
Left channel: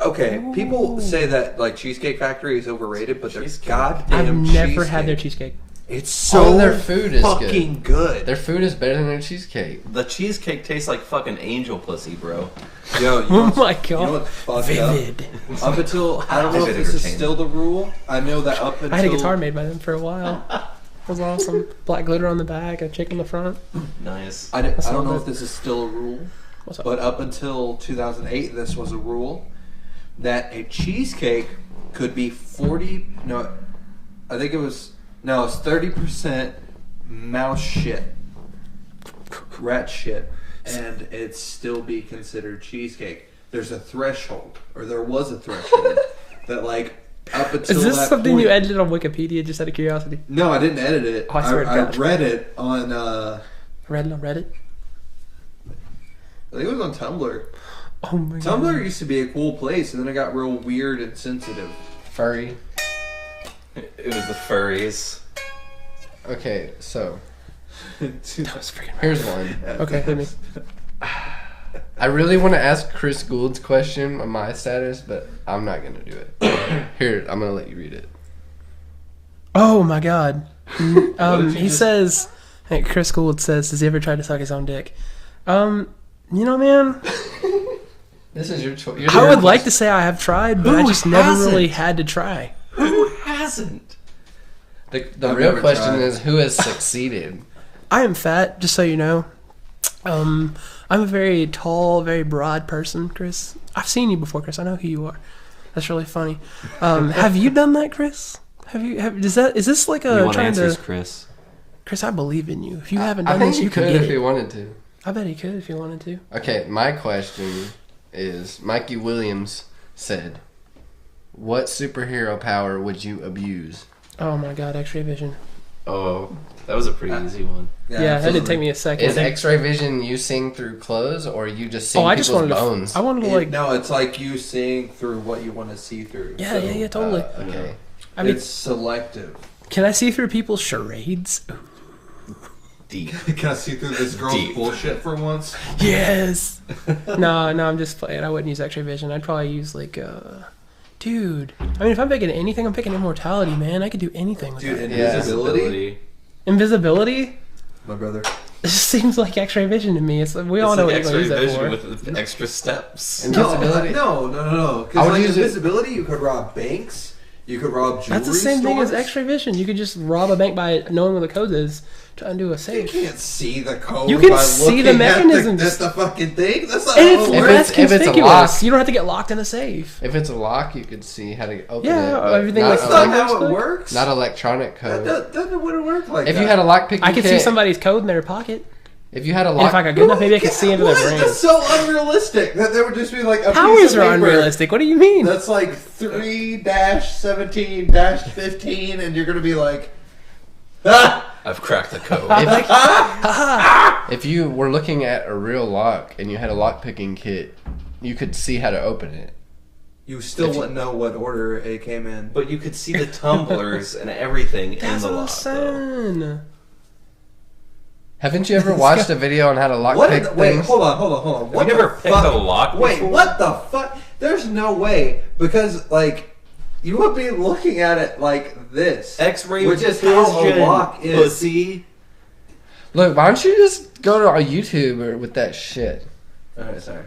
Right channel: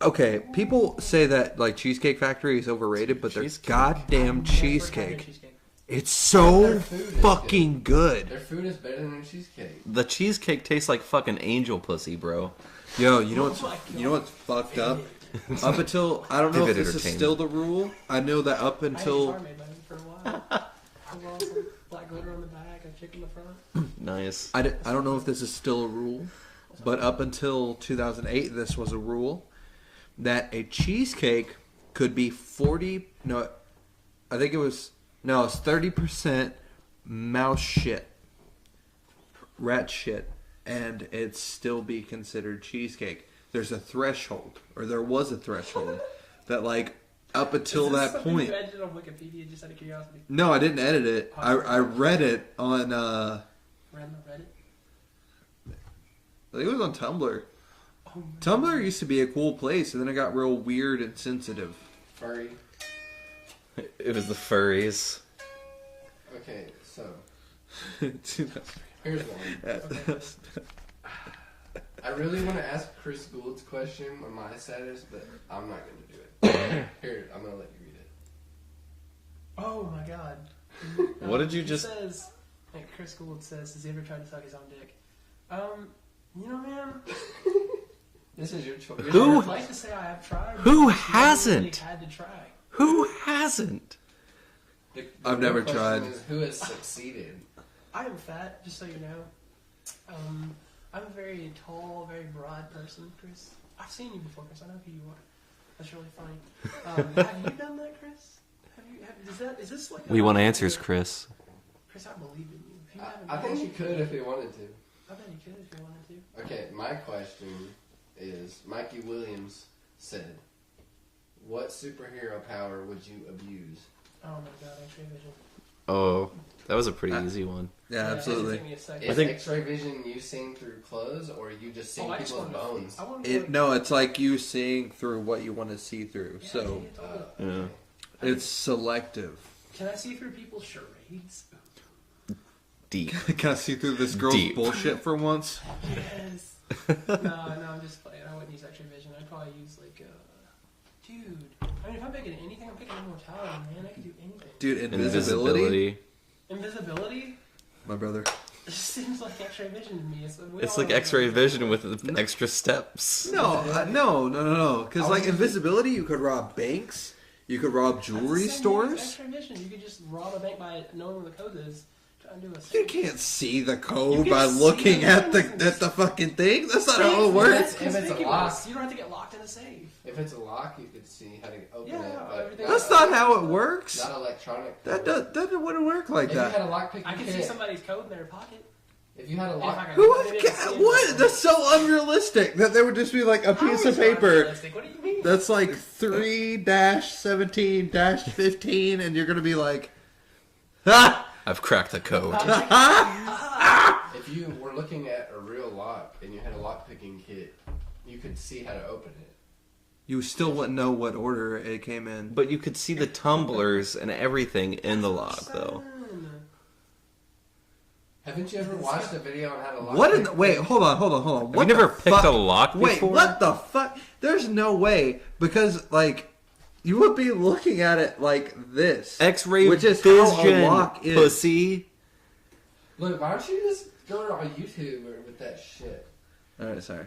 Okay, people say that like Cheesecake Factory is overrated, but their Cheesecake. goddamn I've never cheesecake. had their cheesecake. It's so All their food is fucking good. Their food is better than their cheesecake. The cheesecake tastes like fucking angel pussy, bro. Yo, you know Oh what's, my god. you know what's fucked up? Vivid. Up until I don't know if Vivid this is entertainment. still the rule. I know that up I had a guitar until made by them for a while. It was awesome. Black glitter on the back, a chick on the front. Nice. I That's don't not know good. if this is still a rule, What's up? but up until 2008, this was a rule that a cheesecake could be 40. No, I think it was no, it's 30% mouse shit, rat shit, and it still be considered cheesecake. There's a threshold, or there was a threshold that like up until Is this that something point. you edited on Wikipedia just out of curiosity? No, I didn't edit it. Oh, I swear to I God. read it on. Read it on Reddit? I think it was on Tumblr. Oh my god. Tumblr used to be a cool place, and then it got real weird and sensitive. Furry. It was the furries. Okay, so That was freaking here's one. Okay, hit me. I really want to ask Chris Gould's question on my status, but I'm not going to do it. Here, I'm going to let you read it. Oh my god. did you He just- says, hey, Chris Gould says, has he ever tried to suck his own dick? You know, man, This is your choice. I would like to say I have tried, but Who I just never really hasn't? had to try. Who hasn't? The I've real never question tried. is who has succeeded. I am fat, just so you know. I'm a very tall, very broad person, Chris. I've seen you before, Chris. I know who you are. That's really funny. Have you done that, Chris? Is this like a... You want trying answers, to- Chris? Chris, I believe in you. If you haven't I done think this, you you could can get if it. you wanted to. I bet he could if he wanted to. Okay, my question is, Mikey Williams said, what superhero power would you abuse? Oh my god, X-ray vision. Oh, that was a pretty easy one. Yeah, that didn't take me a second. Is X-ray vision you seeing through clothes, or you just seeing I just people's wanted bones? to. I wanted to like. No, it's like you seeing through what you want to see through. Yeah, so, yeah, totally. Okay. I mean, it's selective. can I see through people's charades? Deep. Can I see through this girl's Deep. bullshit for once? Yes. no, I'm just playing. I wouldn't use X-ray vision. I'd probably use like, dude. I mean, if I'm picking anything, I'm picking immortality, man. I could do anything with Dude, that. invisibility? Invisibility. My brother. It just seems like X-ray vision to me. It's like we all It's know like what you're gonna X-ray use that vision for. with extra steps. Invisibility? No. I Because would like use it- invisibility, you could rob banks. You could rob jewelry That's the same stores. thing as X-ray vision. You could just rob a bank by knowing where the code is to undo a You safe. can't see the code You can by see looking the at mechanisms. the fucking thing. That's not And how it's it If works. less it's a conspicuous. lock- you don't have to get locked in a safe. If it's a lock, you could see how to open Yeah, it. but everything That's else- not Like, how like- it works. Not electronic code. That wouldn't work like If that. you had a lock picking I could see kit, somebody's code in their pocket. If you had a And if I lock, got good enough, maybe I could see into their What? brain. That's so unrealistic. That there would just be like a How piece is of it paper unrealistic? What do you mean? that's like 3-17-15, and you're gonna be like, ah. I've cracked the code. if you were looking at a real lock and you had a lock picking kit, you could see how to open it. You still wouldn't know what order it came in. But you could see the tumblers and everything in That's the what I'm lock, though. saying. Haven't you ever watched a video on how to lock What? pick Wait, things? hold on. What you never the picked fuck? a lock Wait, before? what the fuck? There's no way, because like you would be looking at it like this, X-ray which is vision, how a lock is. pussy. Look, why don't you just go to our YouTube or with that shit? All right, sorry.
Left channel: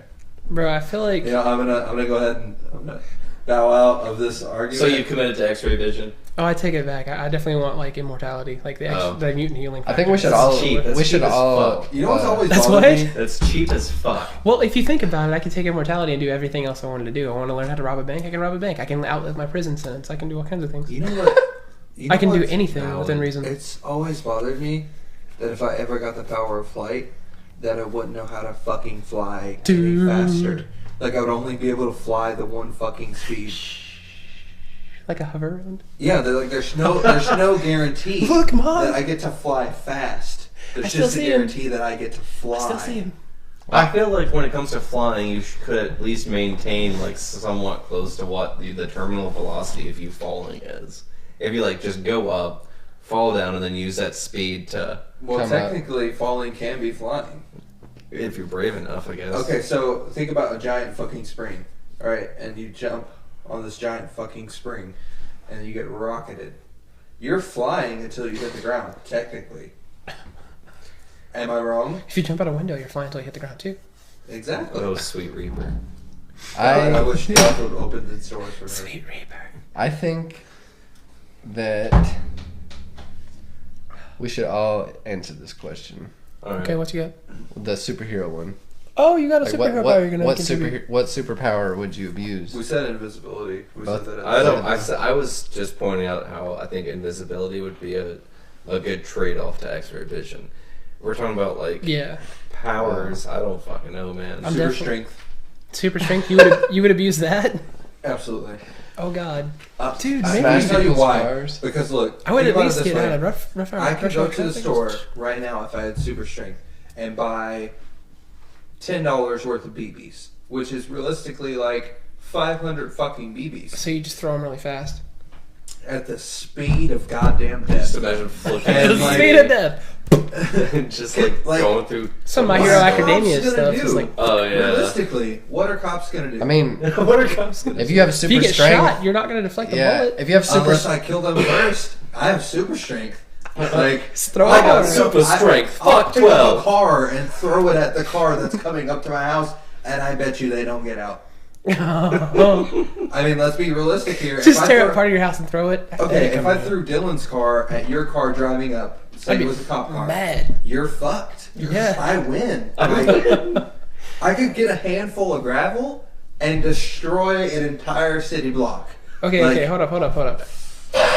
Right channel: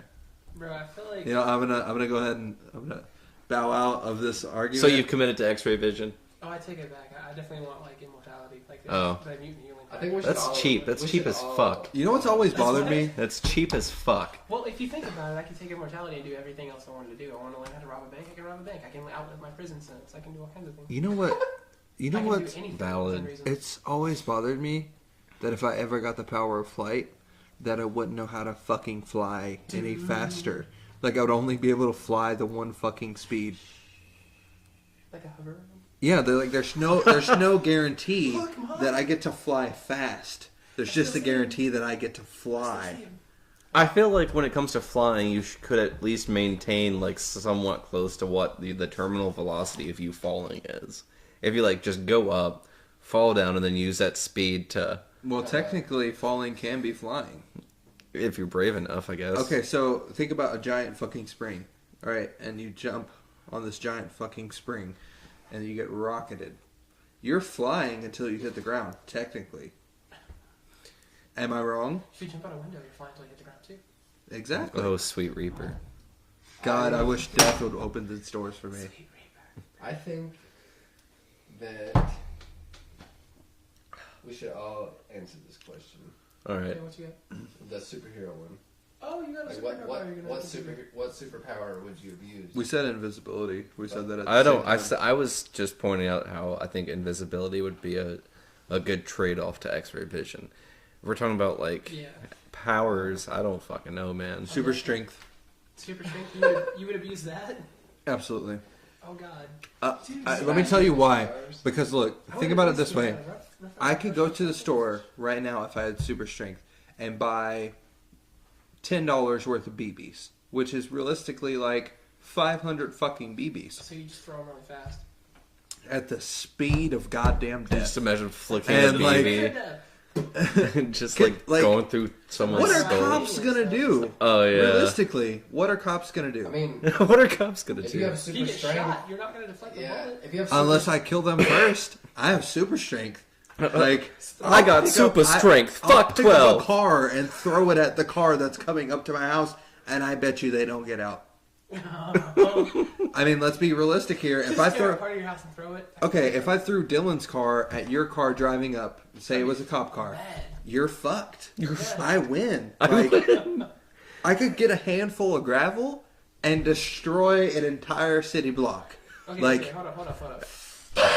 Bro, I feel like... Yeah, I'm gonna go ahead and I'm gonna bow out of this argument. So you committed to X-ray vision? Oh, I take it back. I definitely want, like, immortality. Like, the mutant healing I think we should That's all. cheap. That's we should cheap as all. fuck. You know what's always That's bothered what? me? That's cheap as fuck. Well, if you think about it, I could take immortality and do everything else I wanted to do. I want to learn how to rob a bank. I can rob a bank. I can outlive my prison sentence. I can do all kinds of things. You know what? You I can do what's anything valid? within reason. It's always bothered me that if I ever got the power of flight, that I wouldn't know how to fucking fly any Dude. faster. Like I would only be able to fly the one fucking speed. Like a hover around. Yeah, there's no guarantee Look, Mom. that I get to fly fast. There's I still just a see him. guarantee that I get to Still fly. see him. I feel like when it comes to flying, you could at least maintain like somewhat close to what the terminal velocity of you falling is. If you like just go up, fall down, and then use that speed to, Well, Come technically, falling can be flying. if you're brave enough, I guess. Okay, so think about a giant fucking spring, all right? And you jump on this giant fucking spring, and you get rocketed. You're flying until you hit the ground, technically. Am I wrong? If you jump out a window, you're flying until you hit the ground, too. Exactly. Oh, sweet Reaper. God, I I wish death would open the doors for me. Sweet Reaper. I think that we should all answer this question. All right. Okay, what you got? The superhero one. Oh, you got a Like, superhero power you're going to what contribute. what superpower would you abuse? We said invisibility. We said that. At the I don't. same time. I was just pointing out how I think invisibility would be a good trade-off to X-ray vision. We're talking about like Yeah. powers. I don't fucking know, man. I'm Super definitely- strength. Super strength? You would abuse that? Absolutely. Oh, God. Dude, maybe let me we tell you could why. use powers. Because look, I would think at about it least this get way. rough I could go to the traffic. store right now if I had super strength and buy $10 worth of BBs, which is realistically like 500 fucking BBs So you just throw them really fast. at the speed of goddamn Just death. imagine flicking And, the like- Speed of TV death. and just like Like- going through. Some My What Hero are Academia cops gonna stuff. do? It's like, Oh yeah. Realistically, what are cops gonna do? I mean, What are cops gonna if do? you have if super you get strength, shot, you're not going to deflect the yeah. bullet. If you have super, unless I kill them first, I have super strength. Like throw I it got over. super strength. I'll Fuck pick up a 12. car and throw it at the car that's coming up to my house, and I bet you they don't get out. I mean, let's be realistic here. Just If I tear throw- up part of your house and throw it. Okay, if I threw Dylan's car at your car driving up, say it was a cop car, Mad. you're fucked. Yeah. I win. Like, I could get a handful of gravel and destroy an entire city block. Okay, Like- okay, hold up.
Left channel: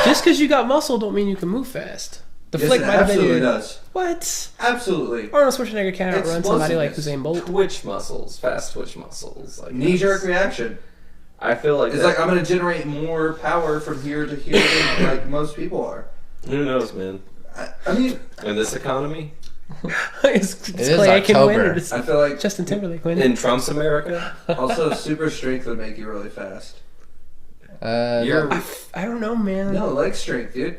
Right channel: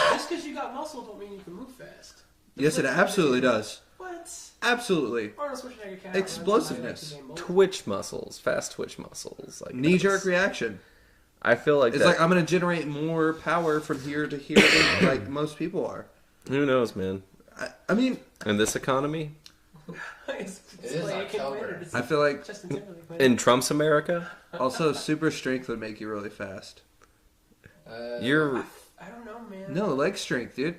Just because you got muscle don't mean you can move fast. The Yes, flick it might have been absolutely your- does. What? Absolutely. Arnold Schwarzenegger can't outrun somebody like Explosiveness. Usain Bolt. Twitch muscles, fast twitch muscles. Like Knee-jerk reaction. I feel like It's that- like I'm going to generate more power from here to here than like most people are. Who knows, man? I mean, In this economy, it's It is Clay Aiken win October. or just I feel like Justin Timberlake win. in Trump's America, also super strength would make you really fast. you're. I don't know, man. No, leg strength, dude.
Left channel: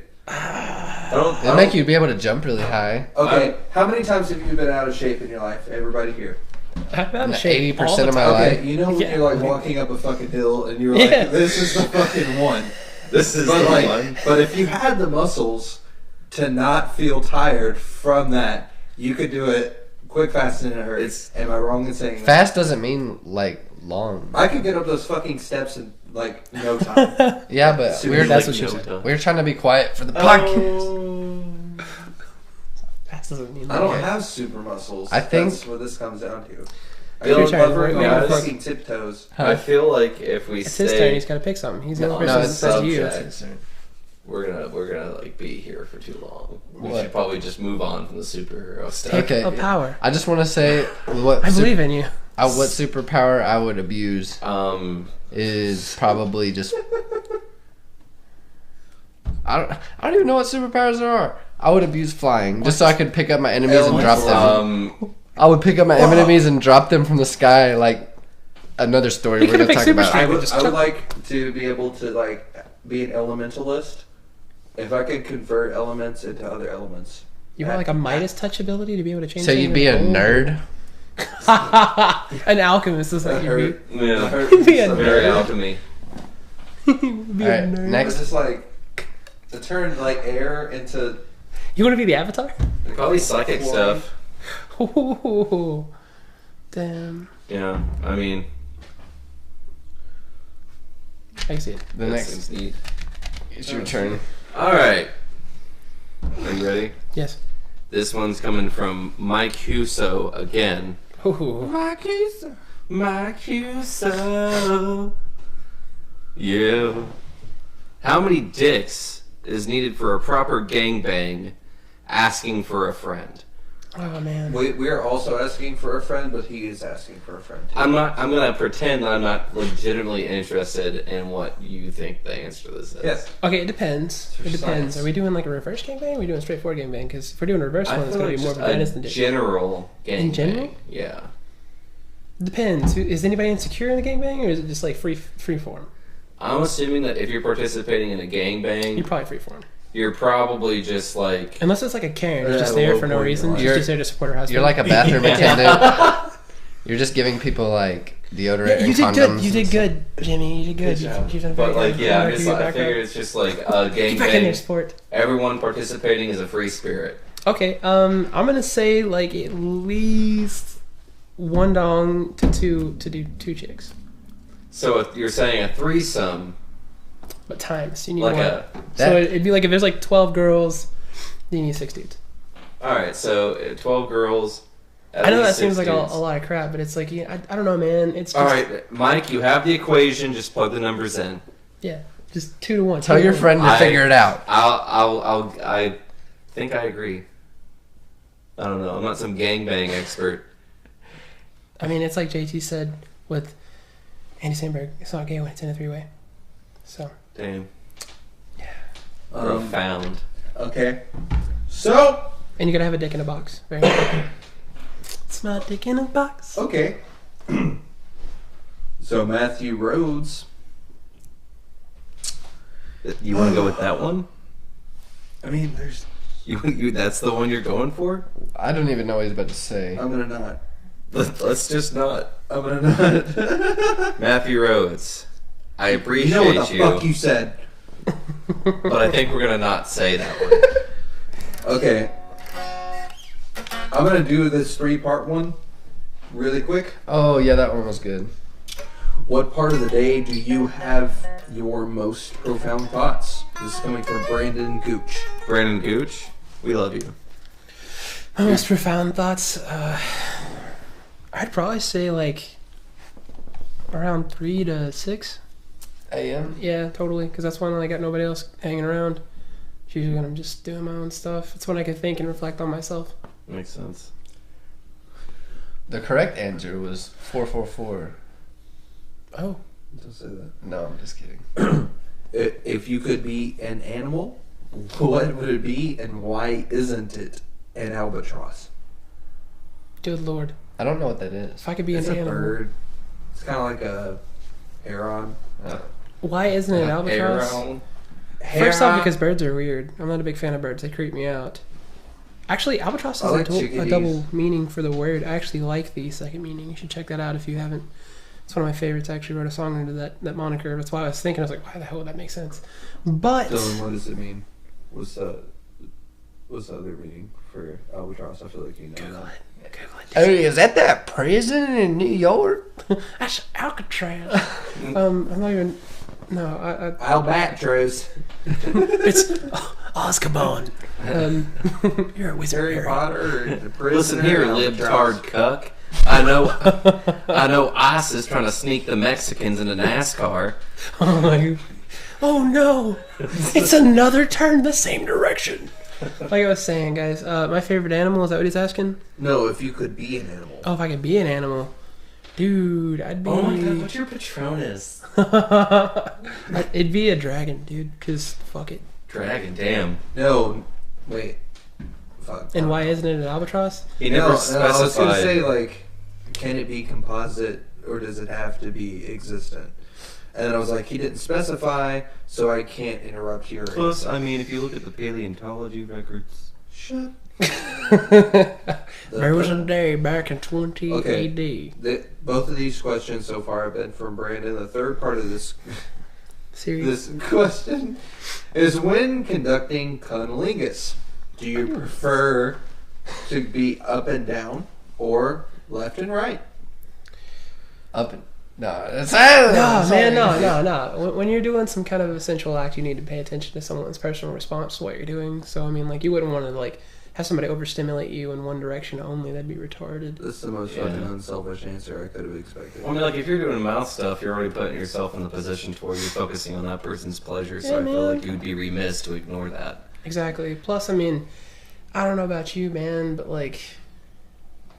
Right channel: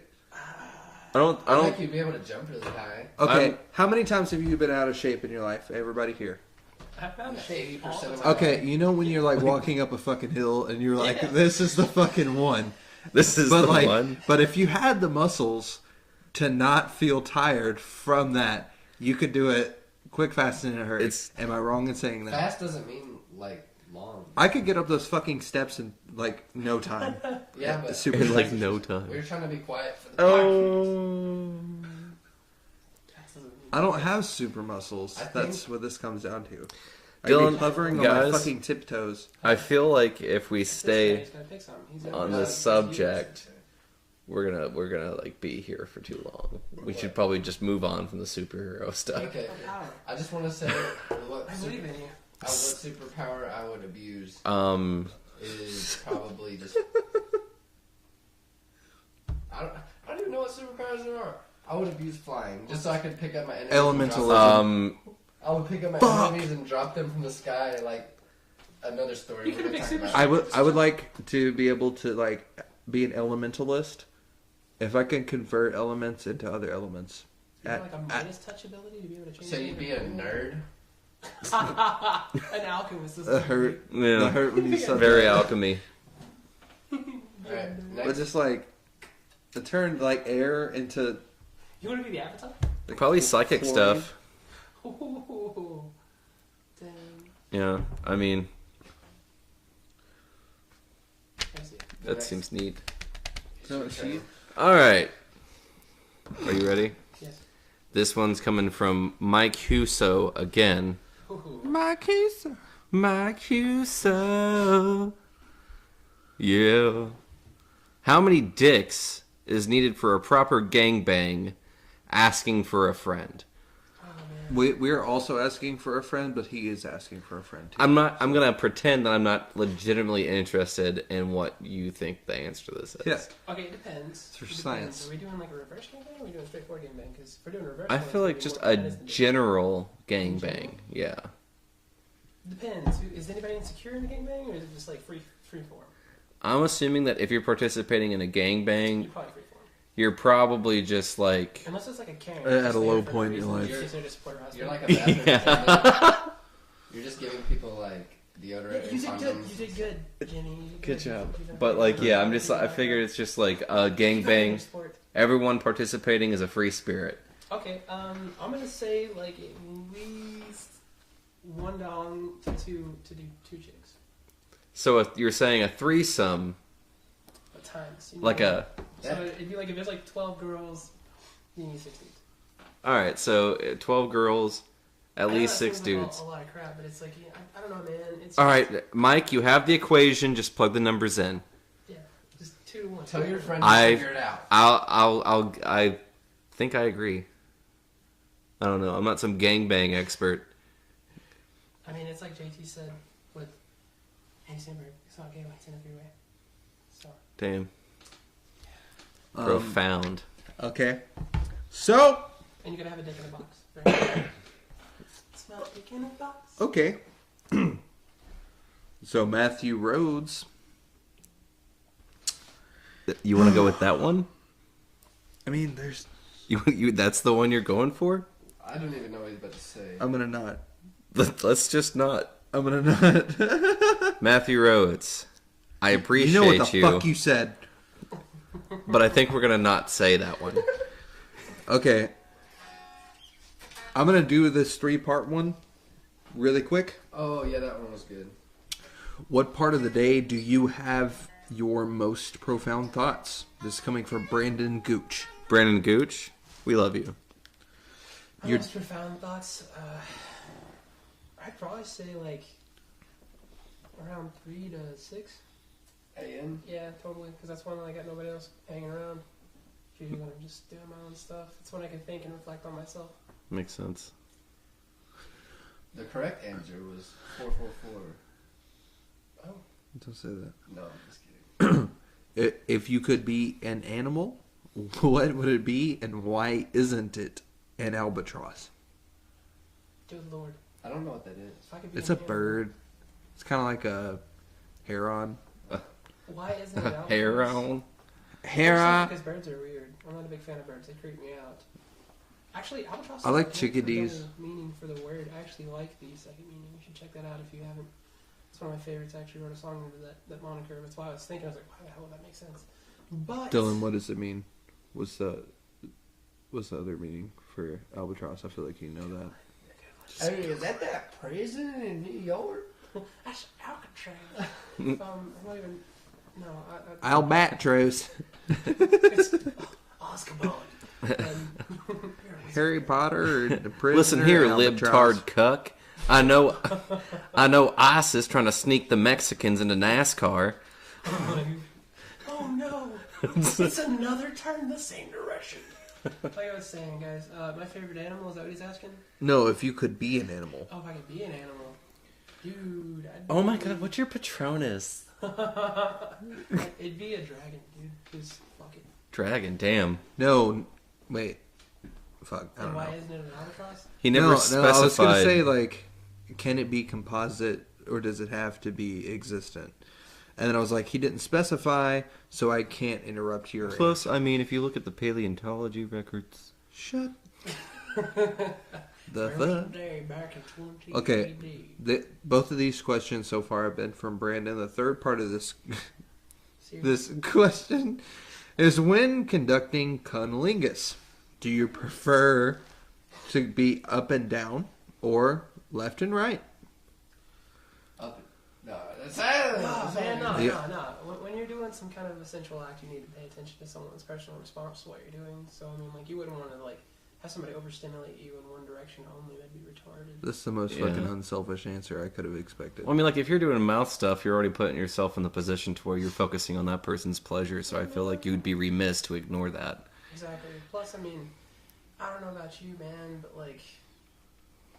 It'll make you be able to jump really high. Okay, how many times have you been out of shape in your life? Everybody here. I'm out of I'm shape 80% all the of my time. Okay, life. you know when Yeah. you're like walking up a fucking hill and you're like, Yeah. this is the fucking one. This is But the like, one. but if you had the muscles to not feel tired from that, you could do it quick, fast, and in a hurry. Am I wrong in saying that? Fast doesn't mean like long. I could get up those fucking steps in like no time. Yeah, but Super we're, like we're trying to be quiet for the podcast. Oh. That doesn't mean I don't that. have super muscles. I think- that's what this comes down to. I Dylan, be hovering on my guys. fucking tiptoes. I feel like if we It's his turn. stay He's got to pick something. He's the on only the person that's supposed to use. subject, we're gonna like be here for too long. We What? should probably just move on from the superhero stuff. Okay. Oh, power. I just want to say what I believe in you. what superpower I would abuse is probably just I don't even know what superpowers there are. I would abuse flying just so I could pick up my enemies and drop them. I would pick up my enemies and drop them from the sky like another story You we're could've gonna picked talk super about. strength. I would like to be able to like be an elementalist. If I can convert elements into other elements. You want like a Midas touch ability to be able to change. So you'd be a nerd. An alchemist is That like you'd hurt. Yeah. That hurt me Yeah. so Very bad. alchemy. be All a right, nerd. But next. just like to turn like air into You want to be the Avatar? Probably psychic stuff. Ooh, damn. Yeah, I mean I see it. The that next. seems neat. It's your turn. All right, are you ready? Yes. This one's coming from Mike Huso again. Ooh. Mike Huso. Yeah. How many dicks is needed for a proper gangbang? Asking for a friend. Oh man. we are also asking for a friend, but he is asking for a friend. Too. I'm gonna pretend that I'm not legitimately interested in what you think the answer to this is. Yes. Okay, it depends. for It depends. science. Are we doing like a reverse gangbang? Or are we doing a straightforward gangbang? Because if we're doing a reverse I one, it's feel gonna like be more just of a menace than a dick. general In general? gangbang. Yeah. Depends. Is anybody insecure in the gangbang, or is it just like free form? I'm assuming that if you're participating in a You're gangbang, probably free form. you're probably just like Unless it's like a Karen, At who's just a there low for no point in reason. your She's life. just there to support her husband. You're like a bathroom Yeah. attendant. You're just giving people like deodorant Yeah, you and did condoms. good. You did good, Jimmy. You did good. Good job. You've done But very like, good. yeah, Good I'm just for your I background. figure it's just like a Back in your gangbang. sport. Everyone participating is a free spirit. Okay, I'm gonna say like at least one dong to do two chicks, So if you're saying a threesome, but times you need like one. a So it'd be like if there's like 12 girls, you need 6 dudes. all right, so 12 girls, at I know that least seems 6 like a dudes. lot of crap, but it's like yeah, I don't know, man. It's just, All right, Mike, you have the equation. Just plug the numbers in. yeah, just 2 to 1. Tell your friend to I- figure it out. I think I agree. I don't know. I'm not some gangbang expert. I mean, it's like JT said with Andy Samberg. It's not gay when it's in a 3-way. So Damn. Um, Profound. Okay. So and you gotta have a dick in a box. Very important. It's my dick in a box. okay. So Matthew Rhodes. You want to go with that one? I mean, there's. You that's the one you're going for? I don't even know what he's about to say. I'm gonna not. Let's just not. I'm gonna not. Matthew Rhodes, I appreciate You know what the fuck you said. but I think we're gonna not say that one. Okay. I'm gonna do this 3-part one really quick. Oh yeah, that one was good. What part of the day do you have your most profound thoughts? This is coming from Brandon Gooch. Brandon Gooch, we love you. My most profound thoughts, I'd probably say like around 3 to 6 a.m. Yeah, totally, because that's when I got nobody else hanging around. It's usually when I'm just doing my own stuff. It's when I can think and reflect on myself. Makes sense. The correct answer was 444. Oh. Don't say that. No, I'm just kidding. If you could be an animal, what would it be, and why isn't it an albatross? Good Lord. I don't know what that is. If I could be It's an a animal. bird. It's kind of like a heron. Why isn't it an albatross? Aaron. First off, because birds are weird. I'm not a big fan of birds. They creep me out. Actually, albatross is I like a chickadees. double meaning for the word. I actually like the second meaning. You should check that out if you haven't. It's one of my favorites. I actually wrote a song under that moniker. That's why I was thinking. I was like, why the hell would that make sense? But Dylan, what does it mean? What's the other meaning for albatross? I feel like you know that. Hey, is that prison in New York? that's Alcatraz. I'm not even. No, Albatross. it's Azkaban. You're a wizard. Harry Potter. And the prisoner, Listen here, albatross. libtard cuck. I know ISIS trying to sneak the Mexicans into NASCAR. Oh no! It's another turn the same direction. Like I was saying, guys, my favorite animal, is that what he's asking? No, if you could be an animal. Oh, if I could be an animal. Dude, I'd be... Oh my god, what's your Patronus? It'd be a dragon, dude, because fuck it. Dragon, damn. No, wait. Fuck. And why isn't it an albatross? He never No, specified. I was gonna say, like, can it be composite or does it have to be existent? And then I was like, he didn't specify, so I can't interrupt your Plus, I mean, if you look at the paleontology records. Shut. There was a day back in 20 AD. Both of these questions so far have been from Brandon. The third part of this Serious? question is, when conducting cunnilingus, do you prefer to be up and down or left and right? Up and... No, it's... No, man, no. When you're doing some kind of a sensual act, you need to pay attention to someone's personal response to what you're doing. So, I mean, like, you wouldn't want to, like, have somebody overstimulate you in one direction only. That'd be retarded. This is the most fucking unselfish answer I could have expected. Well, I mean, like, if you're doing mouth stuff, you're already putting yourself in the position to where you're focusing on that person's pleasure, so I feel like you'd be remiss to ignore that. Exactly. Plus, I mean, I don't know about you, man, but, like,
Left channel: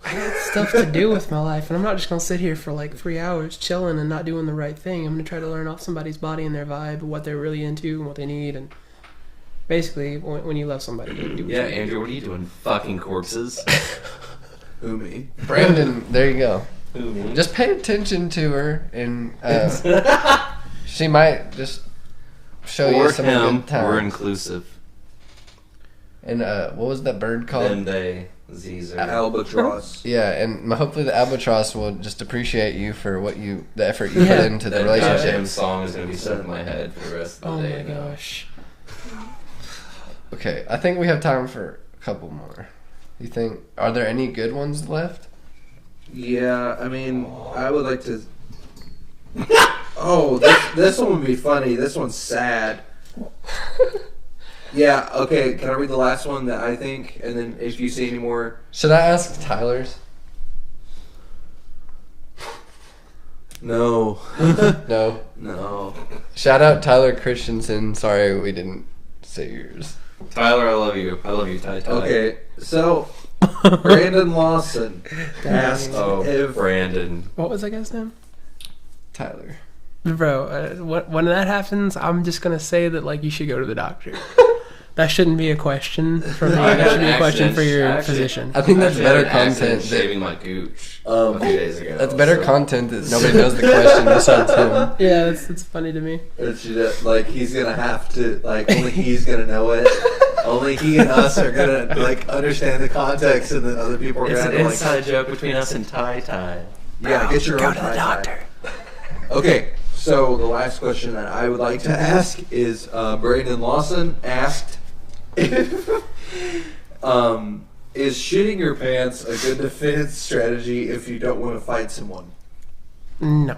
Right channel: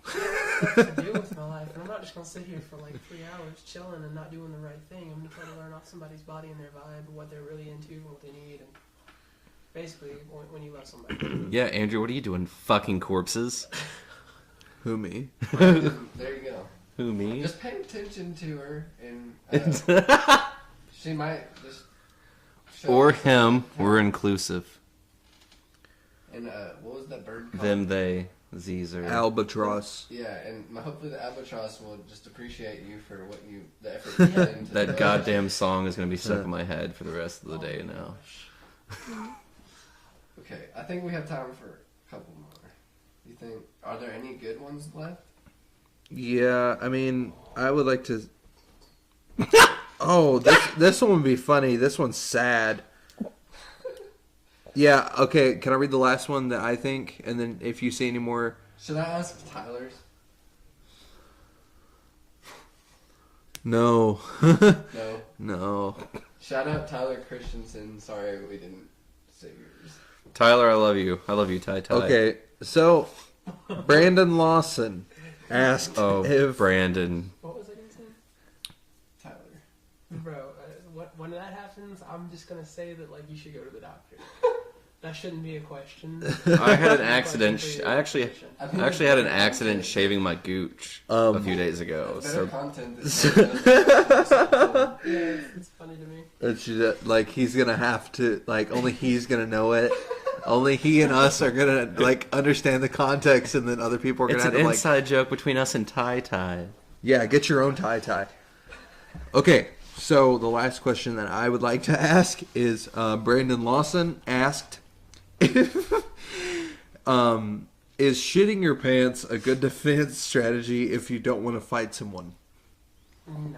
I got stuff to do with my life, and I'm not just going to sit here for, like, 3 hours chilling and not doing the right thing. I'm going to try to learn off somebody's body and their vibe, what they're really into and what they need, and basically, when you love somebody, you do Yeah, Andrew, what are you doing? Fucking corpses? Who, me? Brandon, there you go. Who, me? Just pay attention to her, and she might just show Or you some him, good times. we're inclusive. And what was that bird called? Them, they, Z's, or... Albatross. Yeah, and hopefully the albatross will just appreciate you for the effort you put into the That relationship. goddamn song is going to be stuck in my head for the rest of Oh the my day now. gosh. Okay, I think we have time for a couple more. You think, are there any good ones left? Yeah, I mean, I would like to... Oh, this one would be funny. This one's sad. Yeah, okay, can I read the last one that I think? And then if you see any more... Should I ask Tyler's? No. No. No. Shout out Tyler Christensen. Sorry we didn't say yours. Tyler, I love you. I love you, Ty. Okay, so Brandon Lawson asked Oh, if... Brandon. What was that guy's name? Tyler. Bro, when that happens, I'm just going to say that, like, you should go to the doctor. That shouldn't be a question for me. I That had should an be a question accident. for your I actually- physician. I think I that's actually had better an accident content. shaving my gooch a few days ago. That's better so- content that nobody knows the question besides him. Yeah, it's funny to me. Like, he's gonna have to, like, only he's gonna know it. Only he and us are gonna, like, understand the context, and then other people are gonna It's have an to, like... inside joke between us and Ty. Yeah, get your own tie-tie. Okay, so the last question that I would like to ask is, Brandon Lawson asked if, is shitting your pants a good defense strategy if you don't want to fight someone? No.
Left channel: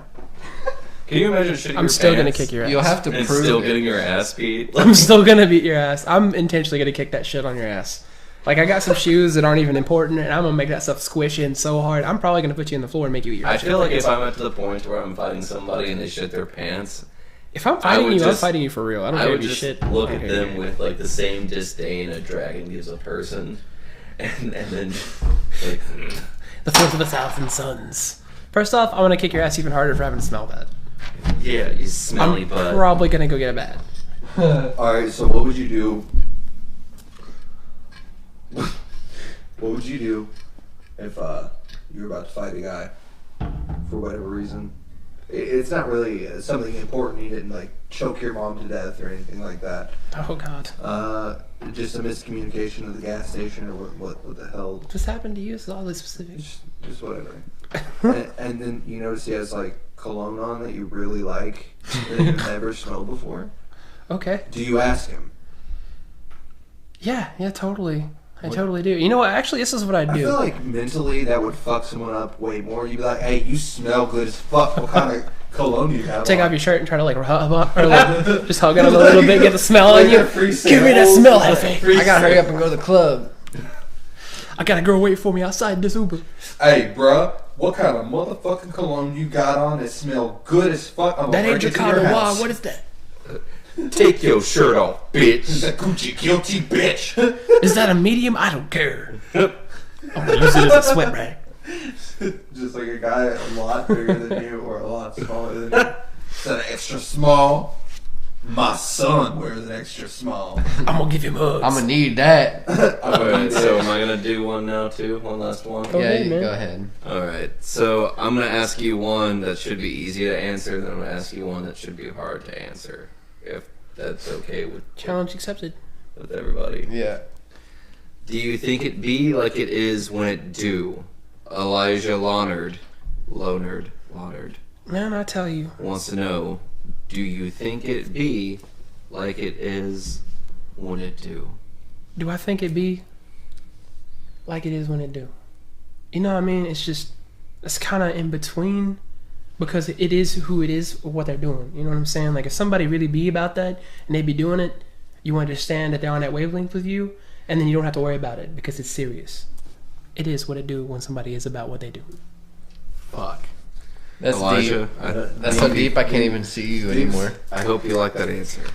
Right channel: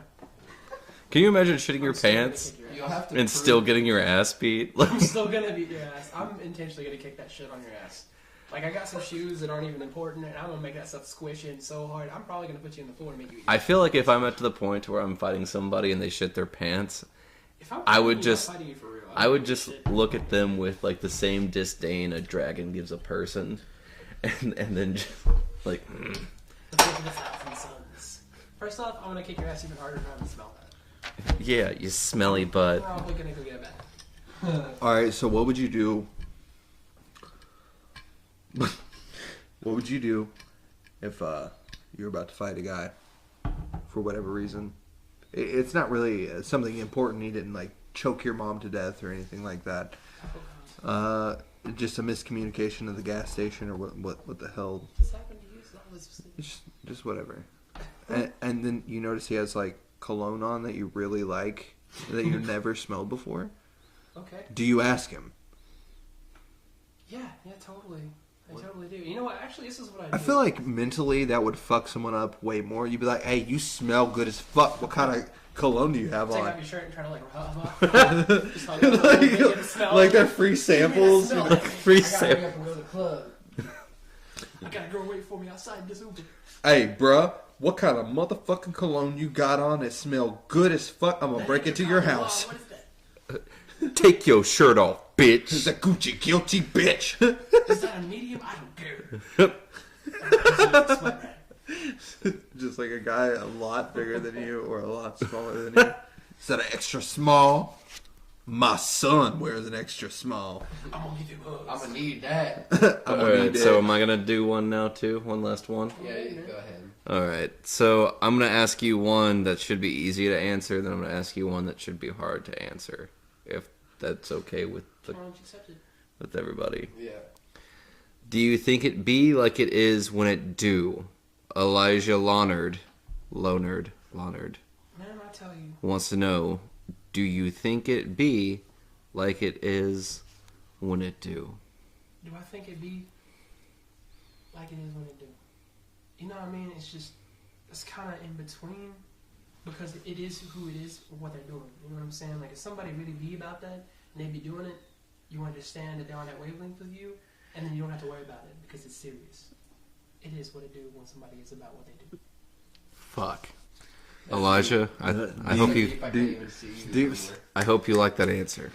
Can you imagine shitting I'm your still pants gonna kick your ass. You'll have to and prove still it. getting your ass beat? I'm still gonna beat your ass. I'm intentionally gonna kick that shit on your ass. Like, I got some shoes that aren't even important, and I'm gonna make that stuff squish in so hard. I'm probably gonna put you in the floor and make you eat your I shit. feel like if I'm at the point where I'm fighting somebody and they shit their pants, If I'm I fighting would you, I'm just- fighting you for real. I don't I care would if you just shit. look I at don't them care. with like the same disdain a dragon gives a person, and then just, like The filth of 1,000 suns. First off, I want to kick your ass even harder for having to smell that. yeah, you smelly I'm butt. probably gonna go get a bat. All right, so what would you do? What would you do if you were about to fight a guy for whatever reason? It's not really something important. You didn't like choke your mom to death or anything like that. Oh god. Just a miscommunication at the gas station or what the hell? What just happened to you? It's oddly specific. Just whatever. and then you notice he has like cologne on that you really like that you've never smelled before. Okay. Do you ask him? Yeah, totally. I totally do. You know what? Actually, this is what I do. I feel like mentally that would fuck someone up way more. You'd be like, "Hey, you smell good as fuck. What kind of cologne do you have?" Take on?" off your shirt and try to like rub up, or like, just hug it up a little bit, get the smell on Like you. a free Give me that sample. smell, Hefe. I gotta hurry up and go to the club. I got a girl waiting for me outside this Uber. Hey, bruh, what kind of motherfucking cologne you got on that smell good as fuck? I'm That gonna ain't break into your Chicago house. Wild. What is that? Take your shirt off, bitch. The Gucci guilty bitch. Is that a medium? I don't care. I'm gonna use it as a sweat rag. Just like a guy a lot bigger than you or a lot smaller than you. Is that an extra small? My son wears an extra small. I'm gonna give him hugs. I'm gonna need that. Alright, so am I gonna do one now too? One last one? Go Yeah, ahead, you man. go ahead. Alright, so I'm gonna ask you one that should be easy to answer, then I'm gonna ask you one that should be hard to answer. If that's okay with Challenge accepted. everybody. Yeah. Do you think it be like it is when it do? Elijah Lonard Man, I tell you. wants to know, do you think it be like it is when it do? Do I think it be like it is when it do? You know what I mean? It's kind of in between because it is who it is or what they're doing. You know what I'm saying? Like if somebody really be about that and they be doing it, you understand that they're on that wavelength with you, and then you don't have to worry about it because it's serious. It is what it do when somebody is about what they do. Fuck. That's Elijah, deep. That's so deep I can't even see you anymore. I hope you like that answer.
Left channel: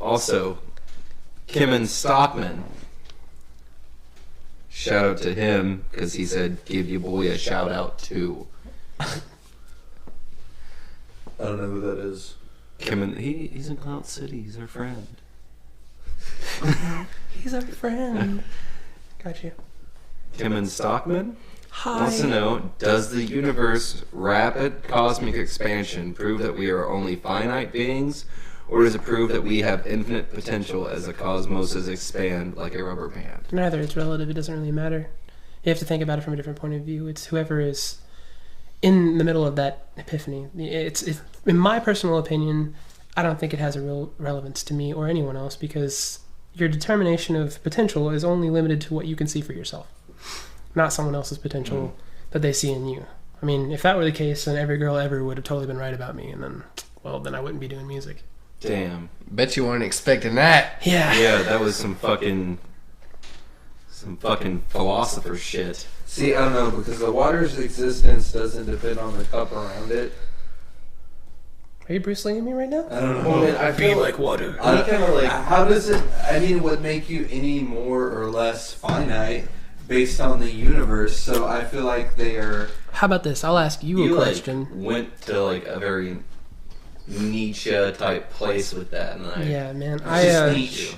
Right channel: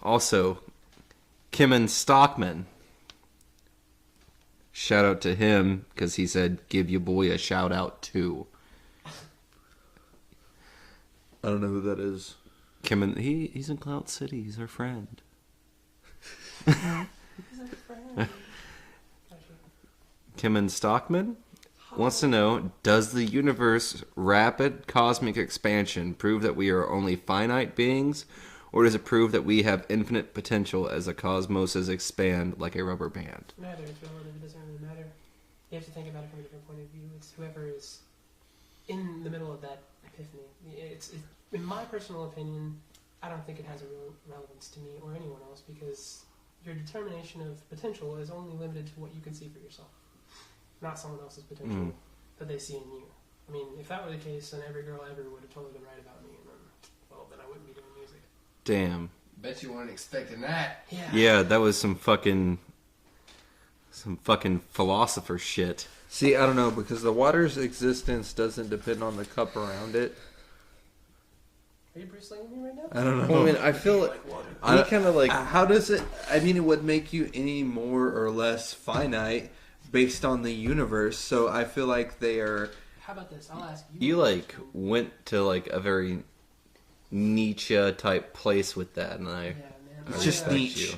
Also, Kimmin Stockman. Shout out to him because he said, "Give your boy a shout out too." I don't know who that is. Kimmin, he's in Cloud City. He's our friend. He's a friend. Got you. Kimmin Stockman Hi. wants to know, does the universe rapid cosmic expansion prove that we are only finite beings, or does it prove that we have infinite potential as the cosmoses expand like a rubber band? Neither. It's relative. It doesn't really matter. You have to think about it from a different point of view. It's whoever is in the middle of that epiphany. It's in my personal opinion, I don't think it has a real relevance to me or anyone else because your determination of potential is only limited to what you can see for yourself, not someone else's potential that they see in you. I mean, if that were the case, then every girl ever would have totally been right about me, and then I wouldn't be doing music. Damn. Bet you weren't expecting that. Yeah. Yeah, that was some fucking philosopher shit. See, I don't know, because the water's existence doesn't depend on the cup around it. Are you Bruce Lee-ing me right now? I don't know. Well, I mean, I feel like water. I kind of like How does it? I mean, it would make you any more or less finite based on the universe. So I feel like they are. How about this? I'll ask you a you like question. went to like a very Nietzsche type place with that, and I Yeah, man. Just I Nietzsche.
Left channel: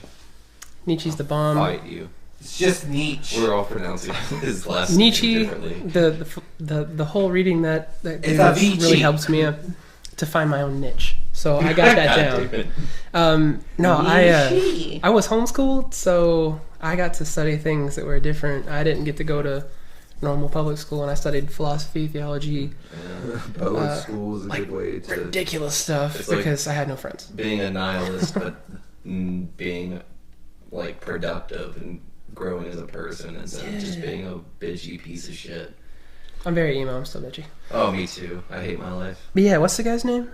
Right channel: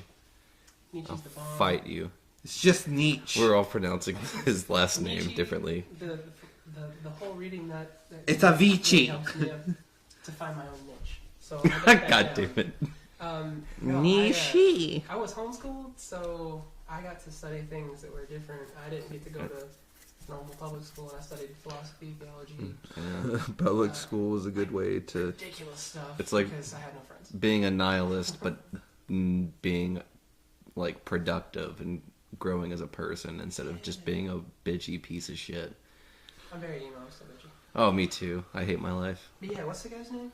Nietzsche's the bomb. fight you. It's just Nietzsche. We're all pronouncing his last Nietzsche, name differently. the whole reading that It's really Avicii. helps me to find my own niche. So I got that God damn down. it. No, I was homeschooled, so I got to study things that were different. I didn't get to go to normal public school, and I studied philosophy, theology, Public school is a good way to. ridiculous stuff It's like- because I had no friends. Being a nihilist, but being like productive and growing as a person instead of just being a bitchy piece of shit. I'm very emo. I'm still bitchy. Oh, me too. I hate my life. But yeah, what's the guy's name?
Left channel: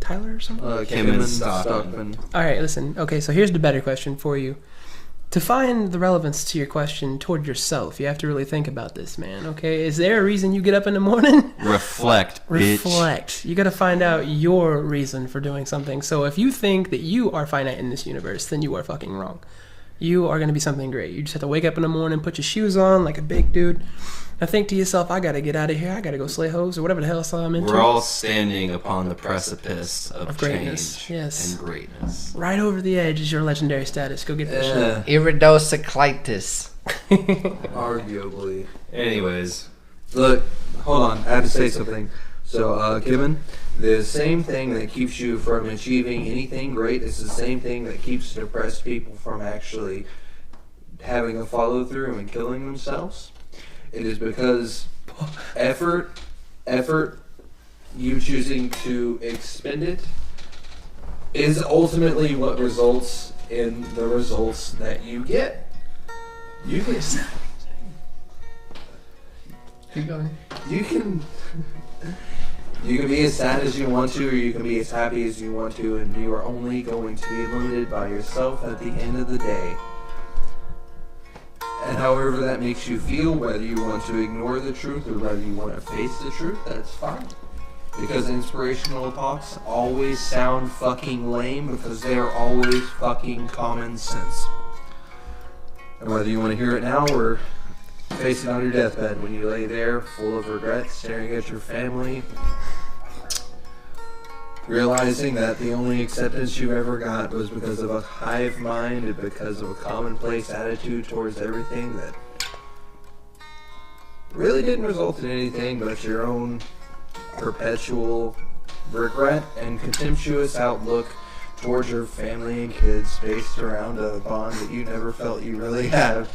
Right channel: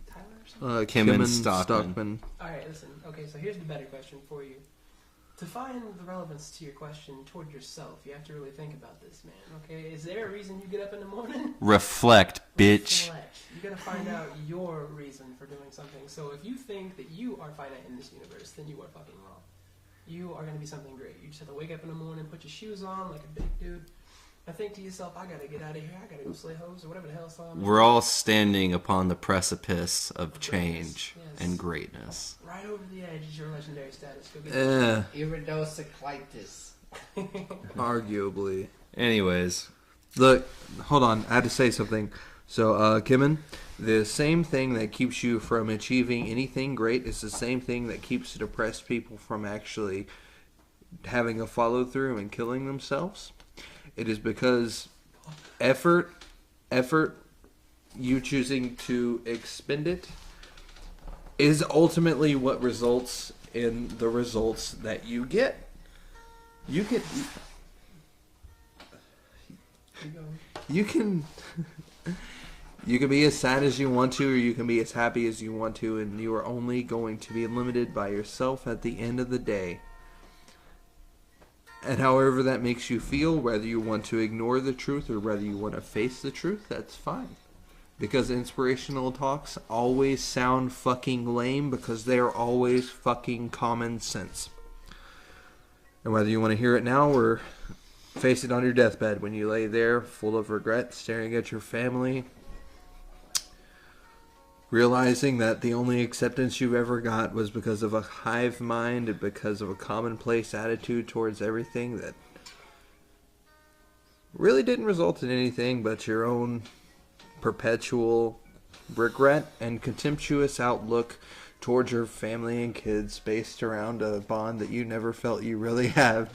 Tyler or something? Kim and Stockman. All right, listen. Okay, so here's the better question for you. To find the relevance to your question toward yourself, you have to really think about this, man. Okay, is there a reason you get up in the morning? Reflect, bitch. Reflect. You got to find out your reason for doing something. So if you think that you are finite in this universe, then you are fucking wrong. You are going to be something great. You just have to wake up in the morning, put your shoes on like a big dude, and think to yourself, I got to get out of here. I got to go slay hoes or whatever the hell I'm into. We're all standing upon the precipice of greatness. change Yes. and greatness. Right over the edge is your legendary status. Go get that shit. Iridocyclitis. Arguably. Anyways, Look, hold on. I had to say something. So, Kevin, the same thing that keeps you from achieving anything great is the same thing that keeps depressed people from actually having a follow through and killing themselves. It is because effort, you choosing to expend it, is ultimately what results in the results that you get. You get. Keep going. You can be as sad as you want to, or you can be as happy as you want to, and you are only going to be limited by yourself at the end of the day. And however that makes you feel, whether you want to ignore the truth or whether you want to face the truth, that's fine. Because inspirational talks always sound fucking lame because they're always fucking common sense. And whether you want to hear it now or face it on your deathbed when you lay there full of regret, staring at your family, realizing that the only acceptance you've ever got was because of a hive mind and because of a commonplace attitude towards everything that really didn't result in anything but your own perpetual regret and contemptuous outlook towards your family and kids based around a bond that you never felt you really have.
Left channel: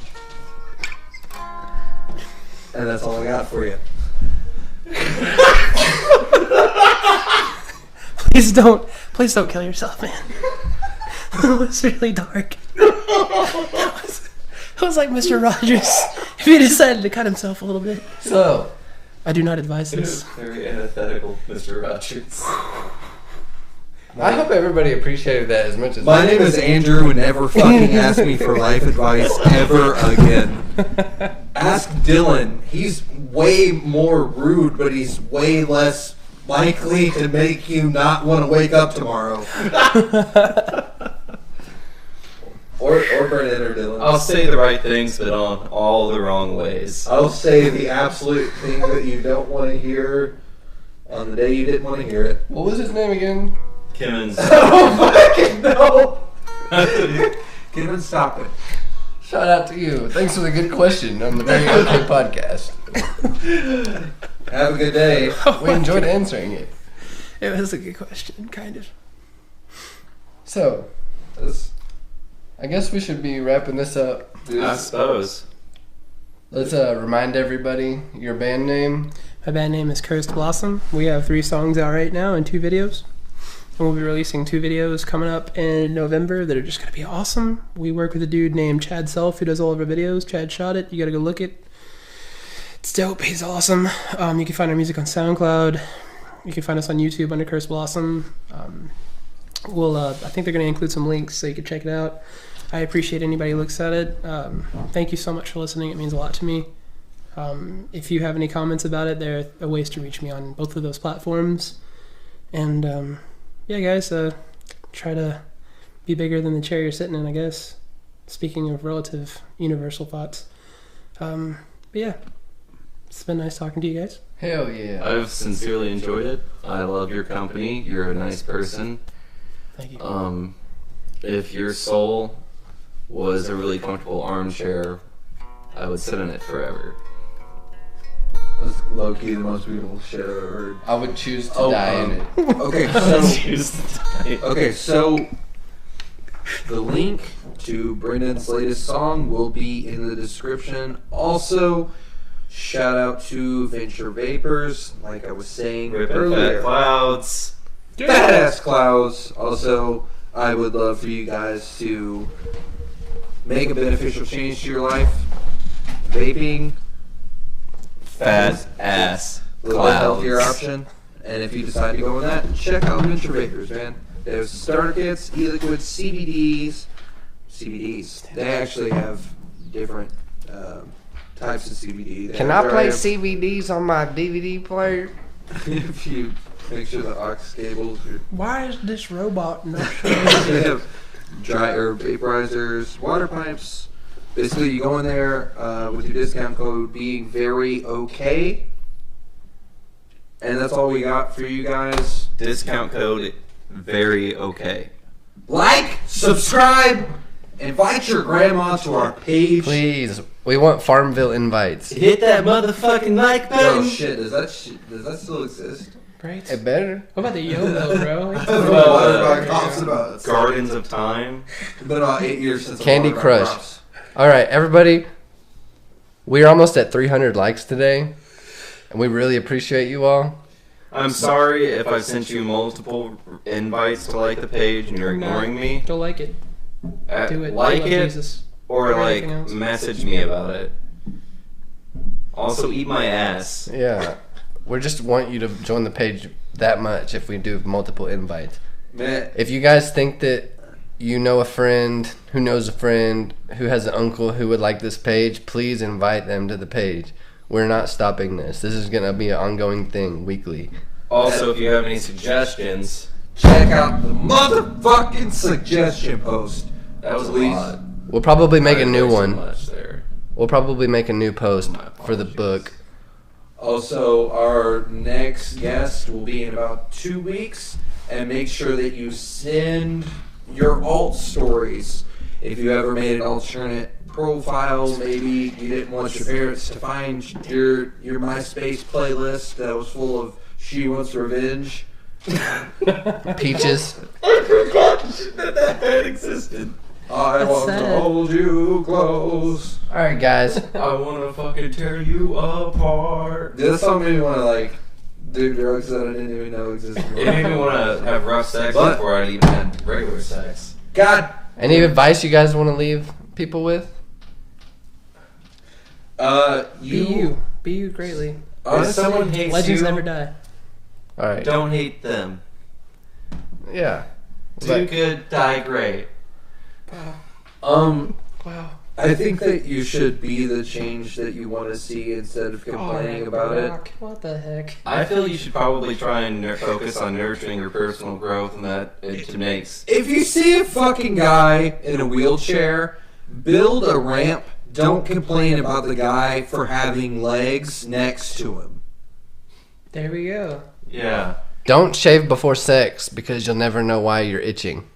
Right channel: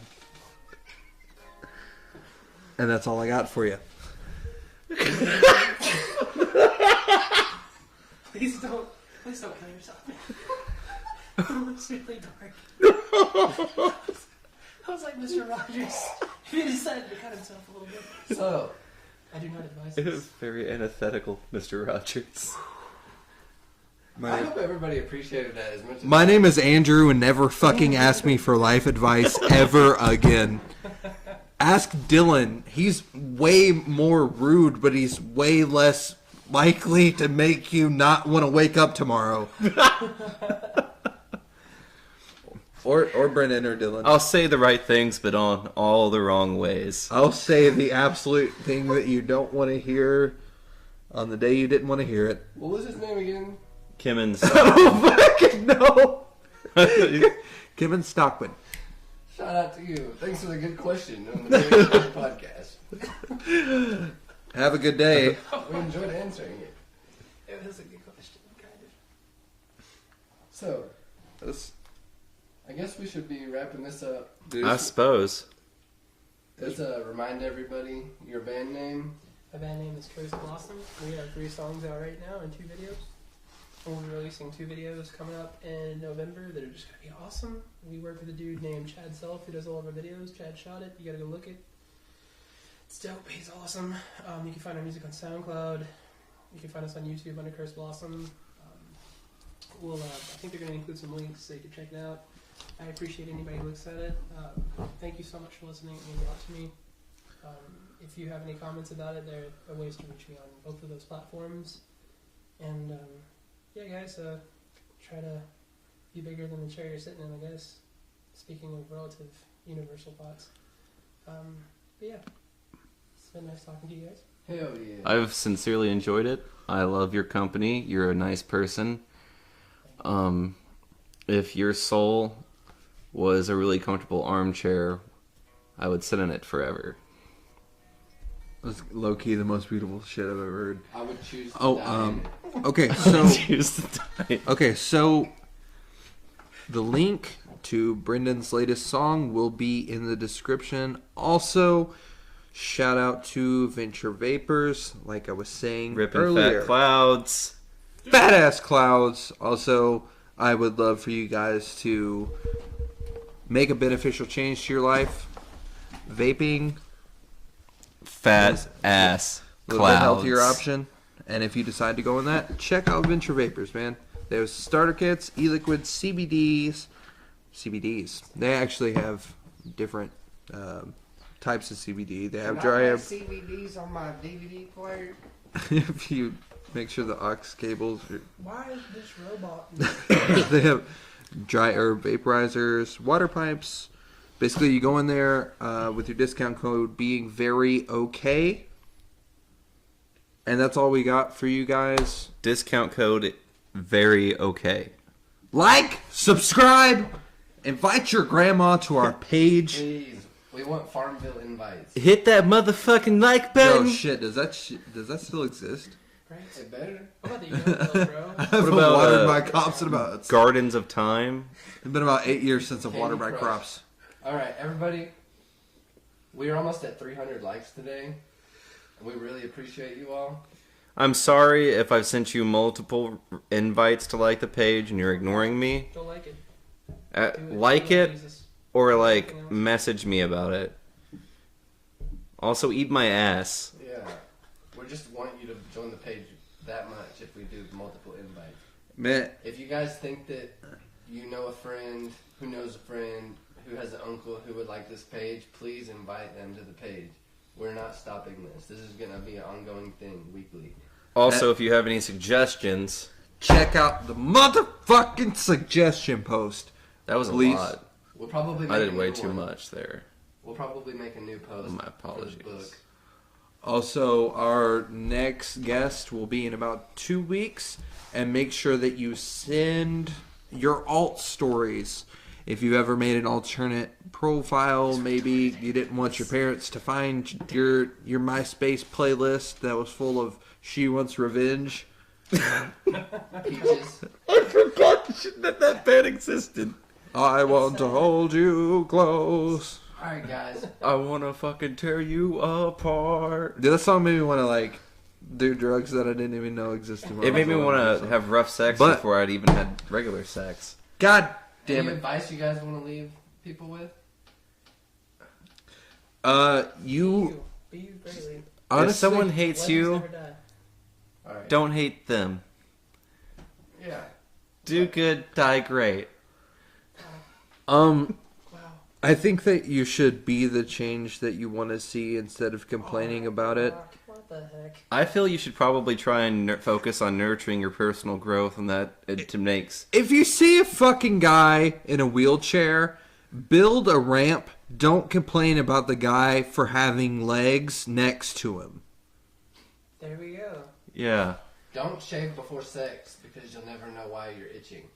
And that's all I got for you. Please don't kill yourself, man. It was really dark. It was like Mr. Rogers if he decided to cut himself a little bit. So, I do not advise it was this. very antithetical, Mr. Rogers. I hope everybody appreciated that as much as My name is Andrew, and never fucking ask me for life advice ever again. Ask Dylan. He's way more rude, but he's way less likely to make you not want to wake up tomorrow. or Brennan or Dylan. I'll say the right things, but on all the wrong ways. I'll say the absolute thing that you don't want to hear on the day you didn't want to hear it. What was his name again? Kim and Fucking no! Kevin Stockman. Shout out to you. Thanks for the good question on the very good podcast. Have a good day. We enjoyed answering it. It was a good question, kind of. So, I guess we should be wrapping this up. I suppose. Let's remind everybody your band name. My band name is Cursed Blossom. We have 3 songs out right now and 2 videos. And we'll be releasing 2 videos coming up in November that are just going to be awesome. We work with a dude named Chad Self who does all of our videos. Chad shot it. You got to go look it. It's dope. He's awesome. You can find our music on SoundCloud. You can find us on YouTube under Cursed Blossom. I think they're going to include some links so you can check it out. I appreciate anybody who looks at it. Thank you so much for listening. It means a lot to me. If you have any comments about it, there are ways to reach me on both of those platforms. And yeah, guys, try to be bigger than the chair you're sitting in, I guess. Speaking of relative universal thoughts. But yeah, it's been nice talking to you guys. Hell yeah. I've sincerely enjoyed it. I love your company. You're a nice person. Thank you. If your soul was a really comfortable armchair, I would sit in it forever. That's low-key the most beautiful shit I've ever heard. I would choose to die in it. Okay, so the link to Brendan's latest song will be in the description. Also, shout out to Venture Vapors, like I was saying Ripping earlier. fat clouds. Badass Clouds. Also, I would love for you guys to make a beneficial change to your life. Vaping, Fat ass a little clouds. healthier option. And if you decide to go in that, check out Venture Vapors, man. There's starter kits, e-liquids, CBDs. They actually have different types of CBD. They Can have I play dry- CVDs on my DVD player? if you make sure the aux cables are... Why is this robot not? They have dry herb vaporizers, water pipes. Basically, you go in there with your discount code being very okay. And that's all we got for you guys. Discount code very okay. Like, subscribe, invite your grandma to our page. Please, we want Farmville invites. Hit that motherfucking like Oh button. shit, does that still exist? Right? It better. What about the YOLO, bro? Well, It's Gardens of Time. been about 8 years since Candy the Waterbuck Crush. Drops. All right, everybody. We're almost at 300 likes today, and we really appreciate you all. I'm sorry if I've sent you multiple invites to like the page and you're ignoring me. Don't like it. Do it. Like Love it Jesus. or like Anything else? message me about it. Also, eat my ass. Yeah, we just want you to join the page that much if we do multiple invites. Man, If you guys think that you know a friend who knows a friend who has an uncle who would like this page, please invite them to the page. We're not stopping this. This is going to be an ongoing thing, weekly. Also, if you have any suggestions, check out the motherfucking suggestion post. that was a Please. lot. We'll probably make I a did new way too one. much there. We'll probably make a new post My for the apologies. book. Also, our next guest will be in about 2 weeks. And make sure that you send your alt stories. If you ever made an alternate profile, maybe you didn't want your parents to find your MySpace playlist that was full of She Wants Revenge. Peaches. I forgot that band existed. I want to sad. hold you close. All right, guys. I wanna fucking tear you apart. This song made me want to like do drugs that I didn't even know existed. It made me want to have rough sex But- before I'd even had regular sex. God, Any advice you guys want to leave people with? Be you greatly. If honestly, someone hates Legends you, never die. All right. don't hate them. Yeah. Do good, die great. Wow. I think that you should be the change that you want to see instead of complaining about it. What the heck? I feel you should probably try and focus on nurturing your personal growth, and that it makes. If you see a fucking guy in a wheelchair, build a ramp. Don't complain about the guy for having legs next to him. There we go. Yeah. Don't shave before sex because you'll never know why you're itching.